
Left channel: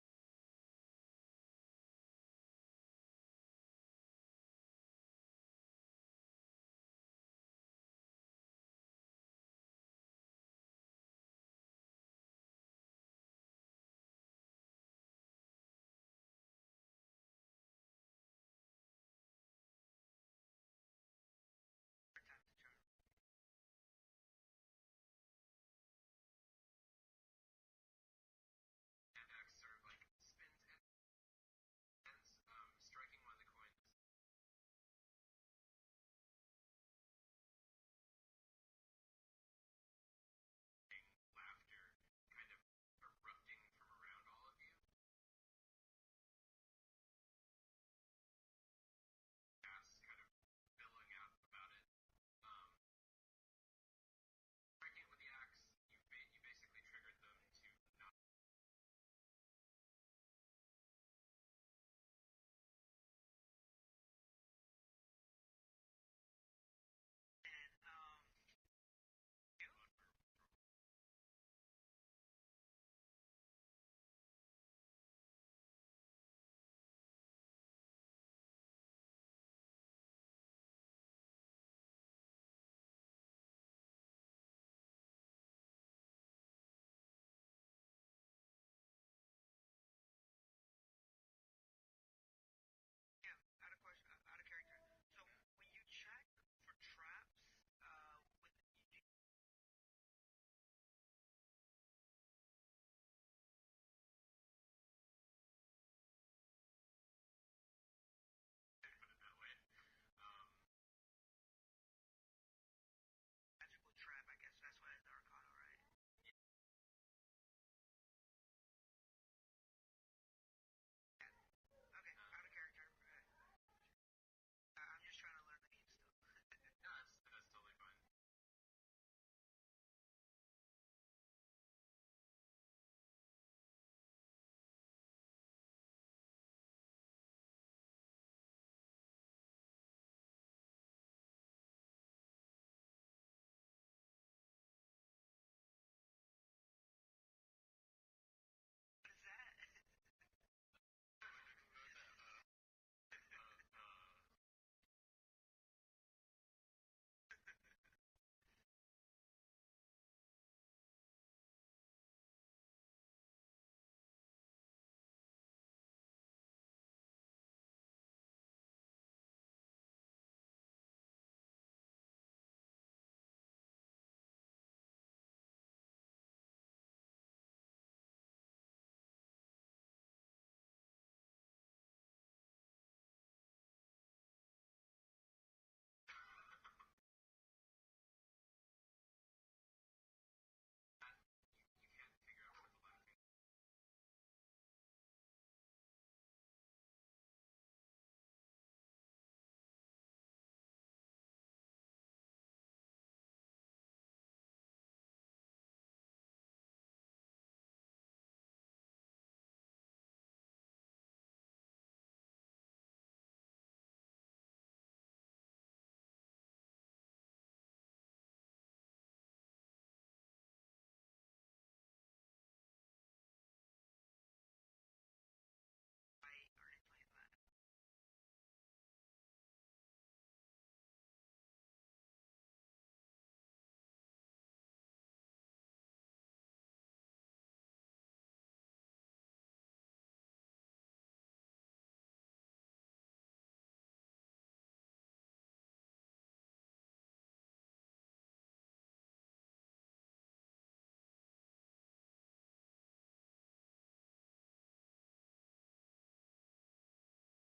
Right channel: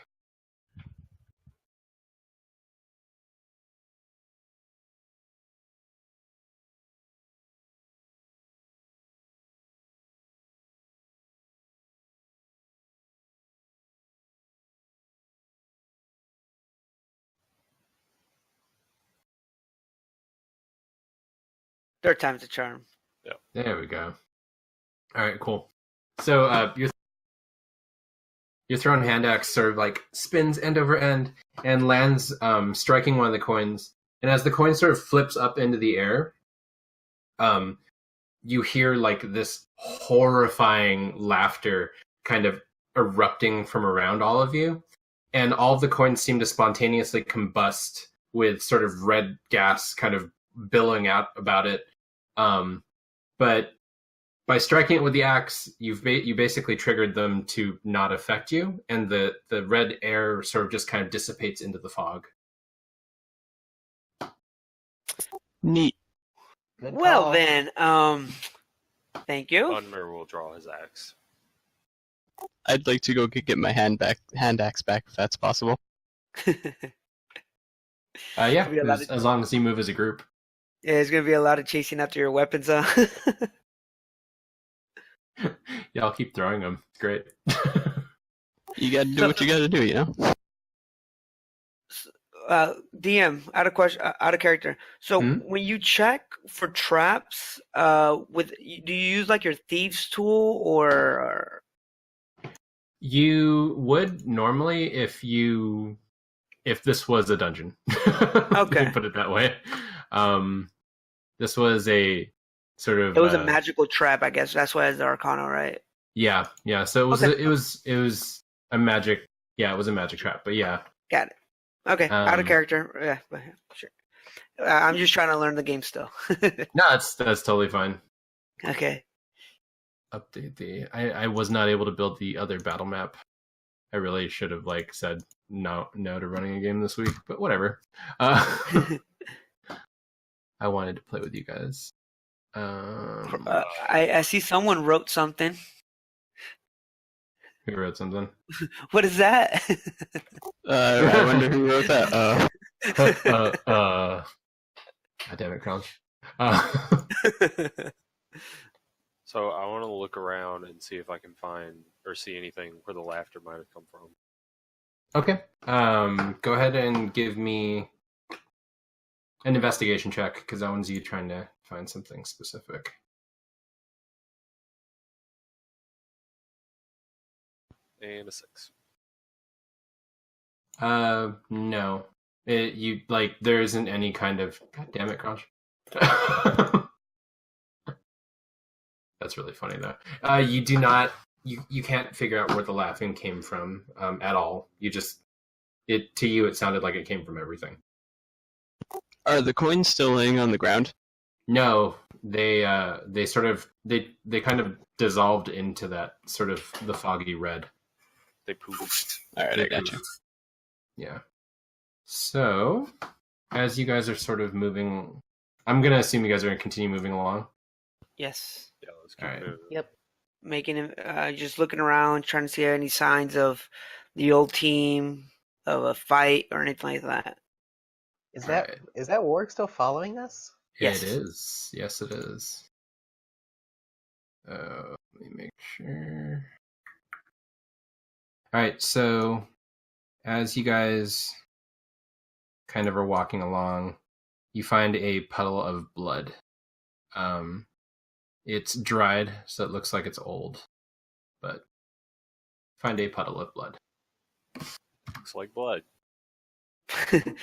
Third time's a charm. There we go. All right, cool. So your thrown hand axe sort of like spins end over end and lands, striking one of the coins. And as the coin sort of flips up into the air, you hear like this horrifying laughter kind of erupting from around all of you, and all of the coins seem to spontaneously combust with sort of red gas kind of billowing out about it. But by striking it with the axe, you basically triggered them to not affect you, and the red air sort of just kind of dissipates into the fog. Neat. Good Well call. then, thank you. Unmer will draw his axe. I'd like to go get my hand axe back if that's possible. Yeah, Be a lot of- as long as you move as a group. Yeah, there's gonna be a lot of chasing after your weapons, huh? Yeah, I'll keep throwing them. It's great. You gotta do what you gotta do, you know? DM, out of question, out of character. So Hmm? when you check for traps, do you use like your thieves tool or? You would normally if this was a dungeon. Let Okay. me put it that way. This was a sort of It was a magical trap, I guess. That's why it's the Arcana, right? yeah. So it was Okay. it was a magic, yeah, it was a magic trap, but yeah. Got it. Okay, out of Um, character. Yeah, but sure. I'm just trying to learn the game still. No, that's totally fine. Okay. Update I was not able to build the other battle map. I really should have said no to running a game this week, but whatever. I wanted to play with you guys. I see someone wrote something. Who wrote something? What is that? I wonder who wrote that. God damn it, Crouch. So I want to look around and see if I can find or see anything where the laughter might have come from. Okay. Go ahead and give me an investigation check, because that one's you trying to find something specific. And a 6. No. There isn't any kind of. God damn it, Crouch. That's really funny though. You do not. You can't figure out where the laughing came from at all. To you it sounded like it came from everything. Are the coins still laying on the ground? No, they kind of dissolved into that sort of the foggy red. They pooped. Alright, I got you. Yeah. So, as you guys are sort of moving, I'm gonna assume you guys are gonna continue moving along. Yes. Yeah, let's keep Alright. moving. Yep. Making him just looking around, trying to see any signs of the old team, of a fight or anything like that. Is that Warg still following us? Yes. It is. Yes, it is. Let me make sure. All right, so as you guys kind of are walking along, you find a puddle of blood. It's dried, so it looks like it's old, but find a puddle of blood. Looks like blood. Did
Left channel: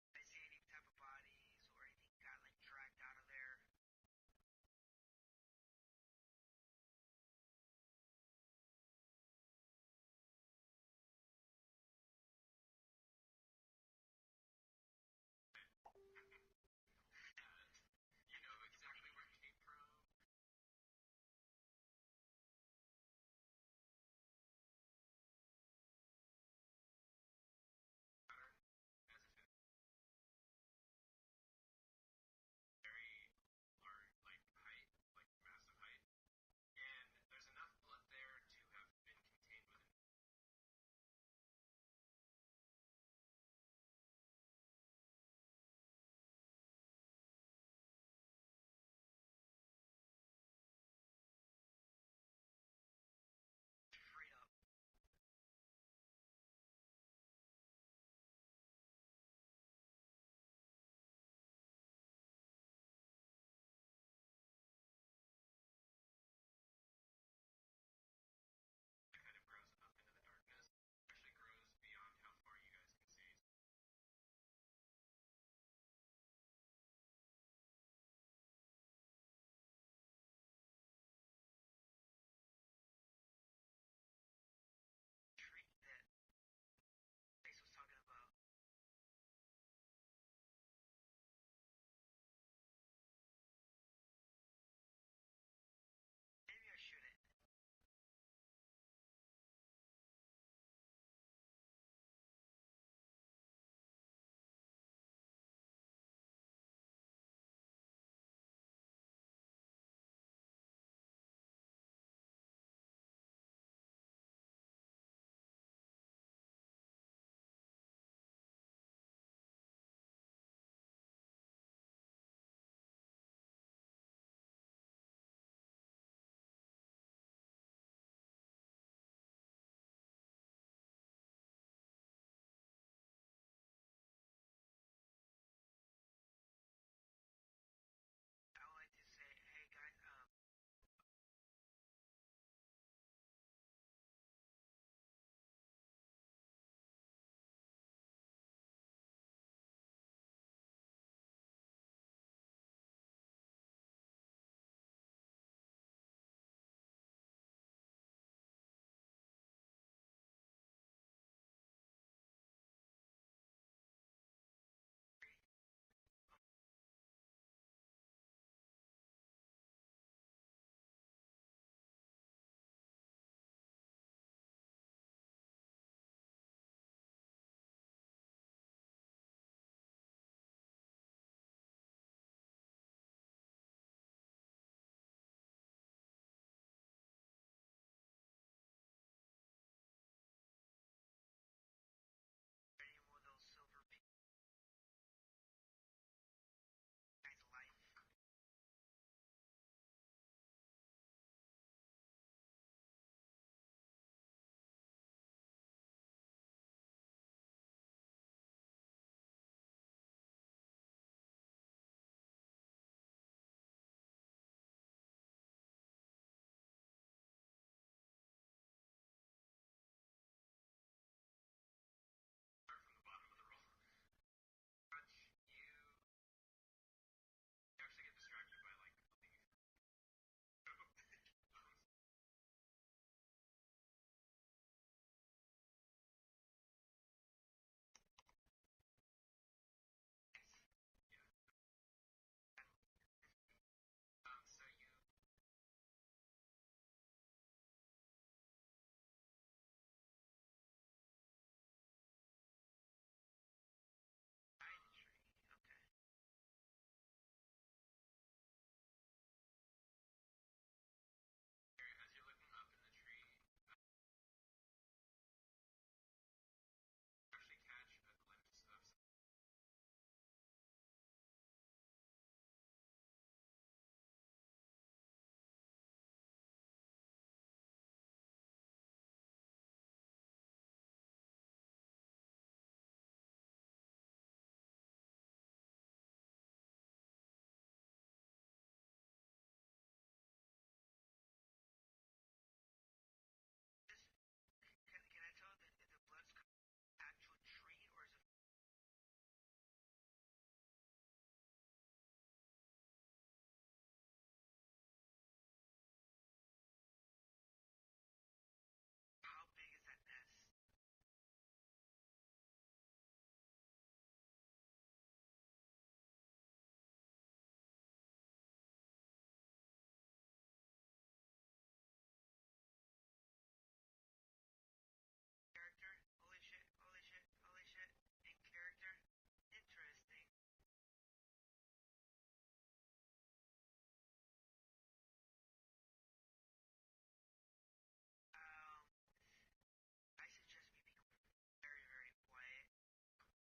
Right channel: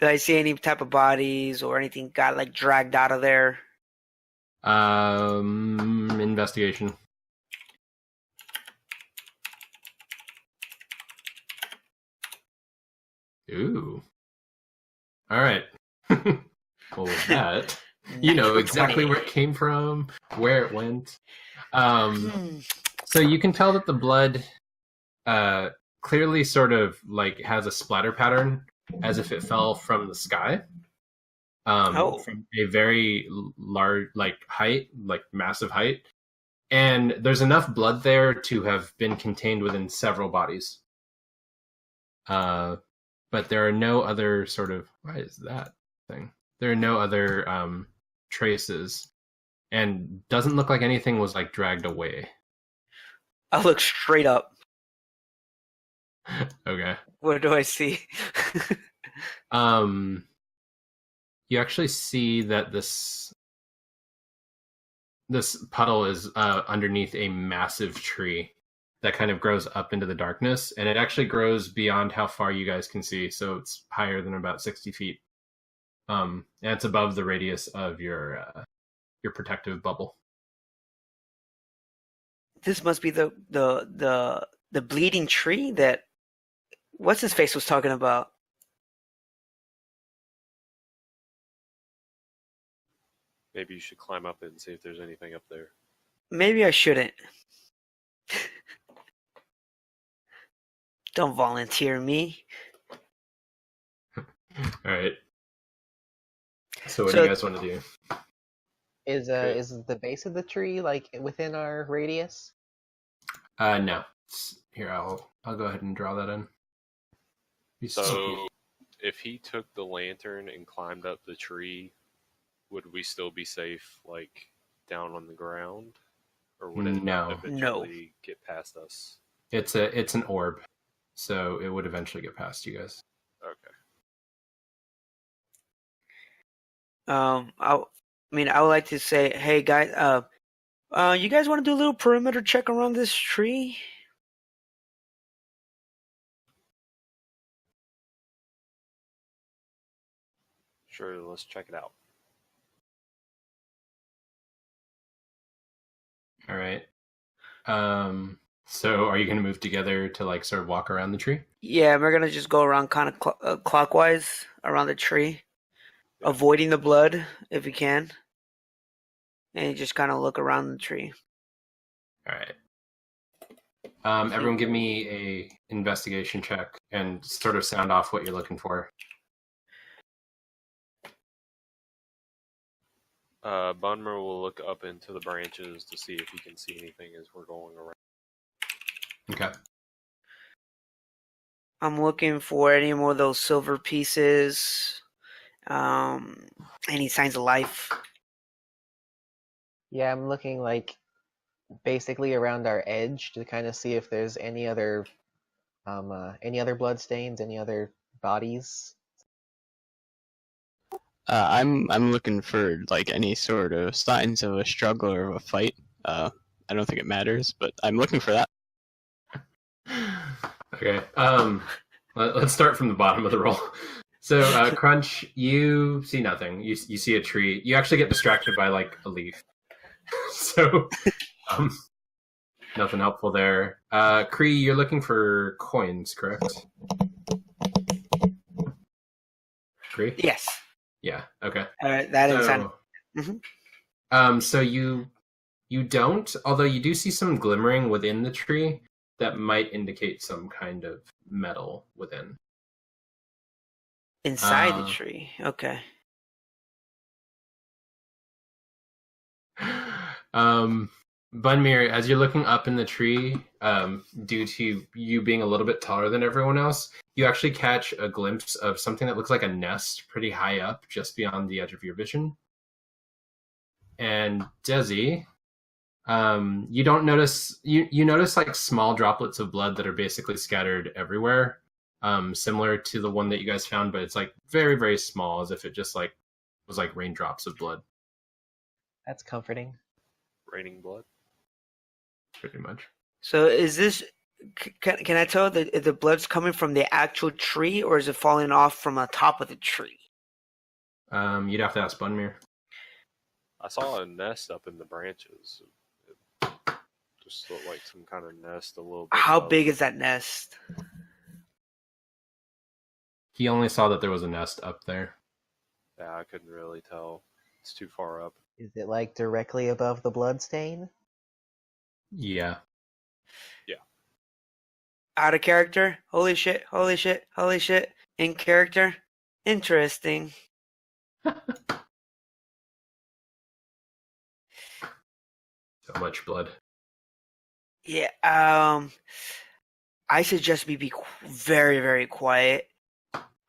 I see any type of bodies or anything got like dragged out of there? Investigation. Ooh. All right. Well, with that, you know exactly where it came from, where it went. So you can tell that the blood clearly sort of has a splatter pattern as if it fell from the sky. From a very large height, massive height. And there's enough blood there to have been contained within several bodies. But there are no other sort of, why is that thing? There are no other traces, and doesn't look like anything was dragged away. I look straight up. Okay. What do I see? You actually see that this puddle is underneath a massive tree that kind of grows up into the darkness, and it actually grows beyond how far you guys can see, so it's higher than about 60 feet. And it's above the radius of your protective bubble. this must be the bleeding tree that what's his face was talking about. Maybe you should climb up and see if there's anything up there. Maybe I shouldn't. Don't volunteer me. All right. So what do So- you guys want to do? Is the base of the tree like within our radius? No. Here, I'll go ahead and draw that in. So, if he took the lantern and climbed up the tree, would we still be safe, like down on the ground, or would it No. eventually get past us? It's an orb, so it would eventually get past you guys. Okay. I would like to say, hey guys, you guys want to do a little perimeter check around this tree? Sure, let's check it out. All right. So are you going to move together to like sort of walk around the tree? Yeah, we're gonna just go around kind of clockwise around the tree, avoiding the blood if we can, and just kind of look around the tree. All right. Everyone give me a investigation check and sort of sound off what you're looking for. Bunmer will look up into the branches to see if he can see anything as we're going around. Okay. I'm looking for any more of those silver pieces, any signs of life. Yeah, I'm looking like basically around our edge to kind of see if there's any other blood stains, any other bodies. I'm looking for like any sort of signs of a struggle or of a fight. I don't think it matters, but I'm looking for that. Okay. Let's start from the bottom of the roll. So, Crunch, you see nothing. You see a tree. You actually get distracted by like a leaf. So, nothing helpful there. Cree, you're looking for coins, correct? Cree? Yes. Yeah. Okay. That is fine. So you don't, although you do see some glimmering within the tree that might indicate some kind of metal within. Inside the tree. Okay. Bunmir, as you're looking up in the tree, due to you being a little bit taller than everyone else, you actually catch a glimpse of something that looks like a nest pretty high up, just beyond the edge of your vision. And Desi, you don't notice, you notice like small droplets of blood that are basically scattered everywhere, similar to the one that you guys found, but it's like very, very small, as if it just like was like raindrops of blood. That's comforting. Raining blood. Pretty much. So is this? Can I tell that if the blood's coming from the actual tree, or is it falling off from the top of the tree? You'd have to ask Bunmir. I saw a nest up in the branches. It just looked like some kind of nest a little bit. How above. big is that nest? He only saw that there was a nest up there. Yeah, I couldn't really tell. It's too far up. Is it like directly above the blood stain? Yeah. Out of character? Holy shit! Holy shit! Holy shit! In character? Interesting. So much blood. Yeah. I suggest we be very, very quiet.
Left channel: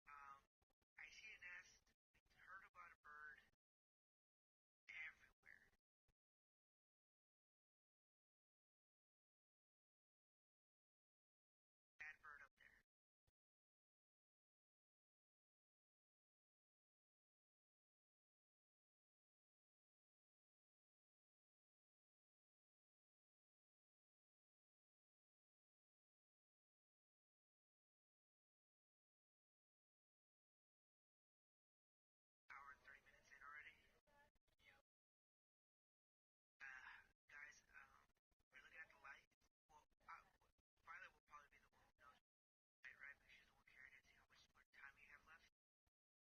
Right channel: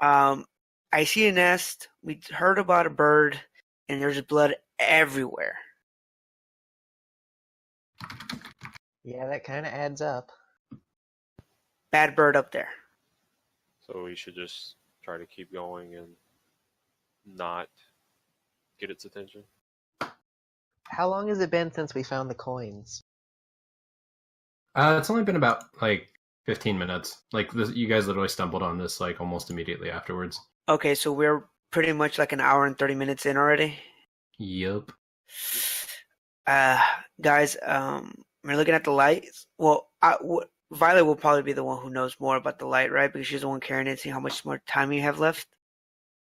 I see a nest. We heard about a bird, and there's blood everywhere. Yeah, that kind of adds up. Bad bird up there. So we should just try to keep going and not get its attention. How long has it been since we found the coins? It's only been about like 15 minutes. Like you guys literally stumbled on this like almost immediately afterwards. Okay, so we're pretty much like an hour and 30 minutes in already. Yup. Guys, We're looking at the lights. Well, Violet will probably be the one who knows more about the light, right? Because she's the one carrying it, seeing how much more time you have left.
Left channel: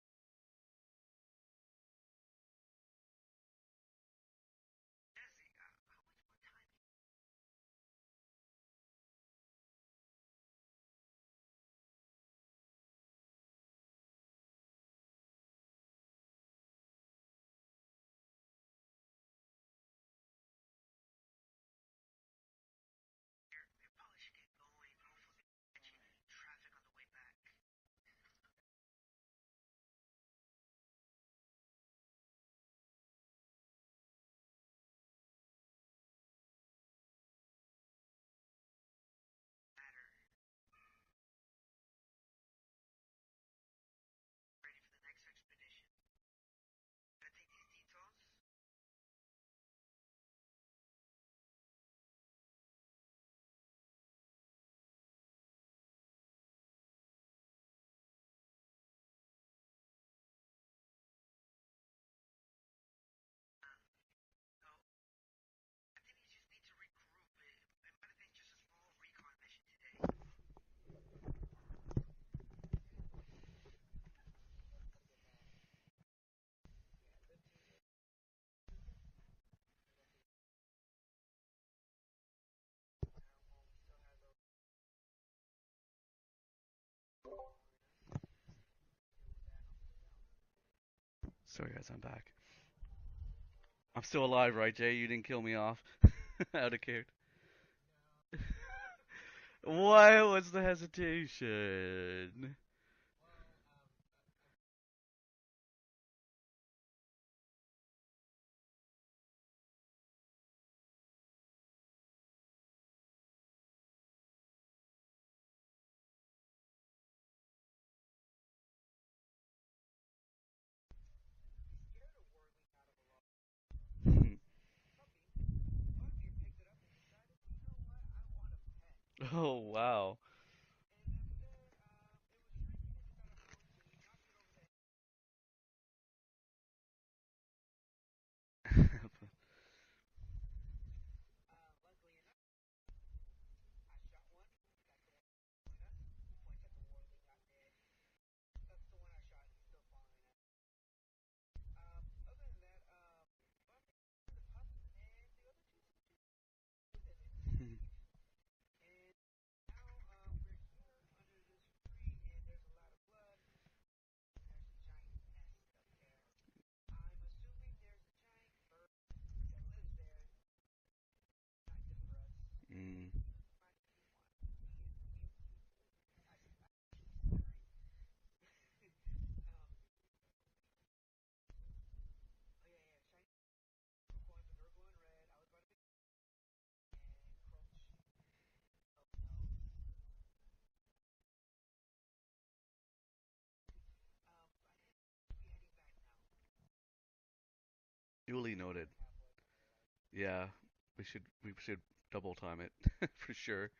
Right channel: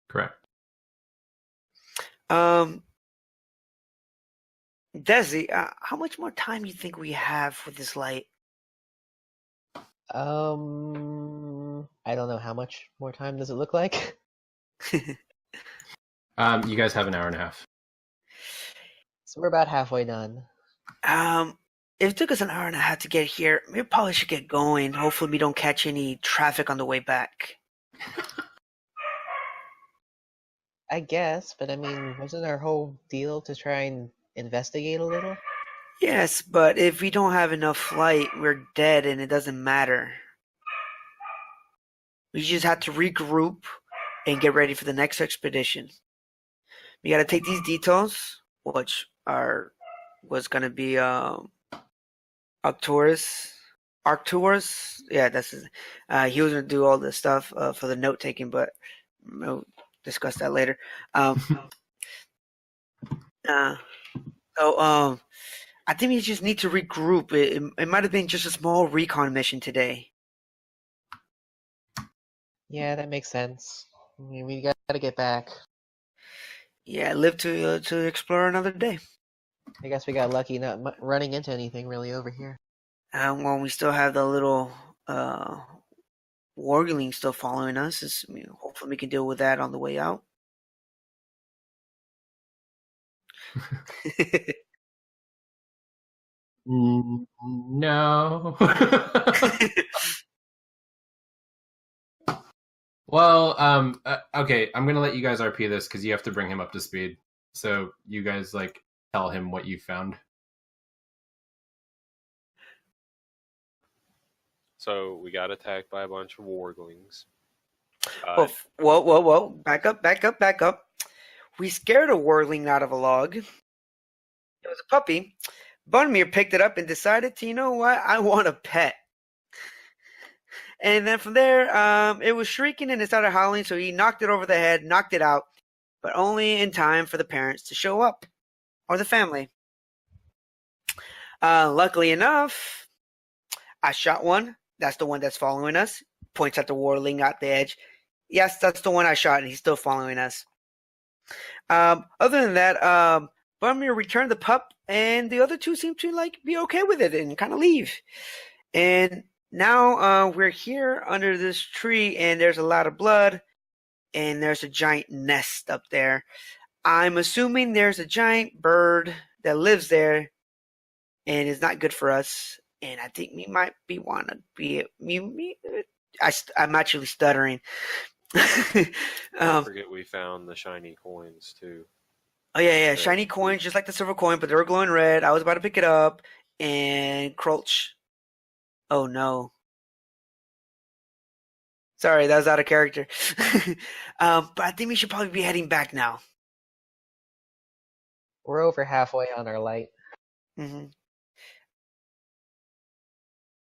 Correct. Desi, how much more time do you think we have with this light? I don't know how much more time does it look like. You guys have an hour and a half. So we're about halfway done. If it took us an hour and a half to get here, we probably should get going. Hopefully we don't catch any traffic on the way back. I guess, but I mean, wasn't our whole deal to try and investigate a little? Yes, but if we don't have enough light, we're dead and it doesn't matter. We just have to regroup and get ready for the next expedition. We gotta take these details, which was gonna be Arcturus. Yeah, that's his. He was gonna do all the stuff for the note taking, but we'll discuss that later. I think we just need to regroup. It might have been just a small recon mission today. Yeah, that makes sense. I mean, we gotta get back. Yeah, live to explore another day. I guess we got lucky not running into anything really over here. Well, we still have the little wargling still following us. Hopefully we can deal with that on the way out. Sorry guys, I'm back. I'm still alive, right, Jay? You didn't kill me off. Out of No. Why was the hesitation? Well, okay, I'm gonna let you guys RP this because you have to bring him up to speed. So you guys tell him what you found. So we got attacked by a bunch of warglings. Whoa. Back up. We scared a wargling out of a log. It was a puppy. Bunmir picked it up and decided to, you know what? I want a pet. Oh, wow. And then from there, it was shrieking and it started howling, so he knocked it over the head, knocked it out, but only in time for the parents to show up, or the family. Luckily enough, I shot one. That's the one that's following us. Points at the warling at the edge. Yes, that's the one I shot, and he's still following us. Other than that, Bunmir returned the pup, and the other two seem to be okay with it and kind of leave. And now we're here under this tree, and there's a lot of blood, and there's a giant nest up there. I'm assuming there's a giant bird that lives there, and is not good for us. And I think we might I'm actually stuttering. Don't forget we found the shiny coins too. Oh yeah, shiny coins, just like the silver coin, but they were glowing red. I was about to pick it up, and Crulch. Oh no. Sorry, that was out of character. But I think we should probably be heading back now. We're over halfway on our light. Yeah, Mm-hmm. we should double time it for sure.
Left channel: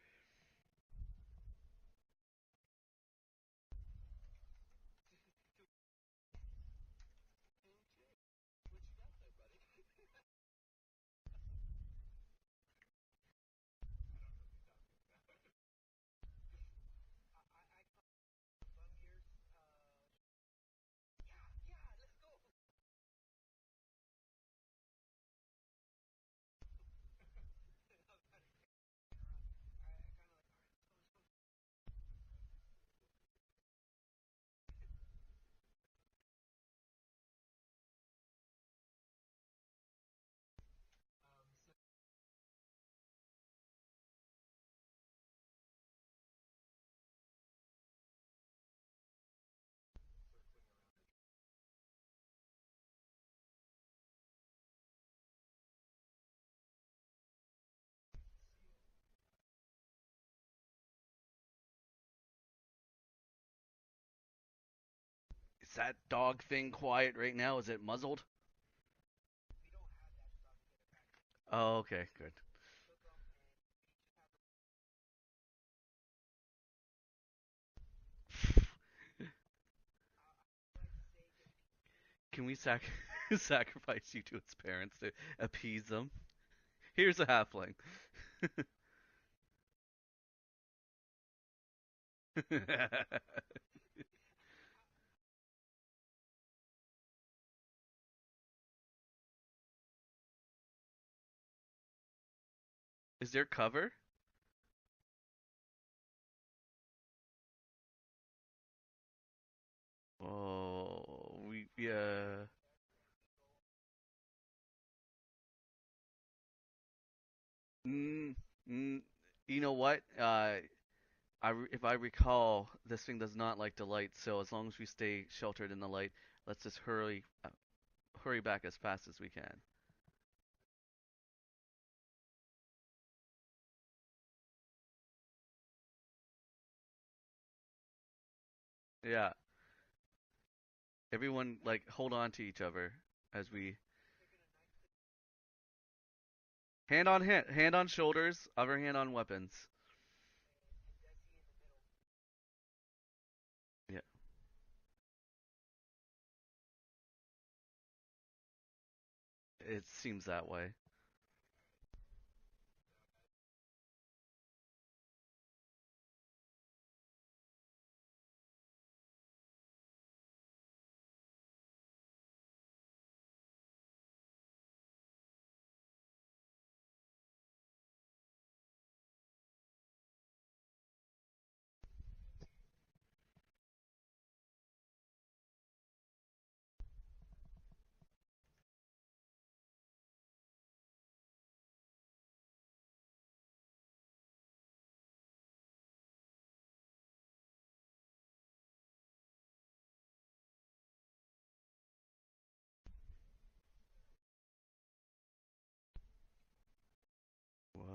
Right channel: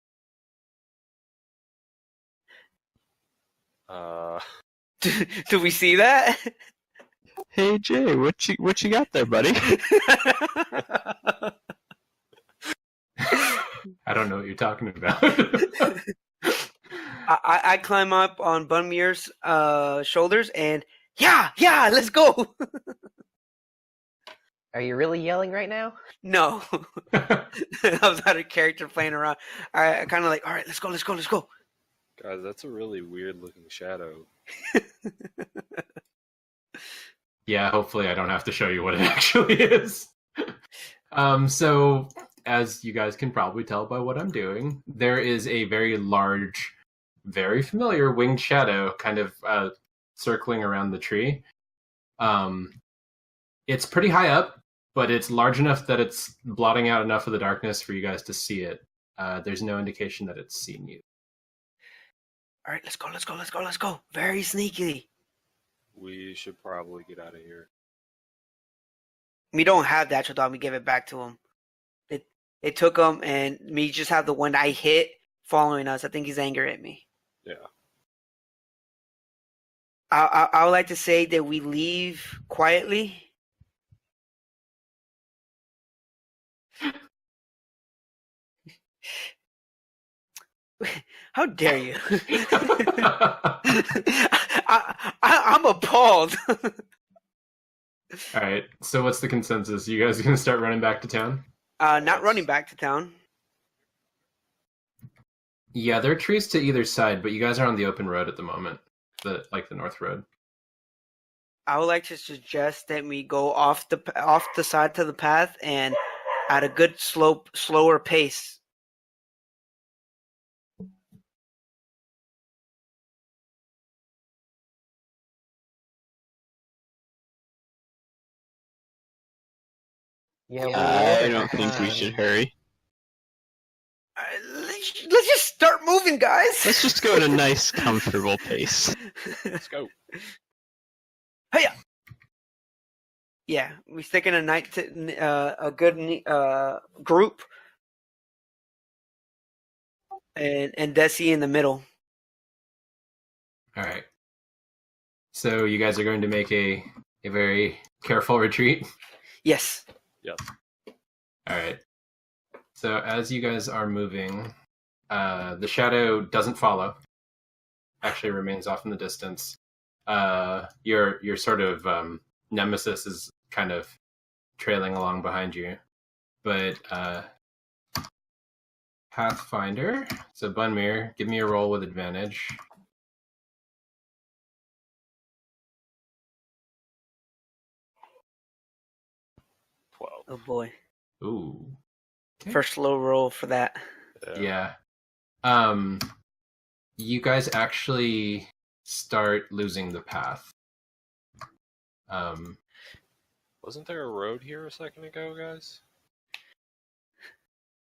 Do we see that? Hey Jay, what you got there, buddy? I don't know what you're talking about. I climb up on Bunmir's shoulders and yeah, let's go. Are you really yelling right now? No. I was out of character playing around. I kind of all right, let's go. Guys, that's a really weird looking shadow. Yeah, hopefully I don't have to show you what it actually is. So, as you guys can probably tell by what I'm doing, there is a very large, very familiar winged shadow kind of circling around the tree. It's pretty high up, but it's large enough that it's blotting out enough of the darkness for you guys to see it. There's no indication that it's seen you. All right, let's go. Very sneaky. Is that We dog should thing probably quiet get right outta now? here. Is it muzzled? We don't have the actual dog. We gave it back to him. Oh, okay. It- Good. It took him, and me just have the one I hit following us. I think he's angry at me. Yeah. I would like to say that we leave Can we quietly. sacrifice you to its parents to appease them? Here's a halfling. How dare you? I'm appalled. All right. So what's the consensus? You guys gonna start running back to town? Not running back to town. Is there cover? Yeah, there are trees to either side, but you guys are on the open road at the moment, the North Road. Oh, I would like to suggest that we go off the side to the path and at a good slower pace. You know what? If I recall, this thing does not like the light. So as long as we stay sheltered in the light, let's just hurry back as fast as we can. Yeah, I don't think we should hurry. Let's just start moving, guys. Let's just go at a nice, comfortable pace. Yeah, Let's go. everyone Hey-ya. like hold on to each other. As Yeah, we stick in a a good hand group, on hand on shoulders, other hand on weapons. and Desi in the middle. All right. So you guys are going to make a very careful retreat. Yes. It seems that way. All right. So as you guys are moving, the shadow doesn't follow. Actually, remains off in the distance. Your sort of nemesis is kind of trailing along behind you, but Pathfinder. So Bunmir, give me a roll with advantage. Oh boy. Ooh. Okay. First low roll for that. Yeah. You guys actually start losing the path. Wasn't there a road here a second ago, guys? What?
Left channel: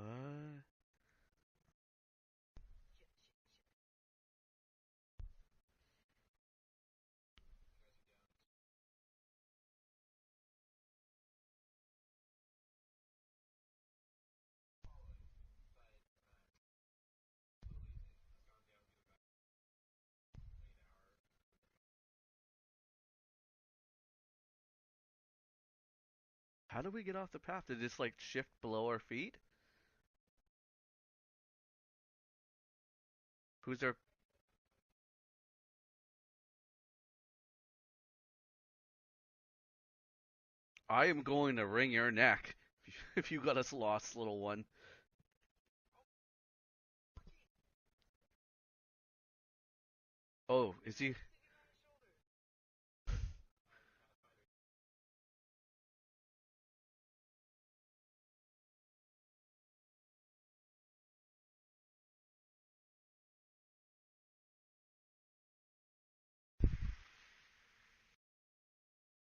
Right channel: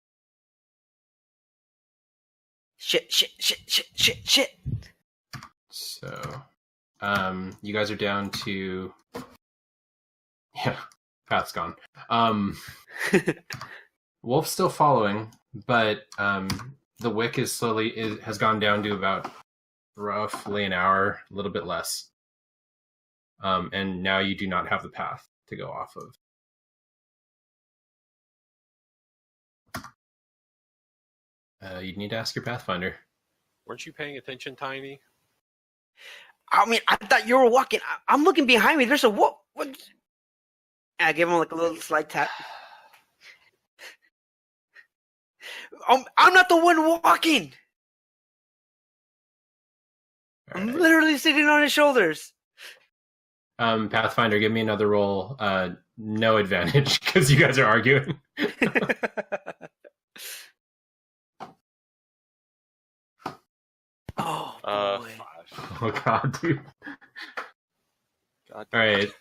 Shit. So, you guys are down to, yeah, path's gone. Wolf's still following, but the wick is has gone down to about roughly an hour, a little bit less. And now you do not have the path to go off of. How do we get off the path? Did it just like shift below our feet? You'd need to ask your Pathfinder. Weren't you paying attention, Tiny? I mean, I thought you were walking. I'm looking behind me. There's a what? I give him like a little slight tap. If you got us lost, little one. I'm not the one walking. I'm Okay. literally sitting on his shoulders. Pathfinder, give me another roll. No advantage because you guys are arguing. Oh boy. 5. Oh god, dude. God. All right.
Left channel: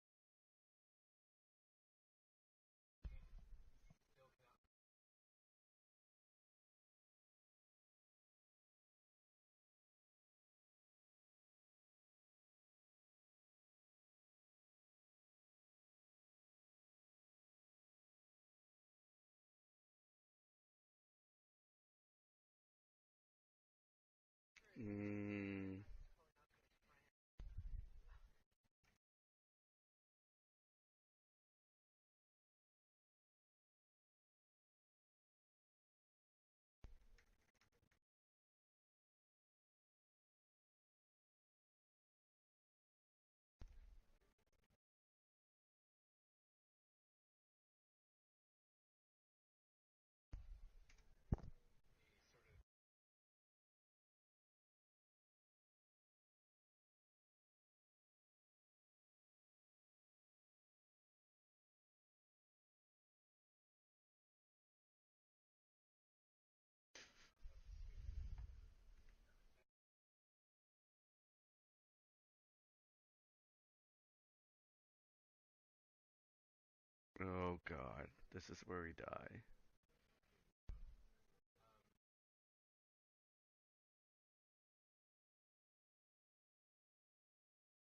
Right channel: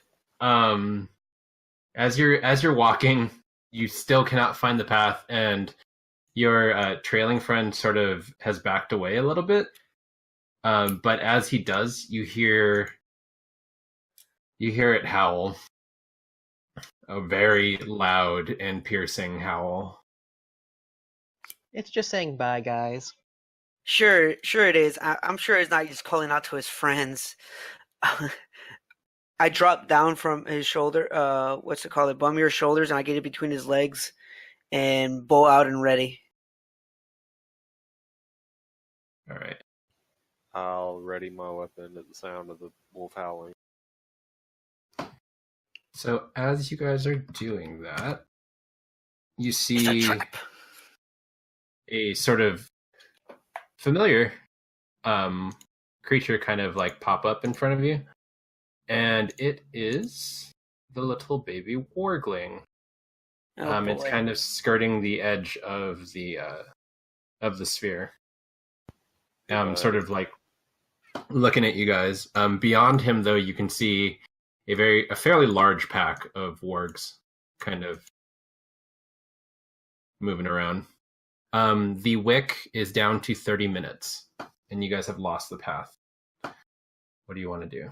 As you're walking, you still cannot find the path, and your trailing friend sort of has backed away a little bit. But as he does, you hear it howl. A very loud and piercing howl. It's just saying bye, guys. Sure it is. I'm sure it's not just calling out to his friends. I drop down from his shoulder, what's it called? Bummir's shoulders, and I get it between his legs and bow out and ready. All right. I'll ready my weapon at the sound of the wolf howling. So as you guys are doing that, you It's a see trap. a sort of familiar creature kind of like pop up in front of you, and it is the little baby wargling. Oh, It's boy. kind of skirting the edge of the sphere. Sort of like looking at you guys. Beyond him, though, you can see a fairly large pack of wargs Oh, kind of God. This is where we die. moving around. The wick is down to 30 minutes, and you guys have lost the path. What do you want to do?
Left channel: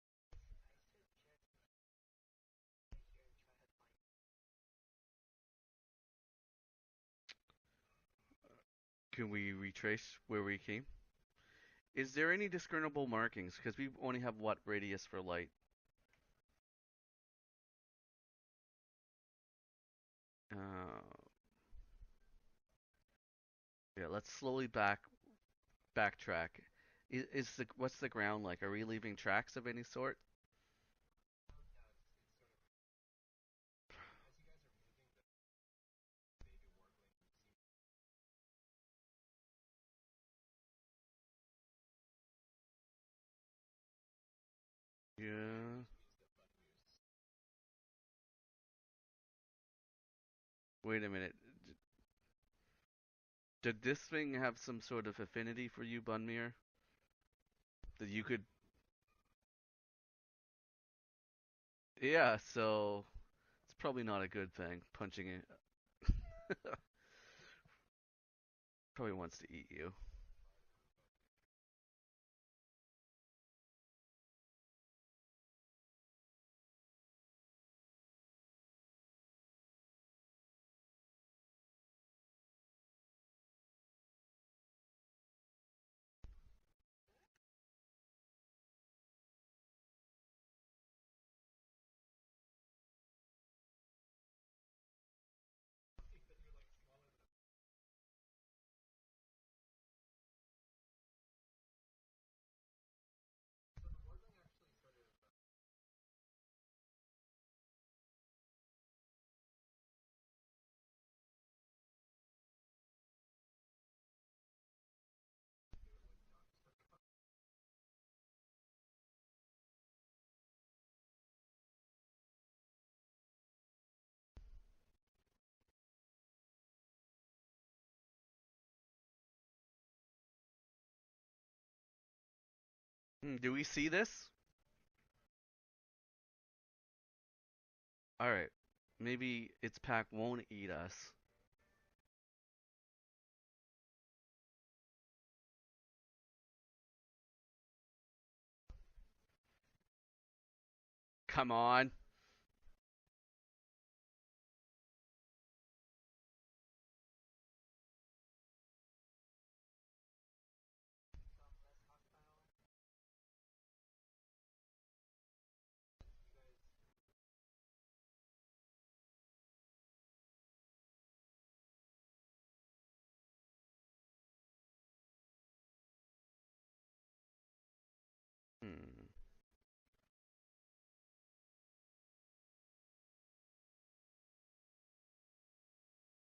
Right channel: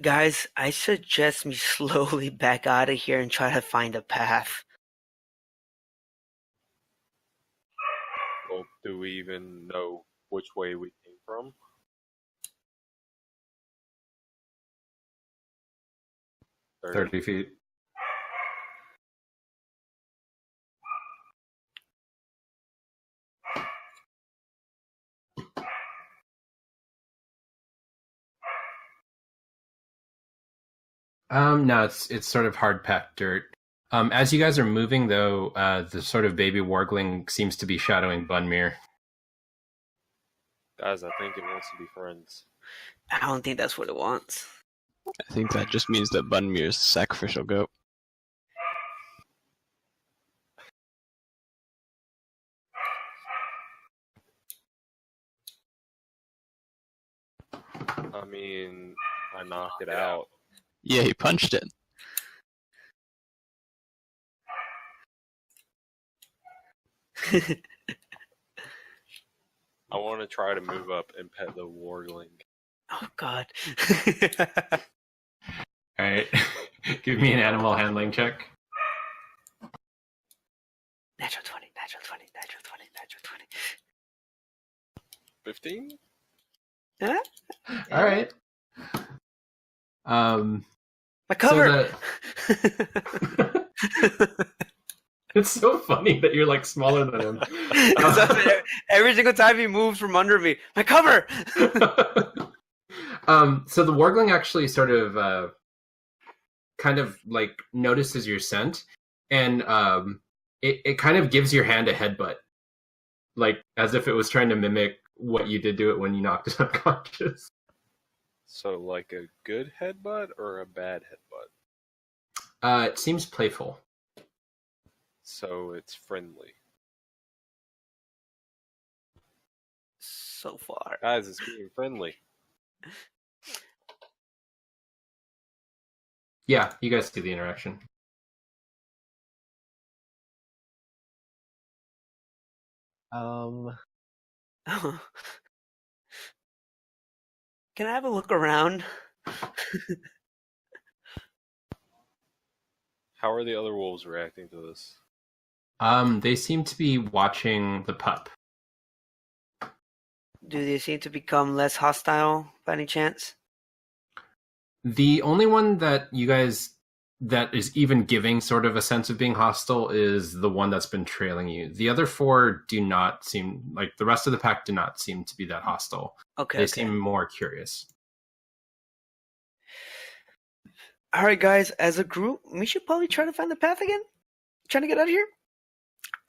Guys, I suggest me slowly back out of here and try to find a path. Well, do we Can even we know retrace where which we way came? we came from? Is there any discernible markings? Because we only have what radius for light? 30 feet. let's slowly backtrack. What's the ground like? Are we leaving tracks of any sort? No, it's sort of hard packed dirt. As you guys are moving, though, the sort of baby wargling seems to be shadowing Bunmere. Guys, I think it wants to be friends. I don't think that's what it wants. I think that just means that Bunmir's sacrificial goat. Wait a minute. Did this thing have some sort of affinity for you, Bunmere? I mean, I knocked it out. Yeah, he punched it. Yeah, so it's probably not a good thing, punching it. Probably wants to eat you. I want to try to move up and pet the wargling. Oh God. All right, give me an animal handling check. Natural 20, natural 20, natural 20, natural 20. 15? All right. My cover. It's so funny that you're like smaller than him. Every single time he moves from under me, my cover. So the wargling actually sort of kind of like notices your scent, and it kind of gives your hand a headbutt, like as if it was trying to mimic what you did to it when you knocked it unconscious. So, like a good headbutt or a bad headbutt? It seems playful. So it's friendly. So far. Guys, it's being friendly. Do we see this? Yeah, you guys see the interaction. Alright. Maybe its pack won't eat us. Can I have a look around? Come on. How are the other wolves reacting to this? They seem to be watching the pup. Do they seem to become less hostile by any chance? The only one that you guys that is even giving sort of a sense of being hostile is the one that's been trailing you. The other four do not seem like the rest of the pack do not seem to be that hostile. Okay. They seem more curious. All right, guys. As a group, we should probably try to find the path again. Trying to get out of here.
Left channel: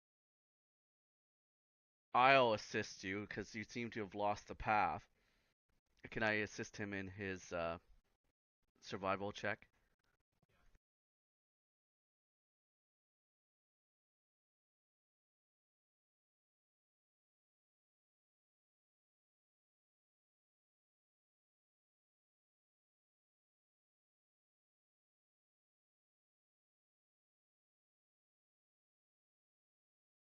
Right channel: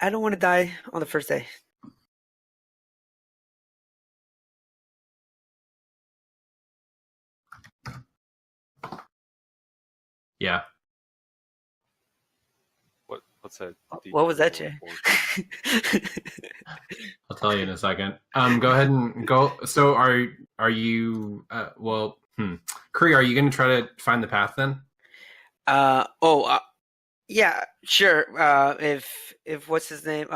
I don't want to die on the first day. I'll assist you because you seem to have lost the path. Can I assist him in his survival check? Yeah. What's that? What was that, Jay? I'll tell you in a second. Go ahead and go. So are you? Kree, are you going to try to find the path then? Yeah, sure. If what's his name?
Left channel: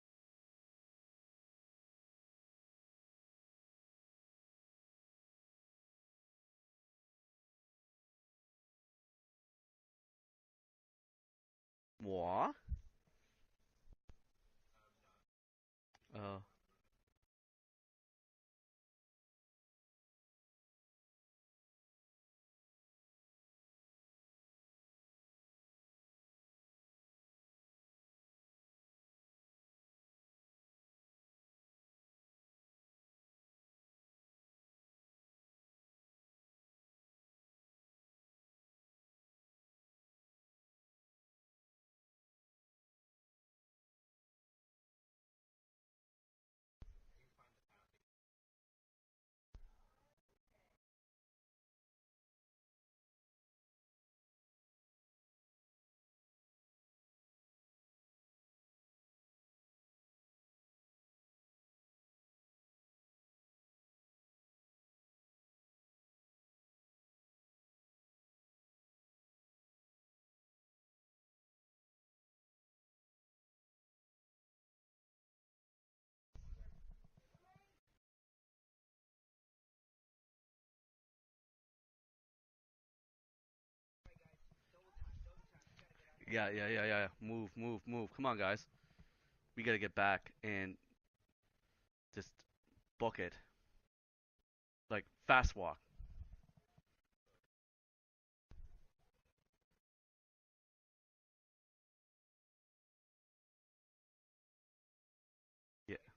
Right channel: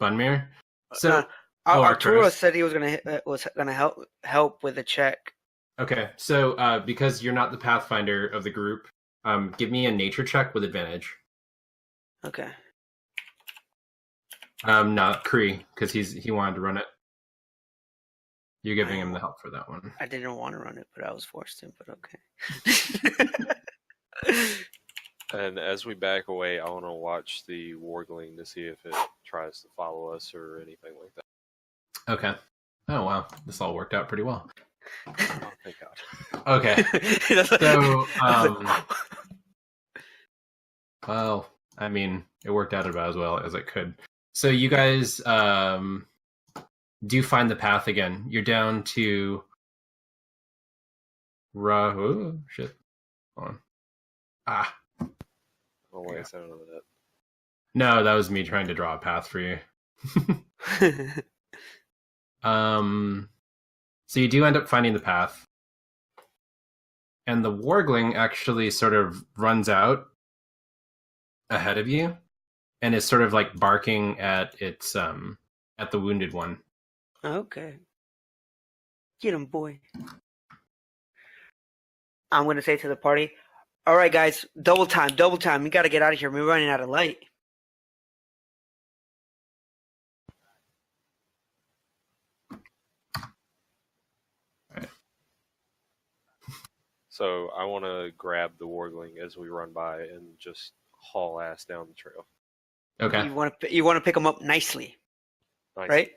Bunmere. So Arturo said he was gonna help with a check. Okay, so because you're not the pathfinder of the group, give me a nature check with advantage. What? Okay. Not Kree, because he wanted to run it. You're giving him the help for that one. I didn't want to run it, but I was forced to. But okay. And as we back away, I want to watch the wargling to see if it tries to follow us or anything like that. Okay. Oh wow, this all worked out pretty well. Oh, thank God. Okay. So, well, I mean, it worked out about as well as it could. So you guys do find the path again. You're down to oh, shit. Hold on. Oh, wait, I said none of that. No, that was me trying to draw a path for you. So you do end up finding the path. And the wargling actually sort of runs out ahead of you and is sort of like barking at its at the wounded one. Okay. Get him, boy. I'm gonna say to the party, all right, guys, double time. We gotta get out of here. We're running out of light. Move. Come on, guys. We gotta get back and just book it. Right. Like, fast walk. So I want to grab the wargling as we run by and just haul ass down the trail. Okay. You want to pick him up nicely. Nice. right?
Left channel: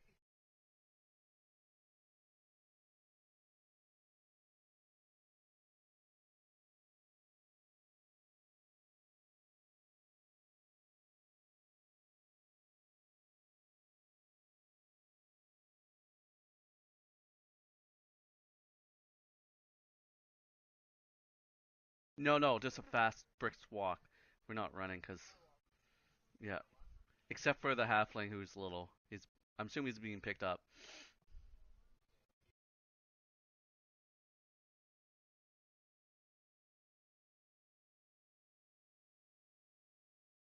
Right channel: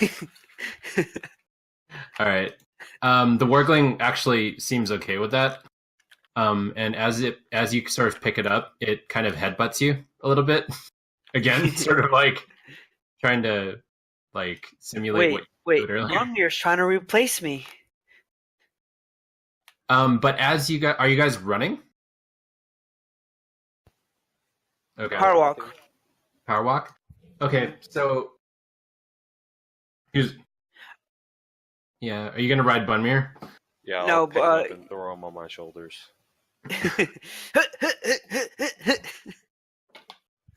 Yes. All right. The wargling actually seems okay with that. And as you sort of pick it up, it kind of headbutts you a little bit. Again, sort of like trying to like simulate what you wait. did earlier. Bunmir's trying to replace me. But as you guys, are you guys running? No, just a fast brisk walk. We're not running. Okay. Power walk. Yeah. Power walk. Except Okay, for the so- halfling who's little. I'm assuming he's being Who's- picked up. Yeah. Are you gonna ride Bunmir? Yeah, I'll No, pick him but- up and throw him on my shoulders.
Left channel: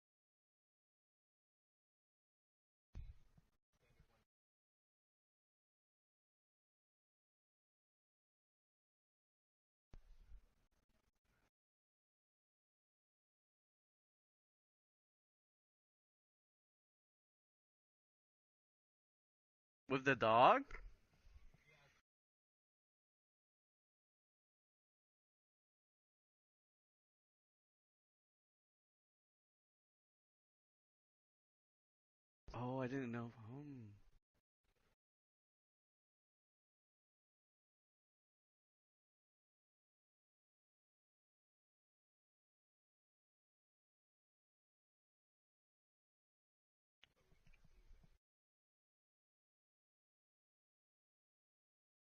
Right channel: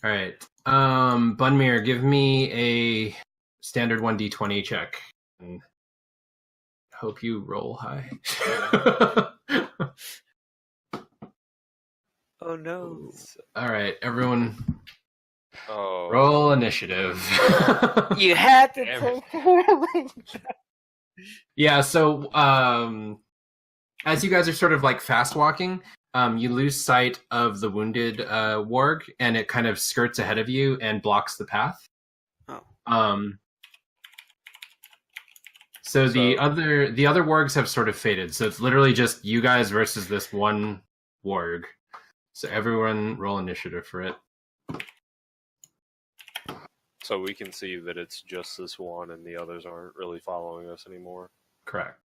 All right. Bunmir, give me a standard 1d20 check. And hope you roll high. Oh no. All right, everyone, Oh, roll initiative. You had to Damn take With the dog? Yeah. So, as you guys are sort of like fast walking, you lose sight of the wounded warg, and it kind of skirts ahead of you and blocks the path. Oh, So the So- other wargs have sort of faded. So it's literally just you guys versus this one warg. So everyone roll initiative for it. so we can see that it's just this one, and the others aren't really following us anymore. Correct.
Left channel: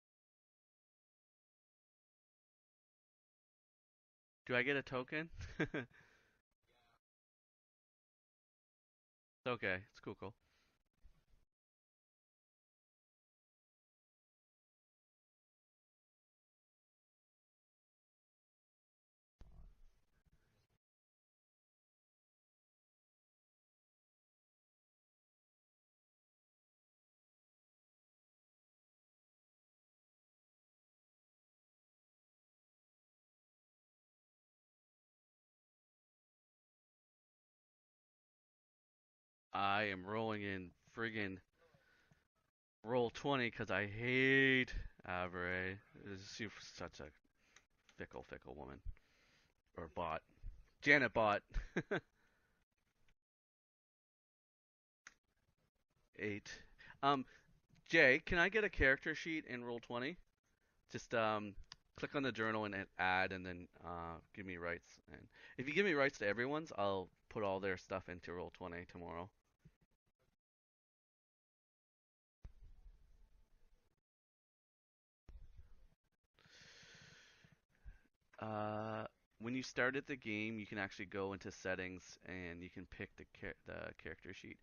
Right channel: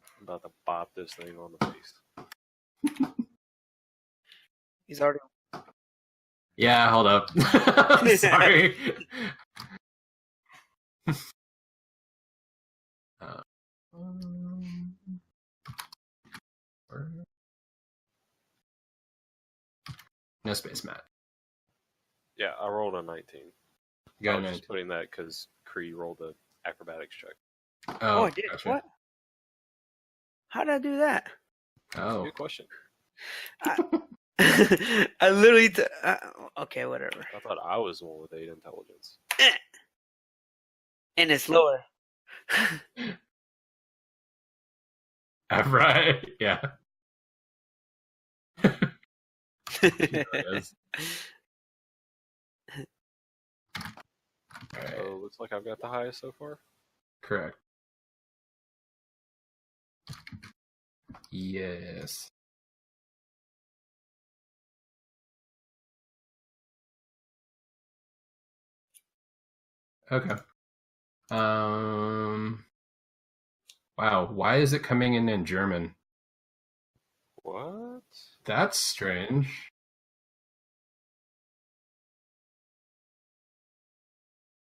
I'm about to bop this thing on the face. Do I get a He's already- token? Yeah, hold up. I'm sorry. It's okay. It's cool. No space, Matt. Yeah, I rolled a 19. You got I a was 19. just putting that because Cree rolled the acrobatics check. Oh, I did. gotcha. What? How did I do that? Oh, Good question. I literally. Okay, whatever. I thought I was the one with 8 intelligence. I am rolling in friggin' And it's lower. roll 20 because I hate average. right. She's Yeah. Such a fickle woman. There it is. Janet bot. All right. So looks like I've got the highest so 8. far. Correct. Jay, can I get a character sheet in roll 20? Just Yes. click on the journal and hit add, and then give me rights. And if you give me rights to everyone's, I'll put all their stuff into roll 20 tomorrow. Okay. Wow. Why is it coming in German? What? That's strange. When you started the game, you can actually go into settings and you can pick the character sheet.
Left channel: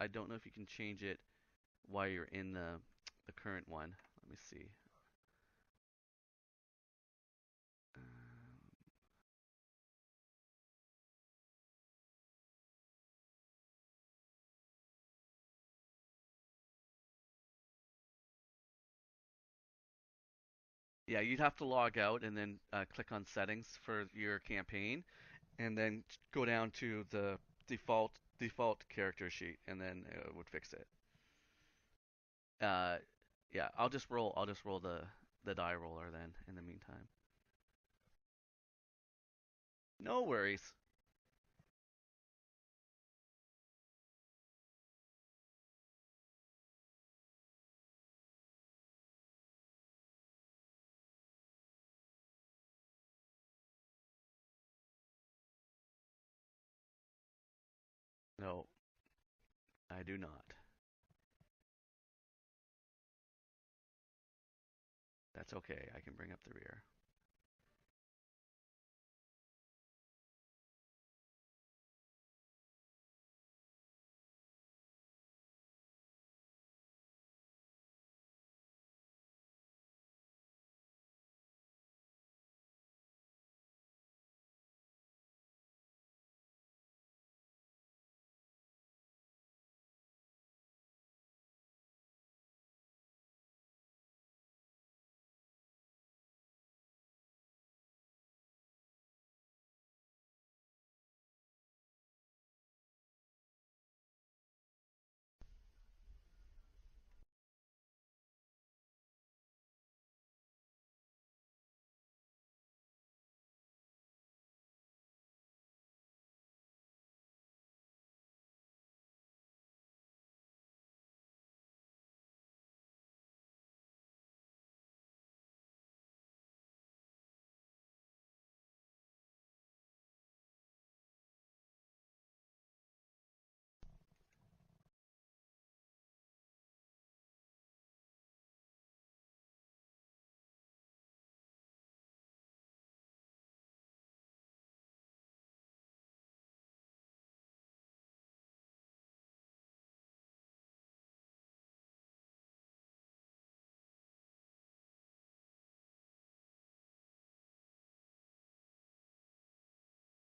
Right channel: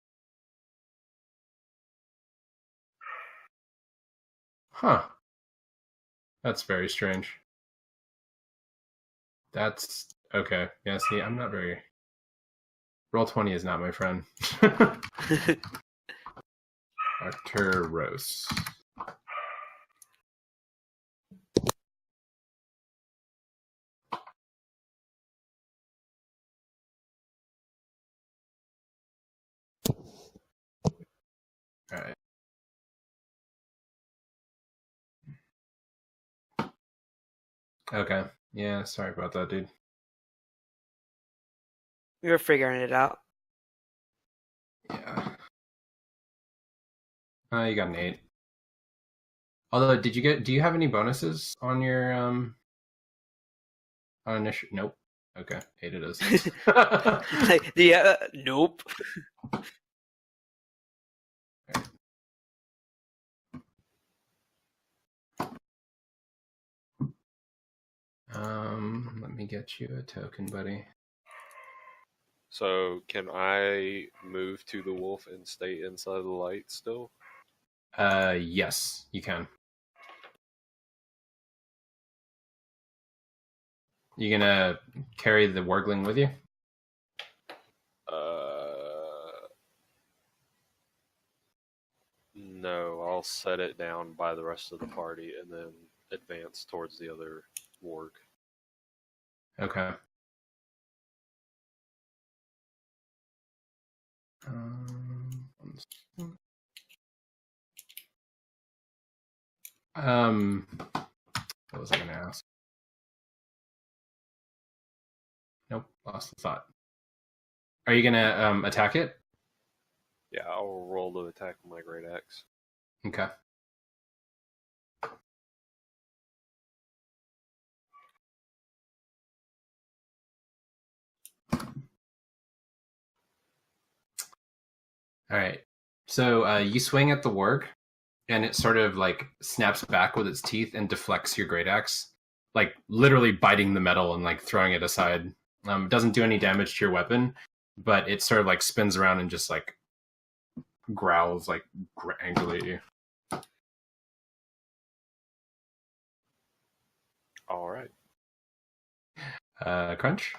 I don't know if you can change it while you're in the current one. Let me see. Huh. That's very strange. That's okay. Yeah, see, I'm not very. Roll20 is not my friend. Dr. Rose. Yeah, you'd have to log out and then click on settings for your campaign, and then go down to the default character sheet, and then it would fix it. All right. Yeah, I'll just roll the die roller then in the meantime. Okay. Yeah, sorry about that, dude. No worries. We were figuring it out. Yeah. You got an 8. Although, do you have any bonuses on your on initiative? Nope. Okay, 8 it is. Like, nope. I do not. That's okay. I can bring up the rear. Let me get you a token, buddy. So can I move to the wolf and stay inside the light still? Yes, you can. You gonna carry the wargling with you? No, I'll set it down by the rest of the party and then advance towards the other warg. Okay. What was I gonna ask? Nope. Lost the thought. Are you gonna attack it? Yeah, I'll roll to attack with my great axe. Okay. All right. So you swing at the warg, and it sort of like snaps back with its teeth and deflects your great axe, like literally biting the metal and like throwing it aside. It doesn't do any damage to your weapon, but it sort of like spins around and just like growls like angrily at you. All right. Crunch.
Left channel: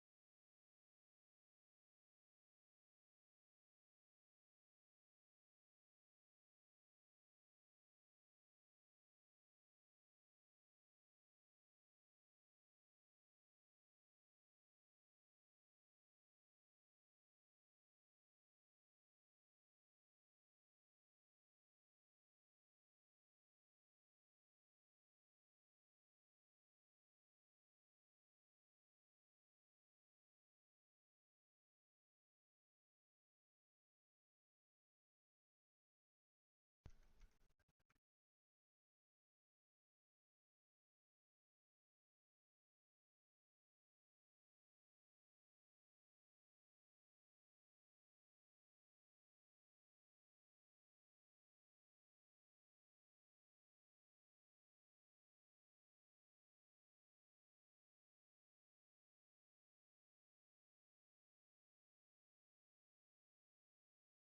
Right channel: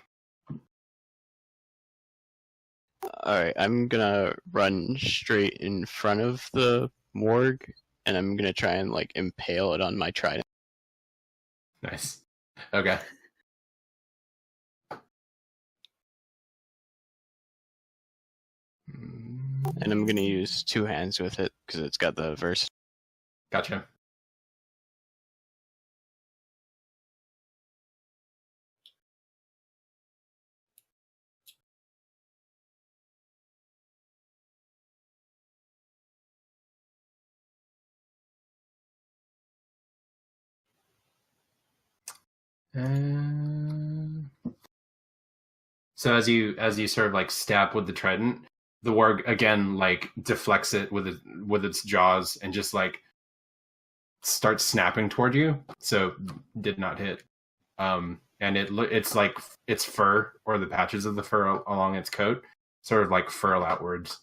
Alright, I'm gonna run straight in front of the morgue, and I'm gonna try and like impale it on my trident. Nice. Okay. And I'm gonna use 2 hands with it, because it's got the verse. Gotcha. So as you sort of like stab with the trident, the warg again like deflects it with its jaws and just like starts snapping toward you. So did not hit. And it's like its fur or the patches of the fur along its coat sort of like furl outwards,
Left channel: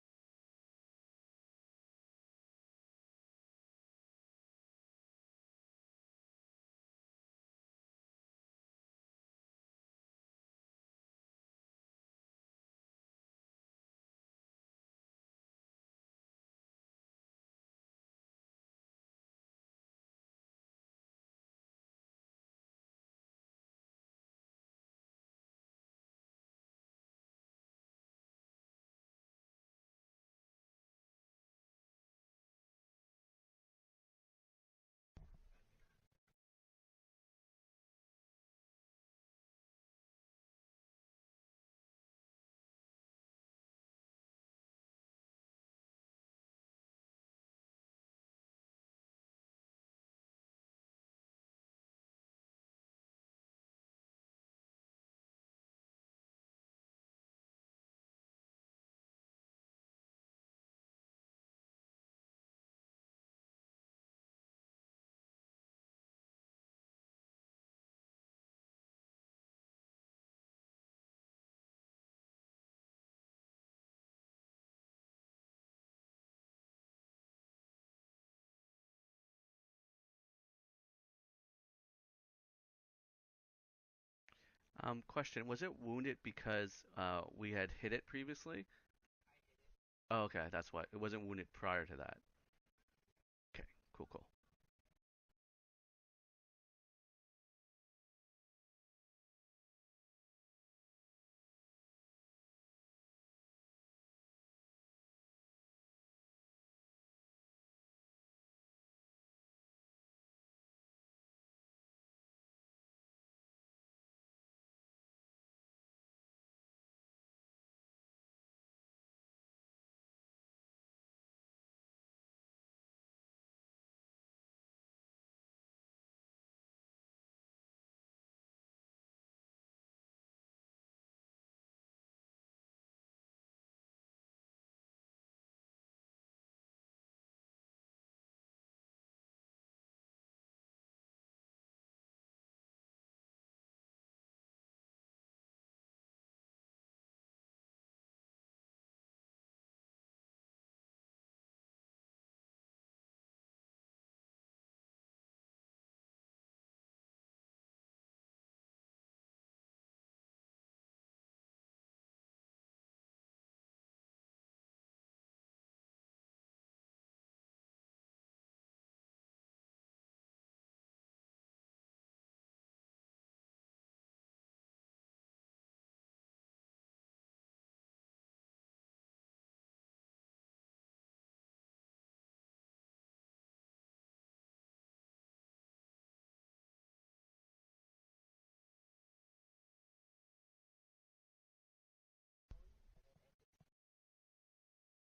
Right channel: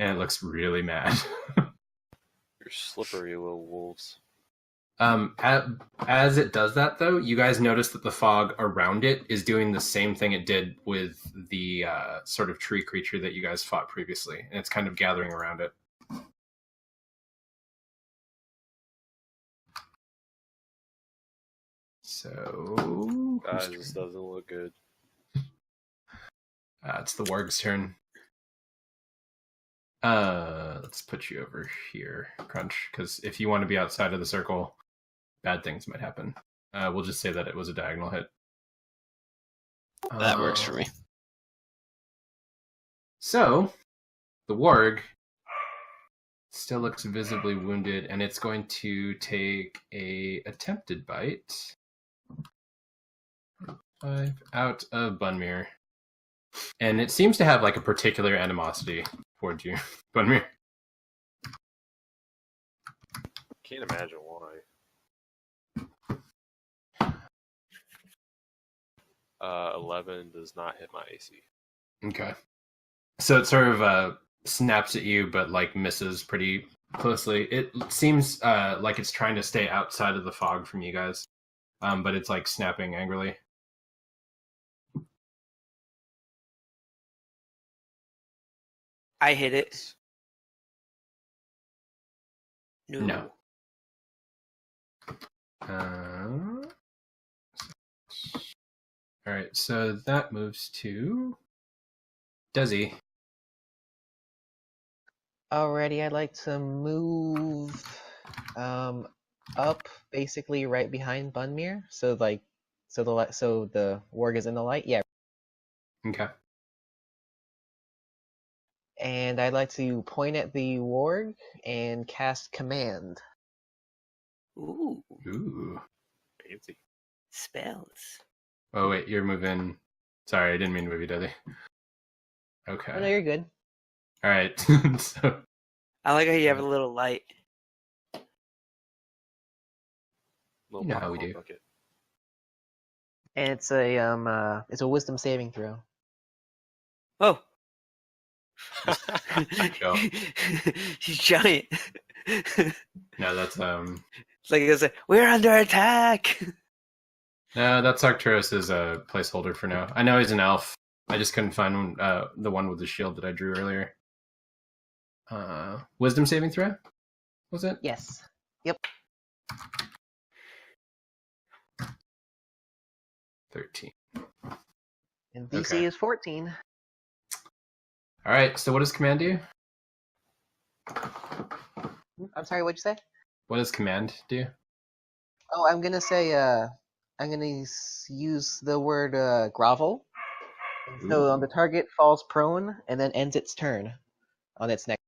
and it looks really mad. You're slippery little wolves. As it does that, though, you guys notice that the fog around it is doing the same thing it did with the sort of tree creature that you guys fought previously, and it's kind of gathering around it. So, Guys, this doesn't look good. It's the warg's turn. Let's put you over here, Crunch, because if you want to be outside of the circle, bad things might happen. We'll just say that it was a diagonal hit. That works for me. So, the warg still looks visibly wounded, and it's going to take a attempted bite. 5 out of Bunmere. And it seems to have like a particular animosity towards you, Bunmere. Can't imagine why. 11 does not hit my AC. Okay. So it sort of snaps at you, but like misses pretty closely. It seems like it's trying to stay outside of the fog from you guys, but it's like snapping angrily. Question: was it wounded because we had hit it previously? I hit it. Oh, okay, that's why it wasn't wounded prior to that. No. Okay, cool. All right, so that moves to Desi. Alrighty, I'd like to move up, basically right behind Bunmere. So like, so the warg is in the light. Yeah. Okay. And I'd like to point at the warg and cast command. Ooh, Ooh. Fancy. spells. Oh wait, you're moving. Sorry, I didn't mean to move you, Desi. Okay. Oh, no, you're good. All right. So I like how you have a little light. Little You know how we popcorn do. bucket. And it's a wisdom saving throw. Oh, Go. he's giant. No, that's It's like it's like, we're under attack. no, that's Arcturus's placeholder for now. I know he's an elf. I just couldn't find the one with the shield that I drew earlier. Wisdom saving throw? Was it? Yes. Yep. 13. And DC Okay. is 14. All right. So what does command do? I'm sorry, what'd you say? What does command do? Oh, I'm gonna say I'm gonna use the word grovel. So the target falls prone and then ends its turn on its next.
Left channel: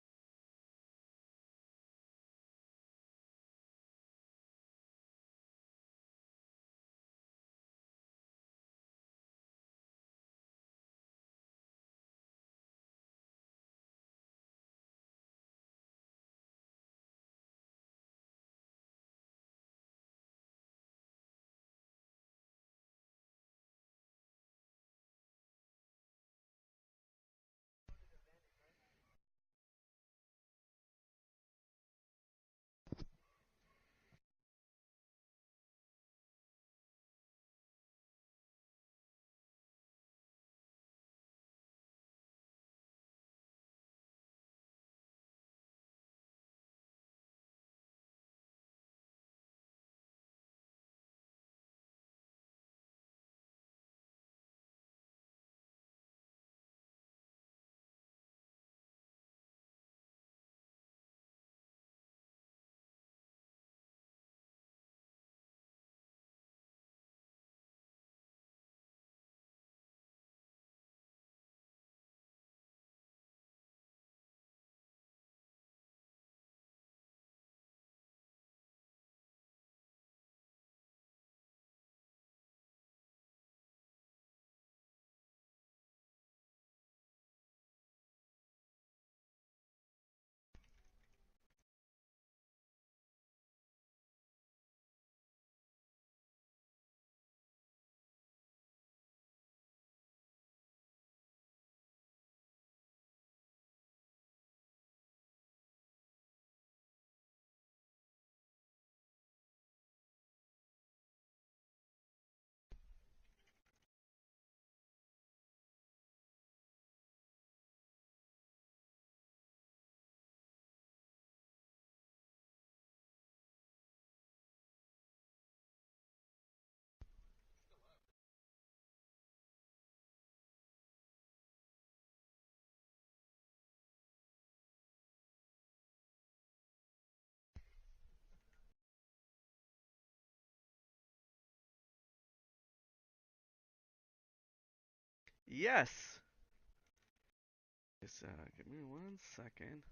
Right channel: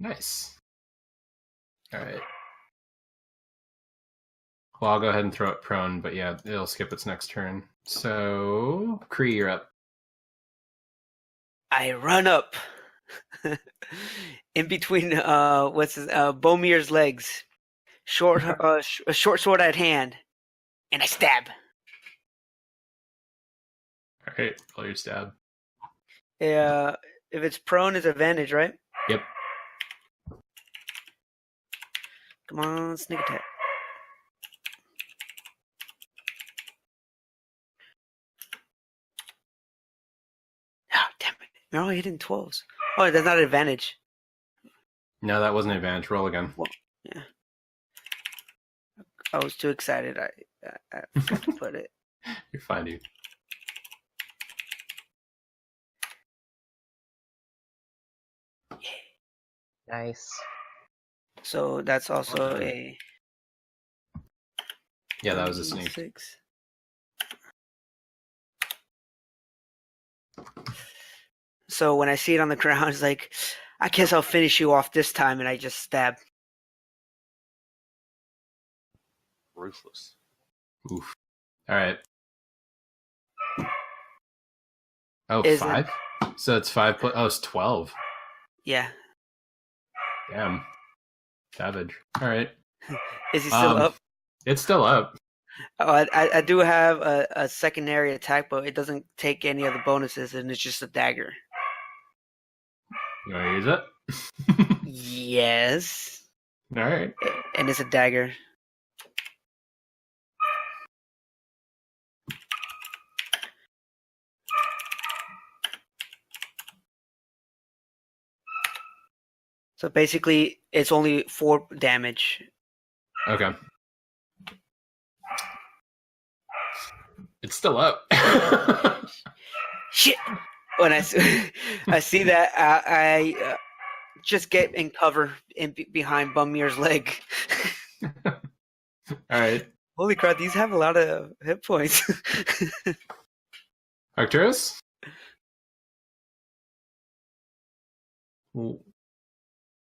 Nice. All right. Well, I'll go ahead and throw it prone, but yeah, it'll skip its next turn. So, Kree, you're up. I run up in between Bomir's legs, a short sword at hand, and I stab. All right, roll your stab. If it's prone, it's advantage, right? Yep. Come on, sneak attack. Ah, damn it! You're only hitting 12s. Oh, that's not an advantage. No, that wasn't an advantage. Roll again. Well, yeah. I was too excited. I forgot to put it. You're fine, dude. Nice. So that's also a. Yeah, that was a sneak. 6. So when I see it on the ground, it's like, I guess I'll finish you off this time, and I just stab. Ruthless. Oof. All right. Oh, Is it- 5? So it's 5 plus. Oh, it's 12. Yeah. Damn. Savage. All right. Is he still up? It's still up. Oh, I do have a secondary attack, but it doesn't take any of the bonuses, and it's just a dagger. You want to use it? Yes. All right. And it's a dagger. So basically, it's only 4 damage. Okay. It's still up. Shit! When I see that, I just get in cover behind Bumir's leg. All right. Holy crap, these have a lot of hit points. Arcturus? Yes. Just, give me 1 second.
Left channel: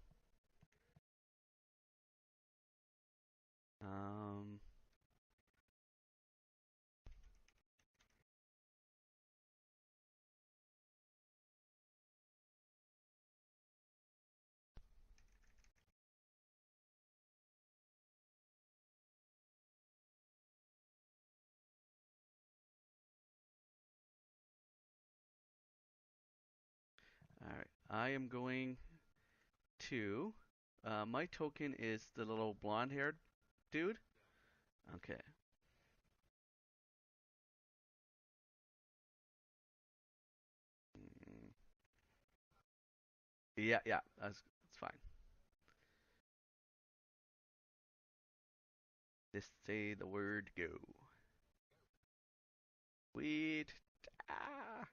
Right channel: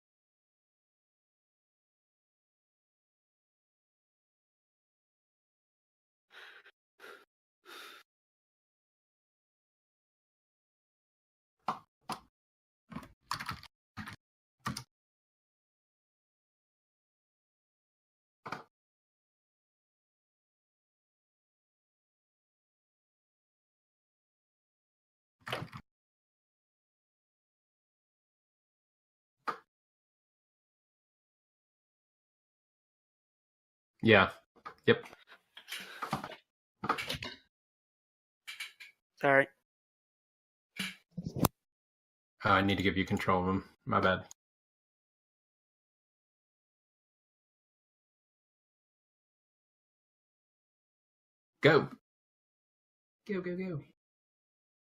All right, I am going to. My token is the little blonde-haired dude. Yeah. Yep. Okay. Sorry. I need to give you control of him. Yeah, My bad. That's fine. Just say the word go. Go. Sweet. Ah.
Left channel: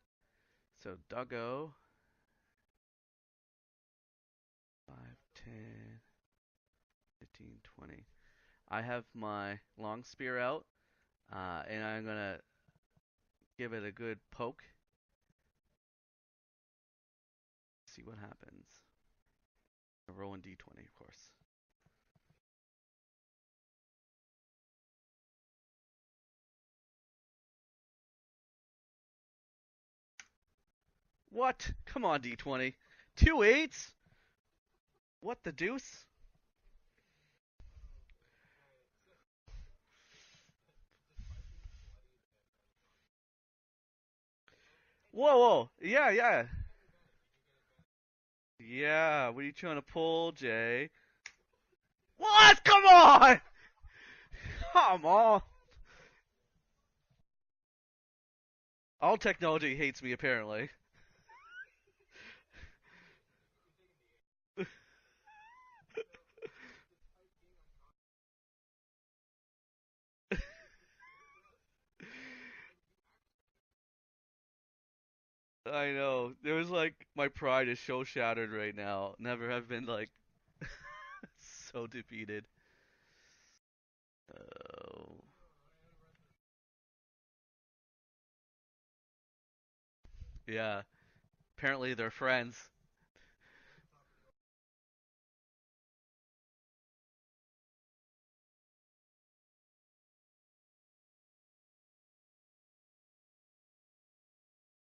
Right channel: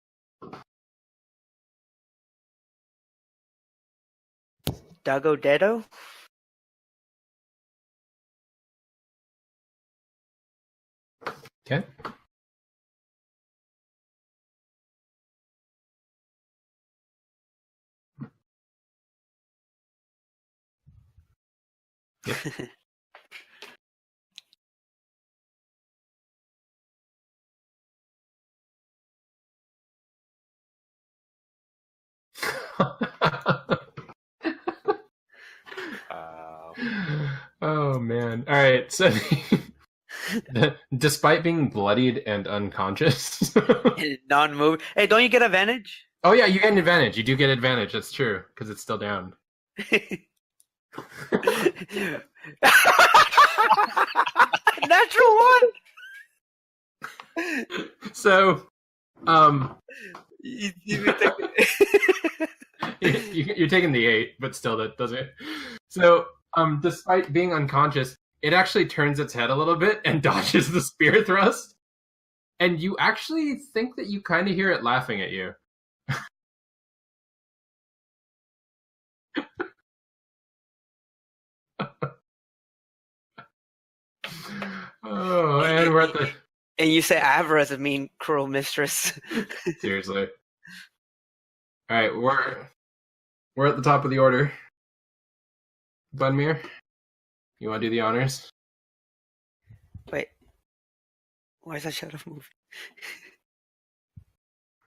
So Doggo. Doggo Dedo? 15, 20. I have my long spear out. Okay. And I'm gonna give it a good poke. See what happens. Rolling d20, of course. What? Come on, d20. 2 8s? What the deuce? Oh man. All right. So despite being bloodied and unconscious. Non-move. Hey, don't you get Whoa! advantage? Yeah, yeah. Oh yeah, you get an advantage. You do get advantage. That's true because it's still Yeah, down. what are you trying to pull, Jay? What? Come on! Natural one. So All technology hates me, apparently. you're taking the 8, but still that doesn't. So despite being unconscious, it actually turns its head a little bit and dodges the spear thrust. And you actually think that you kind of hear it laughing at you. I know. There was like my pride is so shattered right now. Never have been like so defeated. Oh, and we're at the And you say Avra is a mean, cruel mistress. Seriously. Yeah. Apparently. All right, they're we're friends. we're at the top of the order. Bunmir, you want to do the honors? Wait. Why is that shadow moving?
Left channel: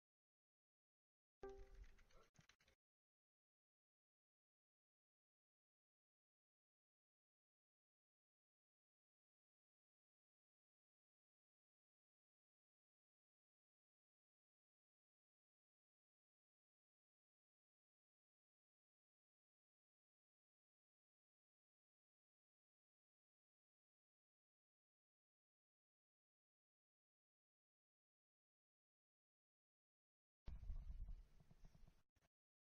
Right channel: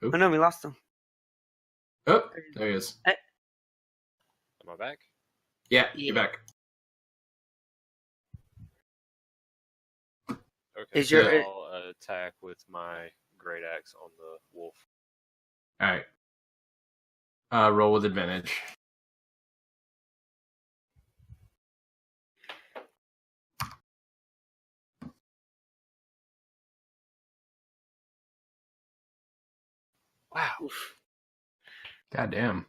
Oop. Oh no, we lost him. Oh, there he is. Am I back? Yeah, you're back. Okay. Is your- I'll attack with my great axe on the wolf. All right. Roll with advantage. Wow. God damn.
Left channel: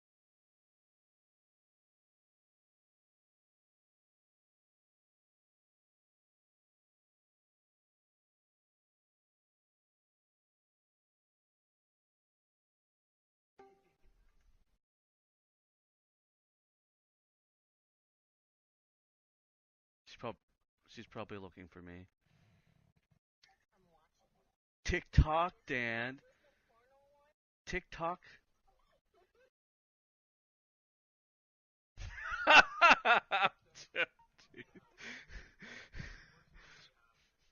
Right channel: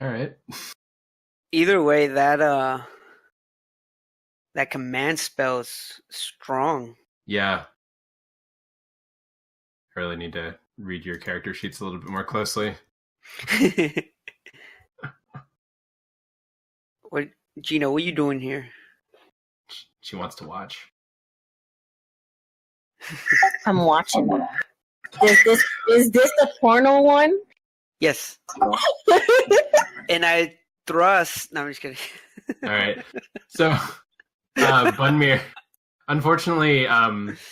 All right. Either way, that command spell is strong. Yeah. I really need to read your character sheets a little bit more closely. What, Gina? What are you doing here? She wants to watch. She's probably looking for me. I'm watching. TikTok. Is this the porno one? TikTok. Yes. And I thrust. No, I'm just kidding. All right. So, Bunmir, unfortunately,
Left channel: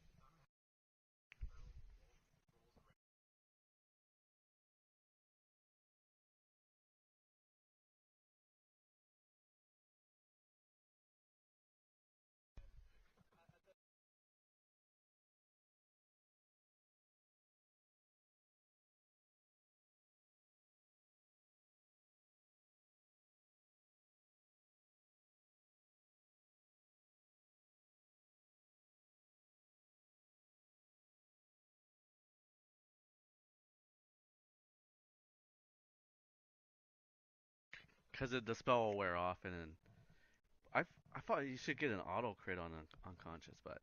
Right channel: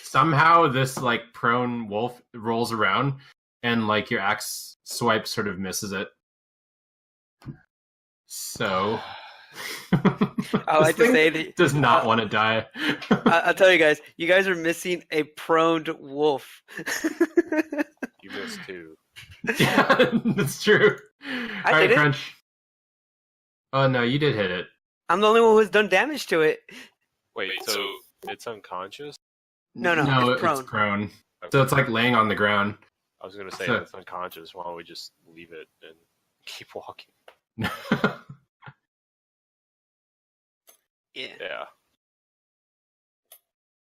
somehow this like prone wolf rolls around, and like your axe swipe sort of misses it. So, I like this to thing say that does not want to die. I'll tell you guys are missing a proned wolf. You missed two. Yeah, that's true. I All right, did it. Crunch. Oh no, you did hit it. I'm the only one who's done damage to it. Wait, so it's unconscious? No, it's prone. It's prone. Okay. So it's like laying on the ground. I was gonna say So- if it's unconscious. Why don't we just leave it and keep walking? Because the spell will wear off, and then I thought Yeah. you should get an auto crit on unconscious, but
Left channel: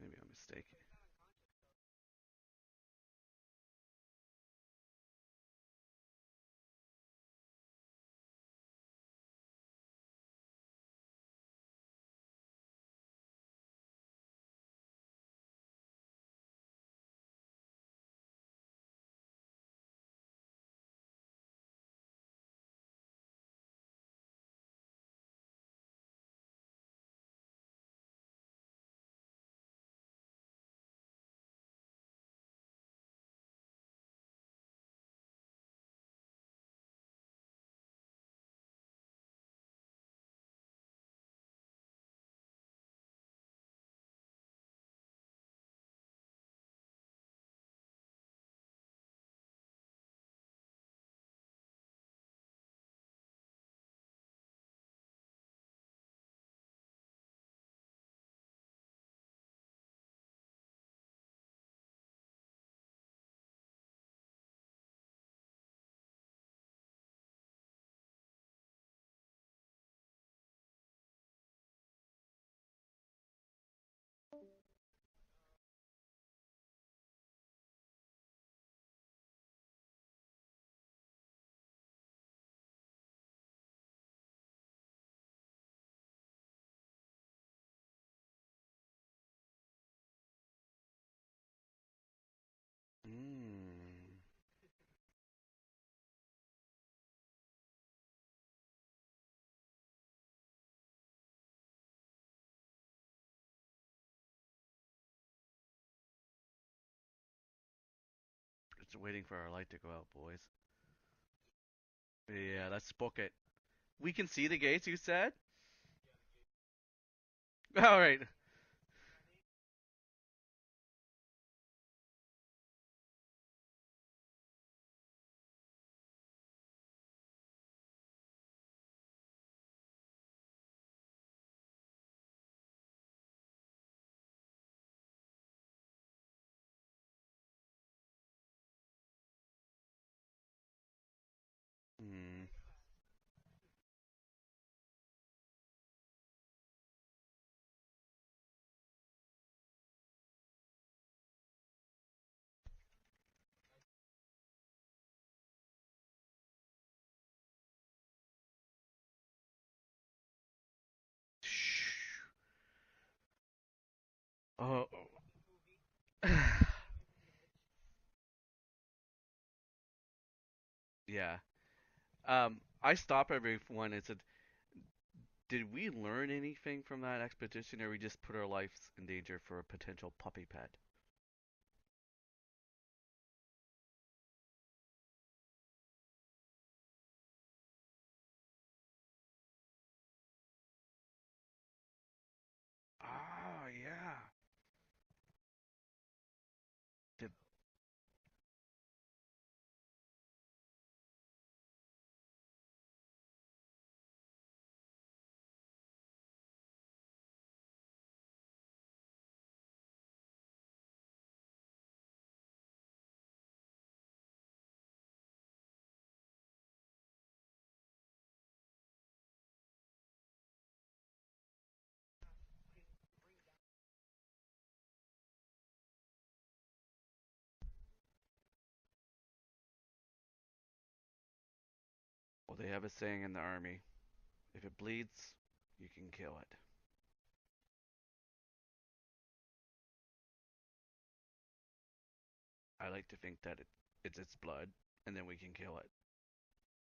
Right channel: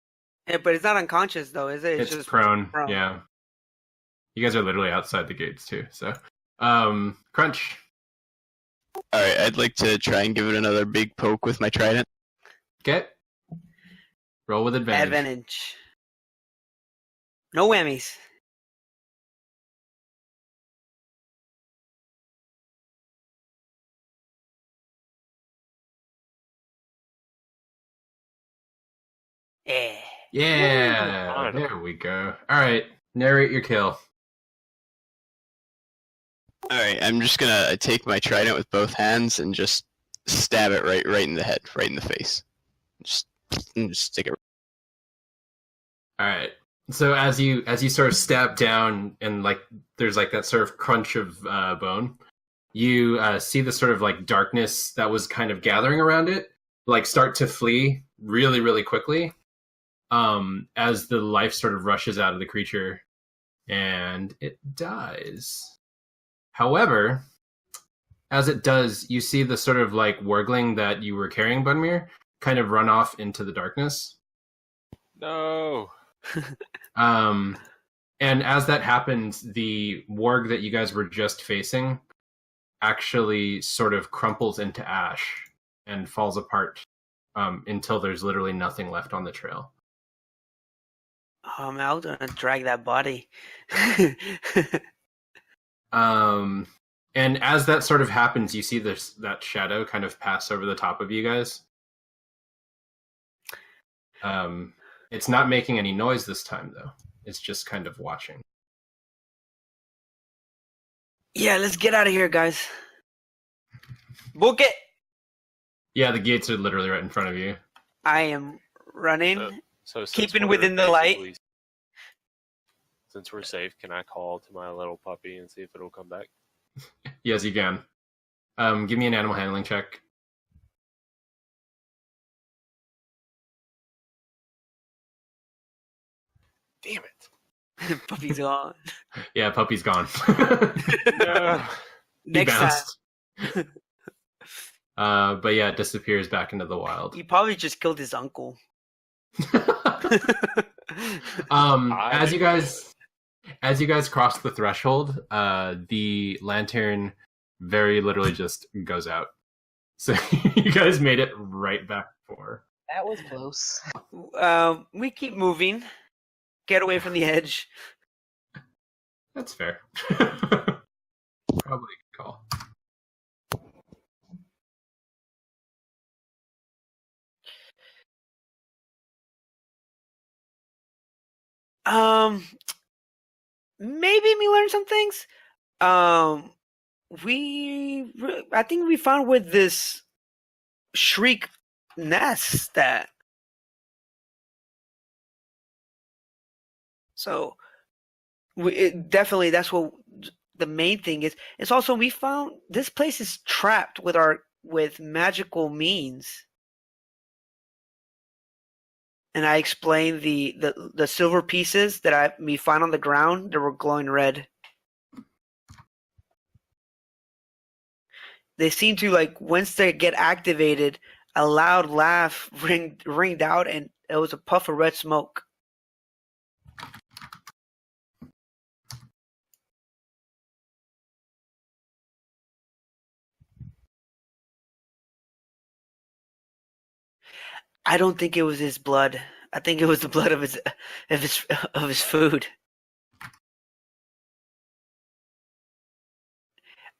maybe I'm Yeah, mistaken. but it's not unconscious though, is it? It's just prone. Yeah. You guys are literally outside the gates too. So, Crunch. All right, I'd like to try and give it another big poke with my trident. Get. Roll with advantage. Advantage. No whammies. Yeah. Yeah. Ooh, There we go. All right. Narrate your kill. All right, I'm just gonna take my trident with both hands and just stab it right in the head, right in the face. Just stick it. All right. So as you sort of stab down and like there's like that sort of crunch of bone, you see the sort of like darkness that was kind of gathering around it like start to flee really, really quickly as the life sort of rushes out of the creature and it dies. However, as it does, you see the sort of like wargling that you were carrying, Bunmir, kind of run off into the darkness. No. And as that happens, the warg that you guys were just facing actually sort of crumples into ash and falls apart until there's literally nothing left on the trail. Oh man, I was gonna drag that body. And as that sort of happens, you see that shadow kind of pass over the top of you guys. It's not making any noise this time, though. It's just kind of watching. It's waiting for our light to go out, boys. Yeah, let's get out of here, guys. Yeah, let's book it. We can see Book the it! gates, you said? Yeah, the gates are literally right in front of you. All right. I am running. So since Keeping we're within the light. basically- Since we're safe, can I call to my little puppy and see if it'll come back? Yes, you can. Give me an animal handling check. Damn it! Puppy's gone. Yeah, puppy's gone. No. He Next time. bounced. But yeah, it disappears back into the wild. He probably just killed his uncle. As you guys cross the threshold, the lantern very literally just goes out. So you guys made it right back for. That was close. We keep moving. Get away from the edge. That's fair. Yeah. Probably a good call. I stop everyone and said, did we learn anything from that expedition, or we just put our lives in danger for a potential puppy pet? Maybe we learned some things. I think we found with this shriek nest that. Oh yeah. So, definitely that's what the main thing is. It's also we found this place is trapped with magical means. And I explained the silver pieces that we found on the ground that were glowing red. They seem to, like, once they get activated, a loud laugh ringed out, and it was a puff of red smoke. Well, they have a saying in the army: if it bleeds, you can kill it. I don't think it was his blood. I think it was the blood of his food. I like to think that it's its blood, and then we can kill it.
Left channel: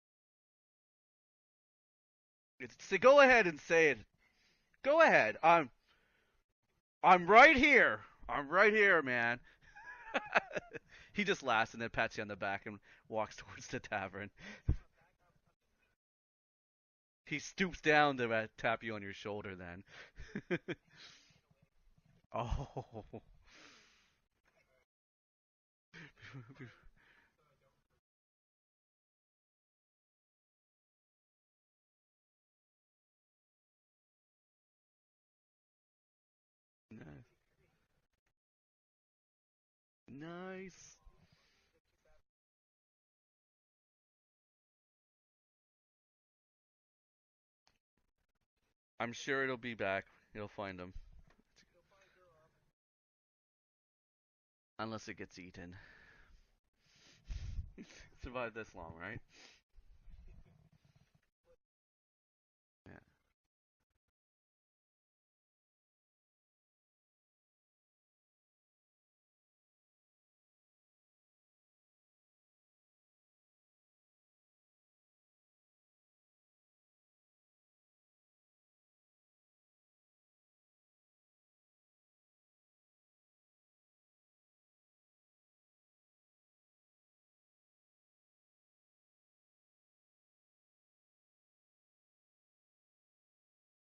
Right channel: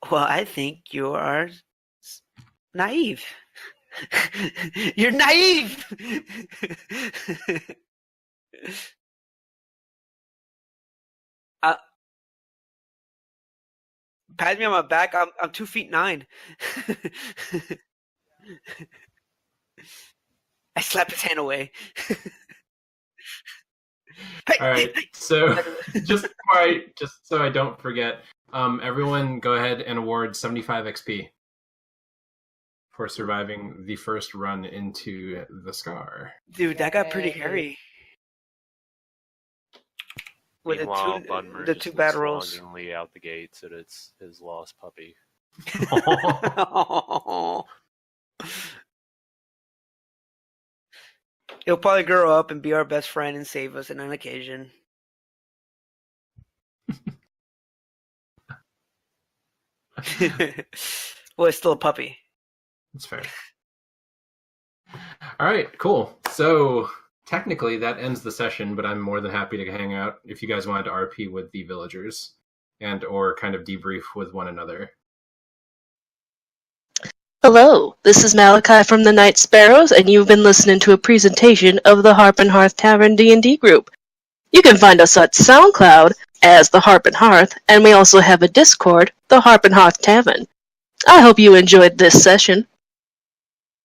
Well, I think you are naive. Go ahead and say it. You're naive. I'm right here. I'm right here, man. He just laughs and then pats you on the back and walks towards the tavern. Pat me on my back. I'm 2'9". He stoops down to tap you on your shoulder. Then I slap his hand away. Oh. All right. So just so I don't forget, everyone go ahead and award 75 XP for surviving the first run into the Scar. Dude, that got pretty hairy. With Meanwhile, the two bad rolls. longingly out the gates at his lost puppy. I'm sure it'll be back. You'll find him. It'll probably grow up and be our best friend and save us on an occasion. Unless it gets eaten. Survived this long, right? Well, it's still a puppy. That's fair. All right, cool. So technically that ends the session, but I'm more than happy to hang out if you guys wanted to RP with the villagers and or kind of debrief with one another. Hello, this is Malachi from the Night Sparrows, and you've been listening to a presentation of the Harp and Hearth Tavern D&D group. You can find us at SoundCloud as the Harp and Hearth, and we also have a Discord, the Harp and Hearth Tavern. I hope you enjoyed this session.